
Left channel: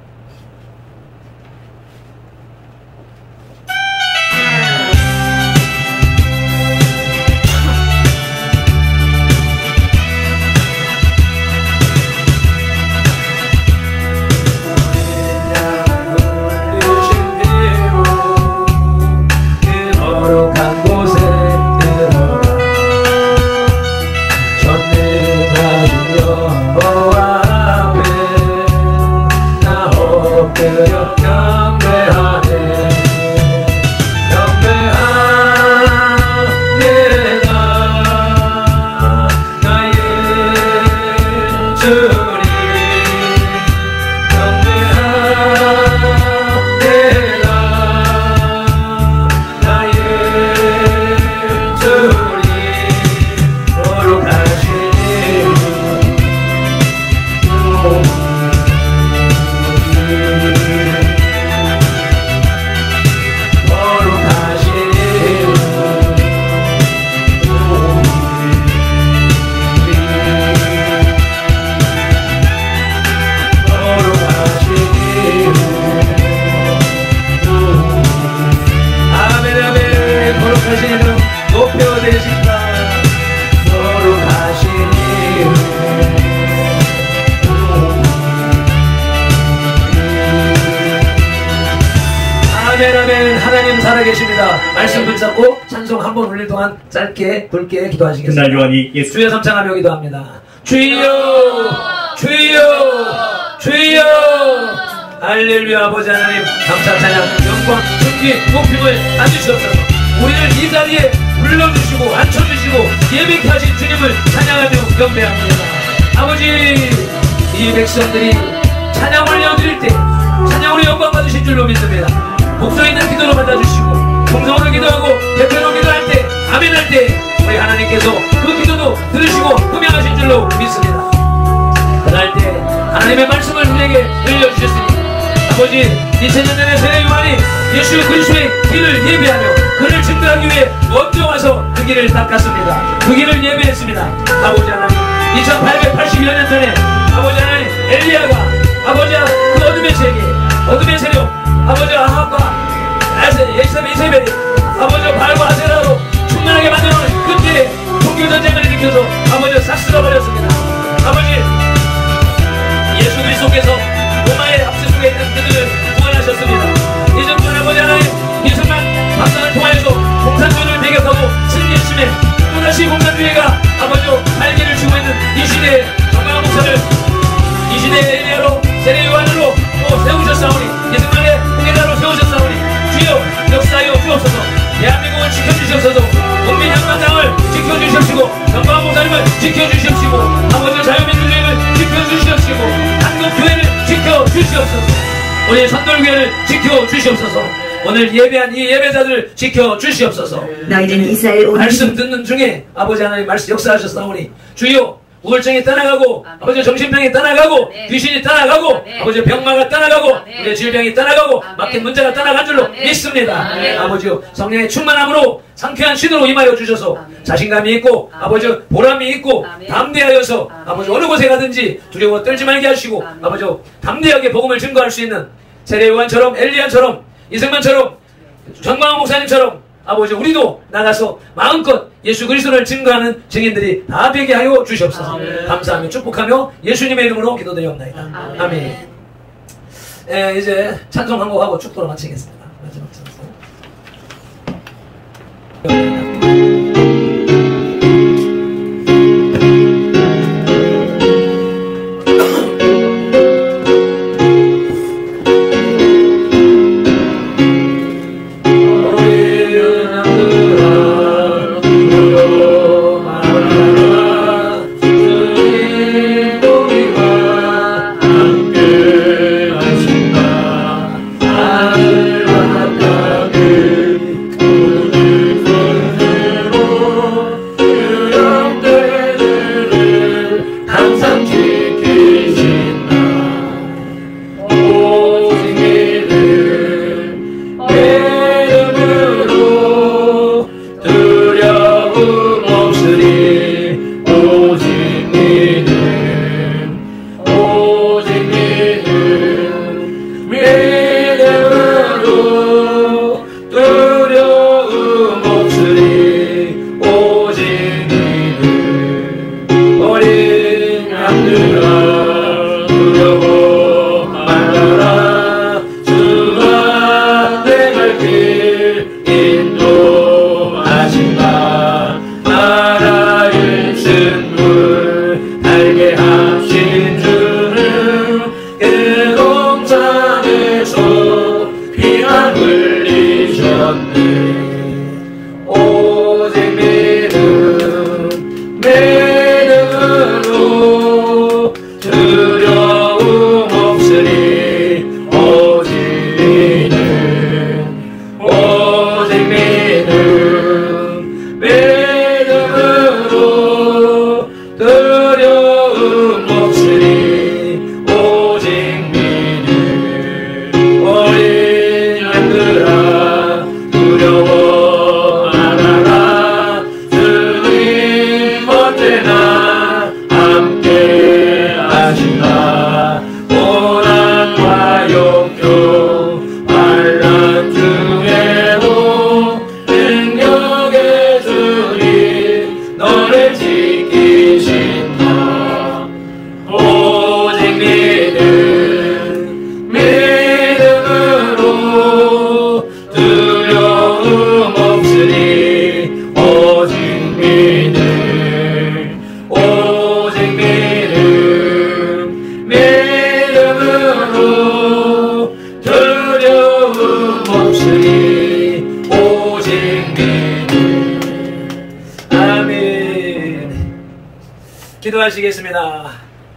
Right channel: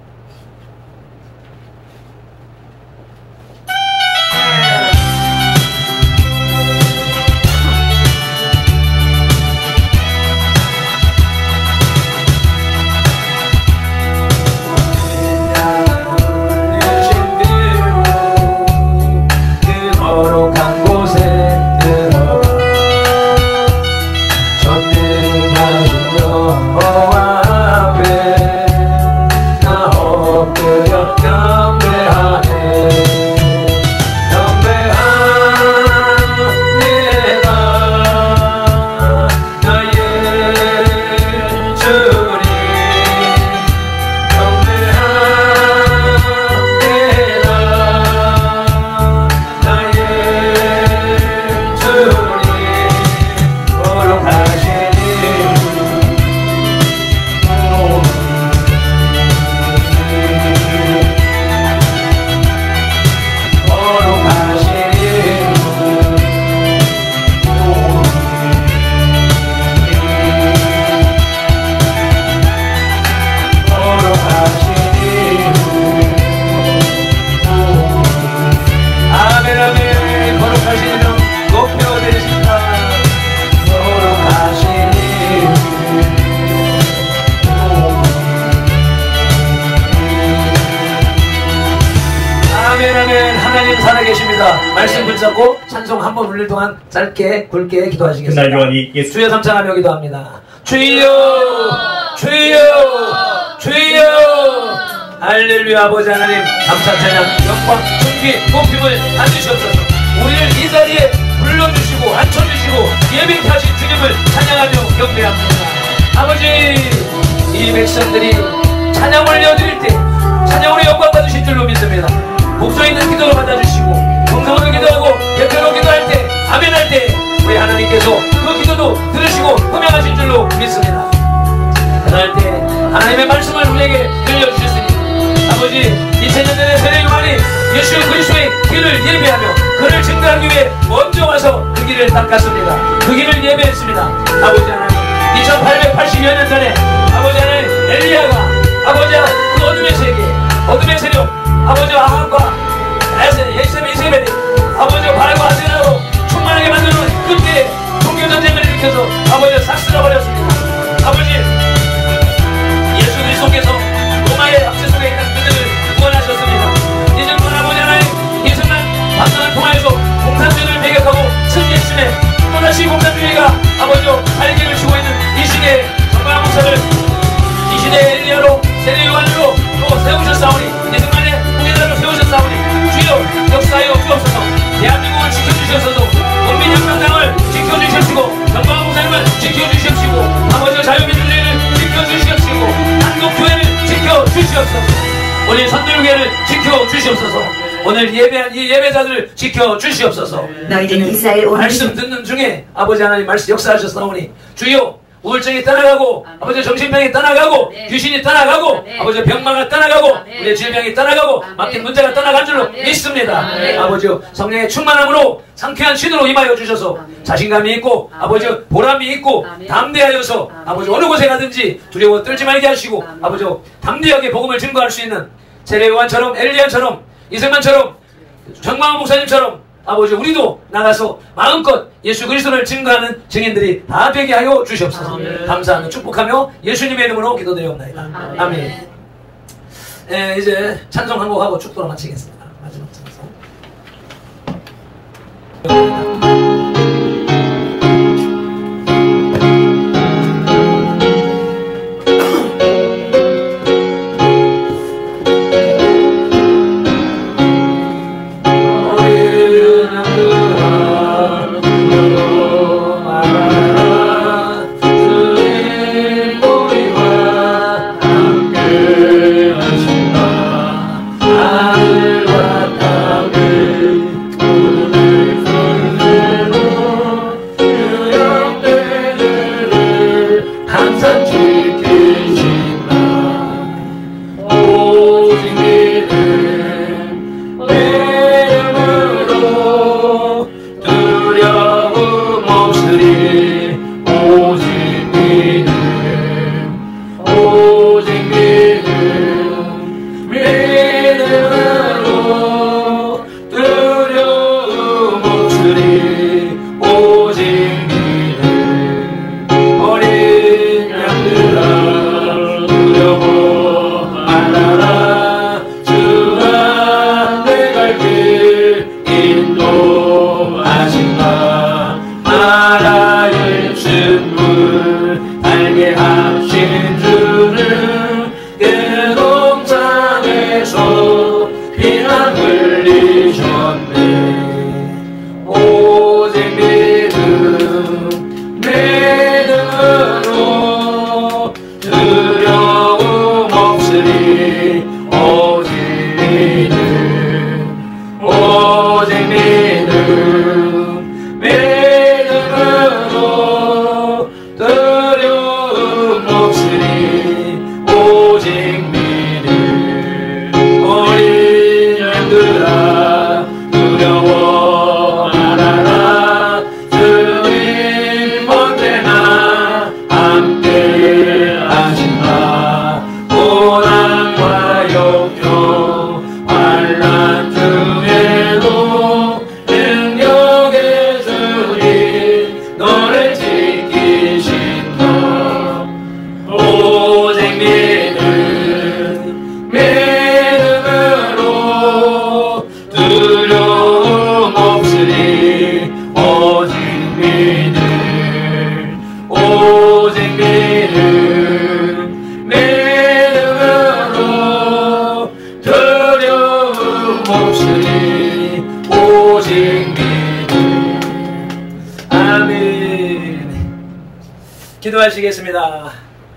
말씀 붙잡고 찬송 한 번 울릴 동안 짧게 굵게 기도하시겠습니다. 주의 삼창하며 기도합니다. 주여 주여 주여 할렐루야. 아버지 하나님 감사 찬양 영광 존귀 높임을 앉으셨소서. 우리를 이 자리에 불러주시고 앉혀주시고 예배케 하신 주님을 찬양하며 경배합니다. 아버지, 이 백성들이 찬양 올려드릴 때 찬양으로 영광 받으실 줄로 믿습니다. 목소리 있는 기도로 받아주시고 정성으로 기도하고 대표로 기도할 때 아멘 할 때 우리 하나님께서 그 기도도 들으시고 흠양하실 줄로 믿습니다. 그날 때 하나님의 말씀을 우리에게 들려주셨으니 아버지, 2000년 전에 세례 요한이 예수 그리스도의 길을 예배하며 그를 증거하기 위해 먼저 와서 그 길을 닦았습니다. 그 길을 예배했습니다. 아버지 하나님, 2880여 년 전에 아버지 하나님 엘리야가 아버지 그 어둠의 세계, 어둠의 세력, 아버지 아합과 이세벨이 아버지 바알과 아세라로 충만하게 만드는 그때에 종교전쟁을 일으켜서 아버지 싹 쓸어버렸습니다. 아버지, 예수 그리스도께서 로마의 압제 속에 있는 그들을 구원하셨습니다. 이제 그 아버지 하나님 예수만 방송을 통하여서 공산주의를 배격하고 승리했음에 또다시 공산주의가 아버지 발기를 주고 있는 이 시대에 정말 목사를 이 시대의 엘리야로 세례 요한으로 또 세우셨사오니 예수만의 후계자로 세우셨사오니 주여 역사하여 주옵소서. 대한민국을 지켜주시옵소서. 국민혁명당을 지켜주십시고 정광 목사님을 지켜주십시고 아버지 자유민주주의를 지켜주시옵시고 한국교회를 지켜주시옵소서. 우리 선돌교회를 지켜주시옵소서. 오늘 예배한 이 예배자들을 지켜주시옵소서. 너희는 이스라엘 말씀 듣는 중에 아버지 하나님 말씀 역사하셨사오니 주여 우울증이 떠나가고 아버지 정신병이 떠나가고 귀신이 떠나가고 아버지 병마가 떠나가고 우리 질병이 떠나가고 막힌 문제가 떠나간 줄로 믿습니다. 아버지 성령의 충만함으로 상쾌한 신으로 임하여 주셔서 자신감이 있고 아버지 보람이 있고 담대하여서 아버지 어느 곳에 가든지 두려워 떨지 말게 하시고 아버지 담대하게 복음을 증거할 수 있는 세례 요한처럼 엘리야처럼 이승만처럼 정광훈 목사님처럼 아버지 우리도 나가서 마음껏 예수 그리스도를 증거하는 증인들이 다 되게 하여 주시옵소서. 감사하며 축복하며 예수님의 이름으로 기도드리옵나이다. 아멘. 예, 이제 찬송 한 곡하고 축도로 마치겠습니다. 마지막 찬송. 기도하시겠습니다.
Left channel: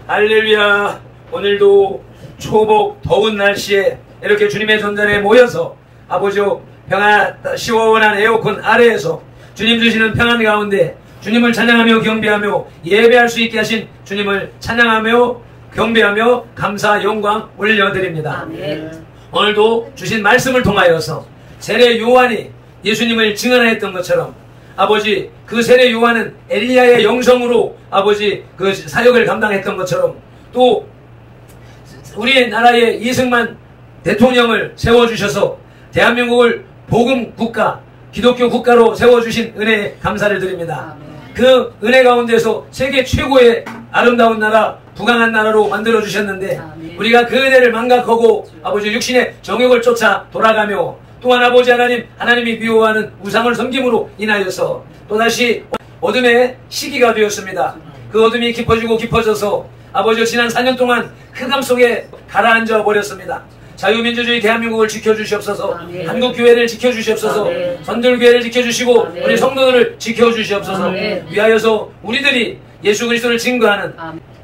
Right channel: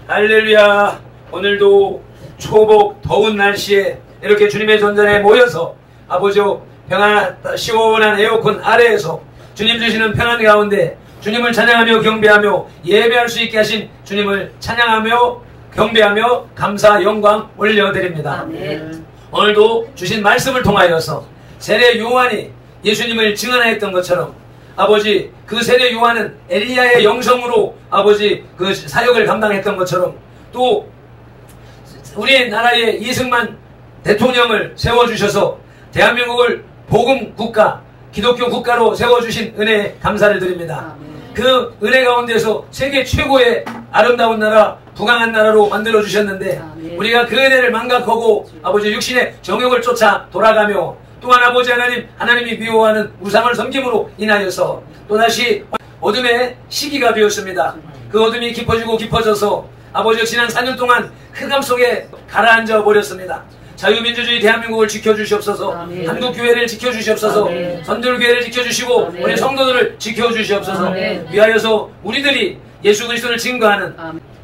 할렐루야. 오늘도 초복 더운 날씨에 이렇게 주님의 전전에 모여서 아버지요 평안 시원한 에어컨 아래에서 주님 주시는 평안 가운데 주님을 찬양하며 경배하며 예배할 수 있게 하신 주님을 찬양하며 경배하며 감사 영광 올려드립니다. 아멘. 오늘도 주신 말씀을 통하여서 세례 요한이 예수님을 증언했던 것처럼 아버지 그 세례 요한은 엘리야의 영성으로 아버지 그 사역을 감당했던 것처럼 또 우리나라의 이승만 대통령을 세워주셔서 대한민국을 복음 국가 기독교 국가로 세워주신 은혜에 감사를 드립니다. 그 은혜 가운데서 세계 최고의 아름다운 나라 부강한 나라로 만들어주셨는데 우리가 그 은혜를 망각하고 아버지 육신의 정욕을 쫓아 돌아가며 또한 아버지 하나님이 미워하는 우상을 섬김으로 인하여서 또다시 어둠의 시기가 되었습니다. 그 어둠이 깊어지고 깊어져서 아버지 지난 4년 동안 흑암 속에 가라앉아 버렸습니다. 자유민주주의 대한민국을 지켜주시옵소서. 한국교회를 지켜주시옵소서. 선들교회를 지켜주시고 우리 성도들을 지켜주시옵소서. 위하여서 우리들이 예수 그리스도를 증거하는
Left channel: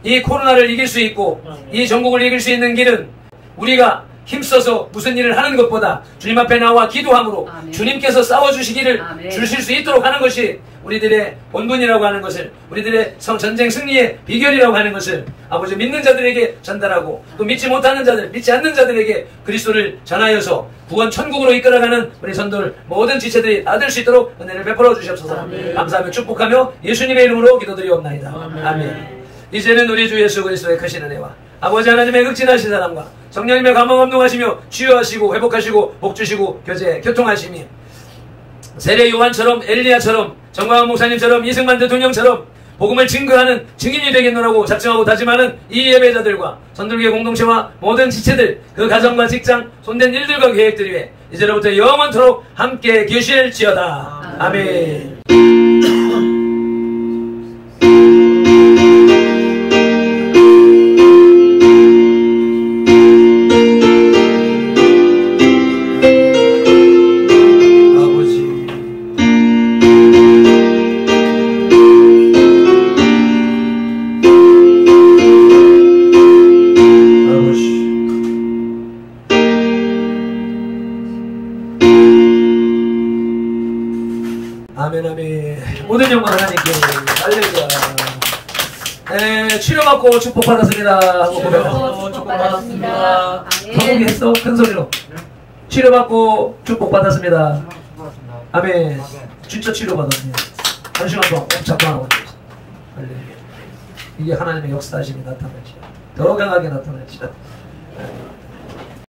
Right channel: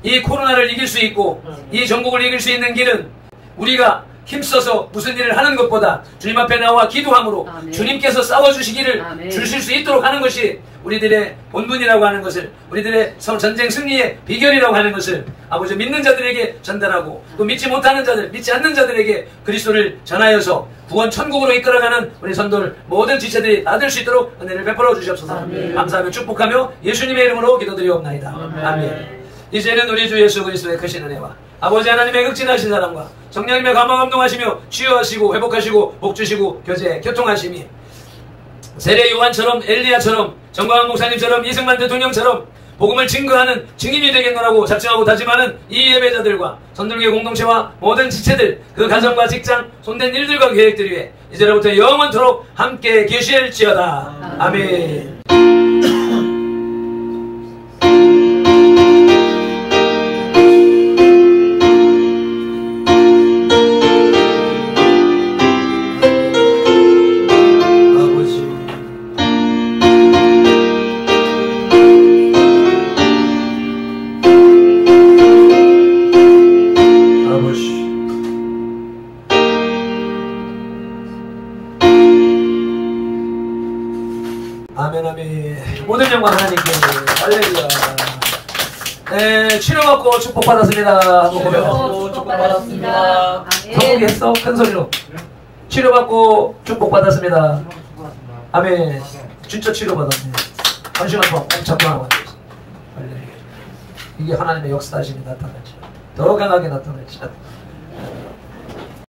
이 코로나를 이길 수 있고 이 전국을 이길 수 있는 길은 우리가 힘써서 무슨 일을 하는 것보다 주님 앞에 나와 기도함으로 주님께서 싸워주시기를 주실 수 있도록 하는 것이 우리들의 본분이라고 하는 것을 우리들의 전쟁 승리의 비결이라고 하는 것을 아버지 믿는 자들에게 전달하고 또 믿지 못하는 자들 믿지 않는 자들에게 그리스도를 전하여서 구원 천국으로 이끌어가는 우리 선도들 모든 지체들이 다 될 수 있도록 은혜를 베풀어 주시옵소서. 감사하며 축복하며 예수님의 이름으로 기도드리옵나이다. 아멘. 이제는 우리 주 예수 그리스도의 크신 은혜와 아버지 하나님의 극진하신 사랑과 성령님의 감화감동하시며 치유하시고 회복하시고 복주시고 교통하시며 세례 요한처럼 엘리야처럼 정광훈 목사님처럼 이승만 대통령처럼 복음을 증거하는 증인이 되겠노라고 작정하고 다짐하는 이 예배자들과 선들교회 공동체와 모든 지체들 그 가정과 직장 손댄 일들과 계획들 위해 이제로부터 영원토록 함께 계실지어다. 아멘. 모든 영광 하나님께. 할렐루야. 네, 치료받고 축복받았습니다. 축복받았습니다. 성공했어? 큰 소리로. 치료받고 축복받았습니다. 아멘. 진짜 치료받았네. 한 시간 동안 꼭 잡고 하고 앉아있어. 할렐루야. 이게 하나님의 역사하심이 나타나지. 더 강하게 나타나지.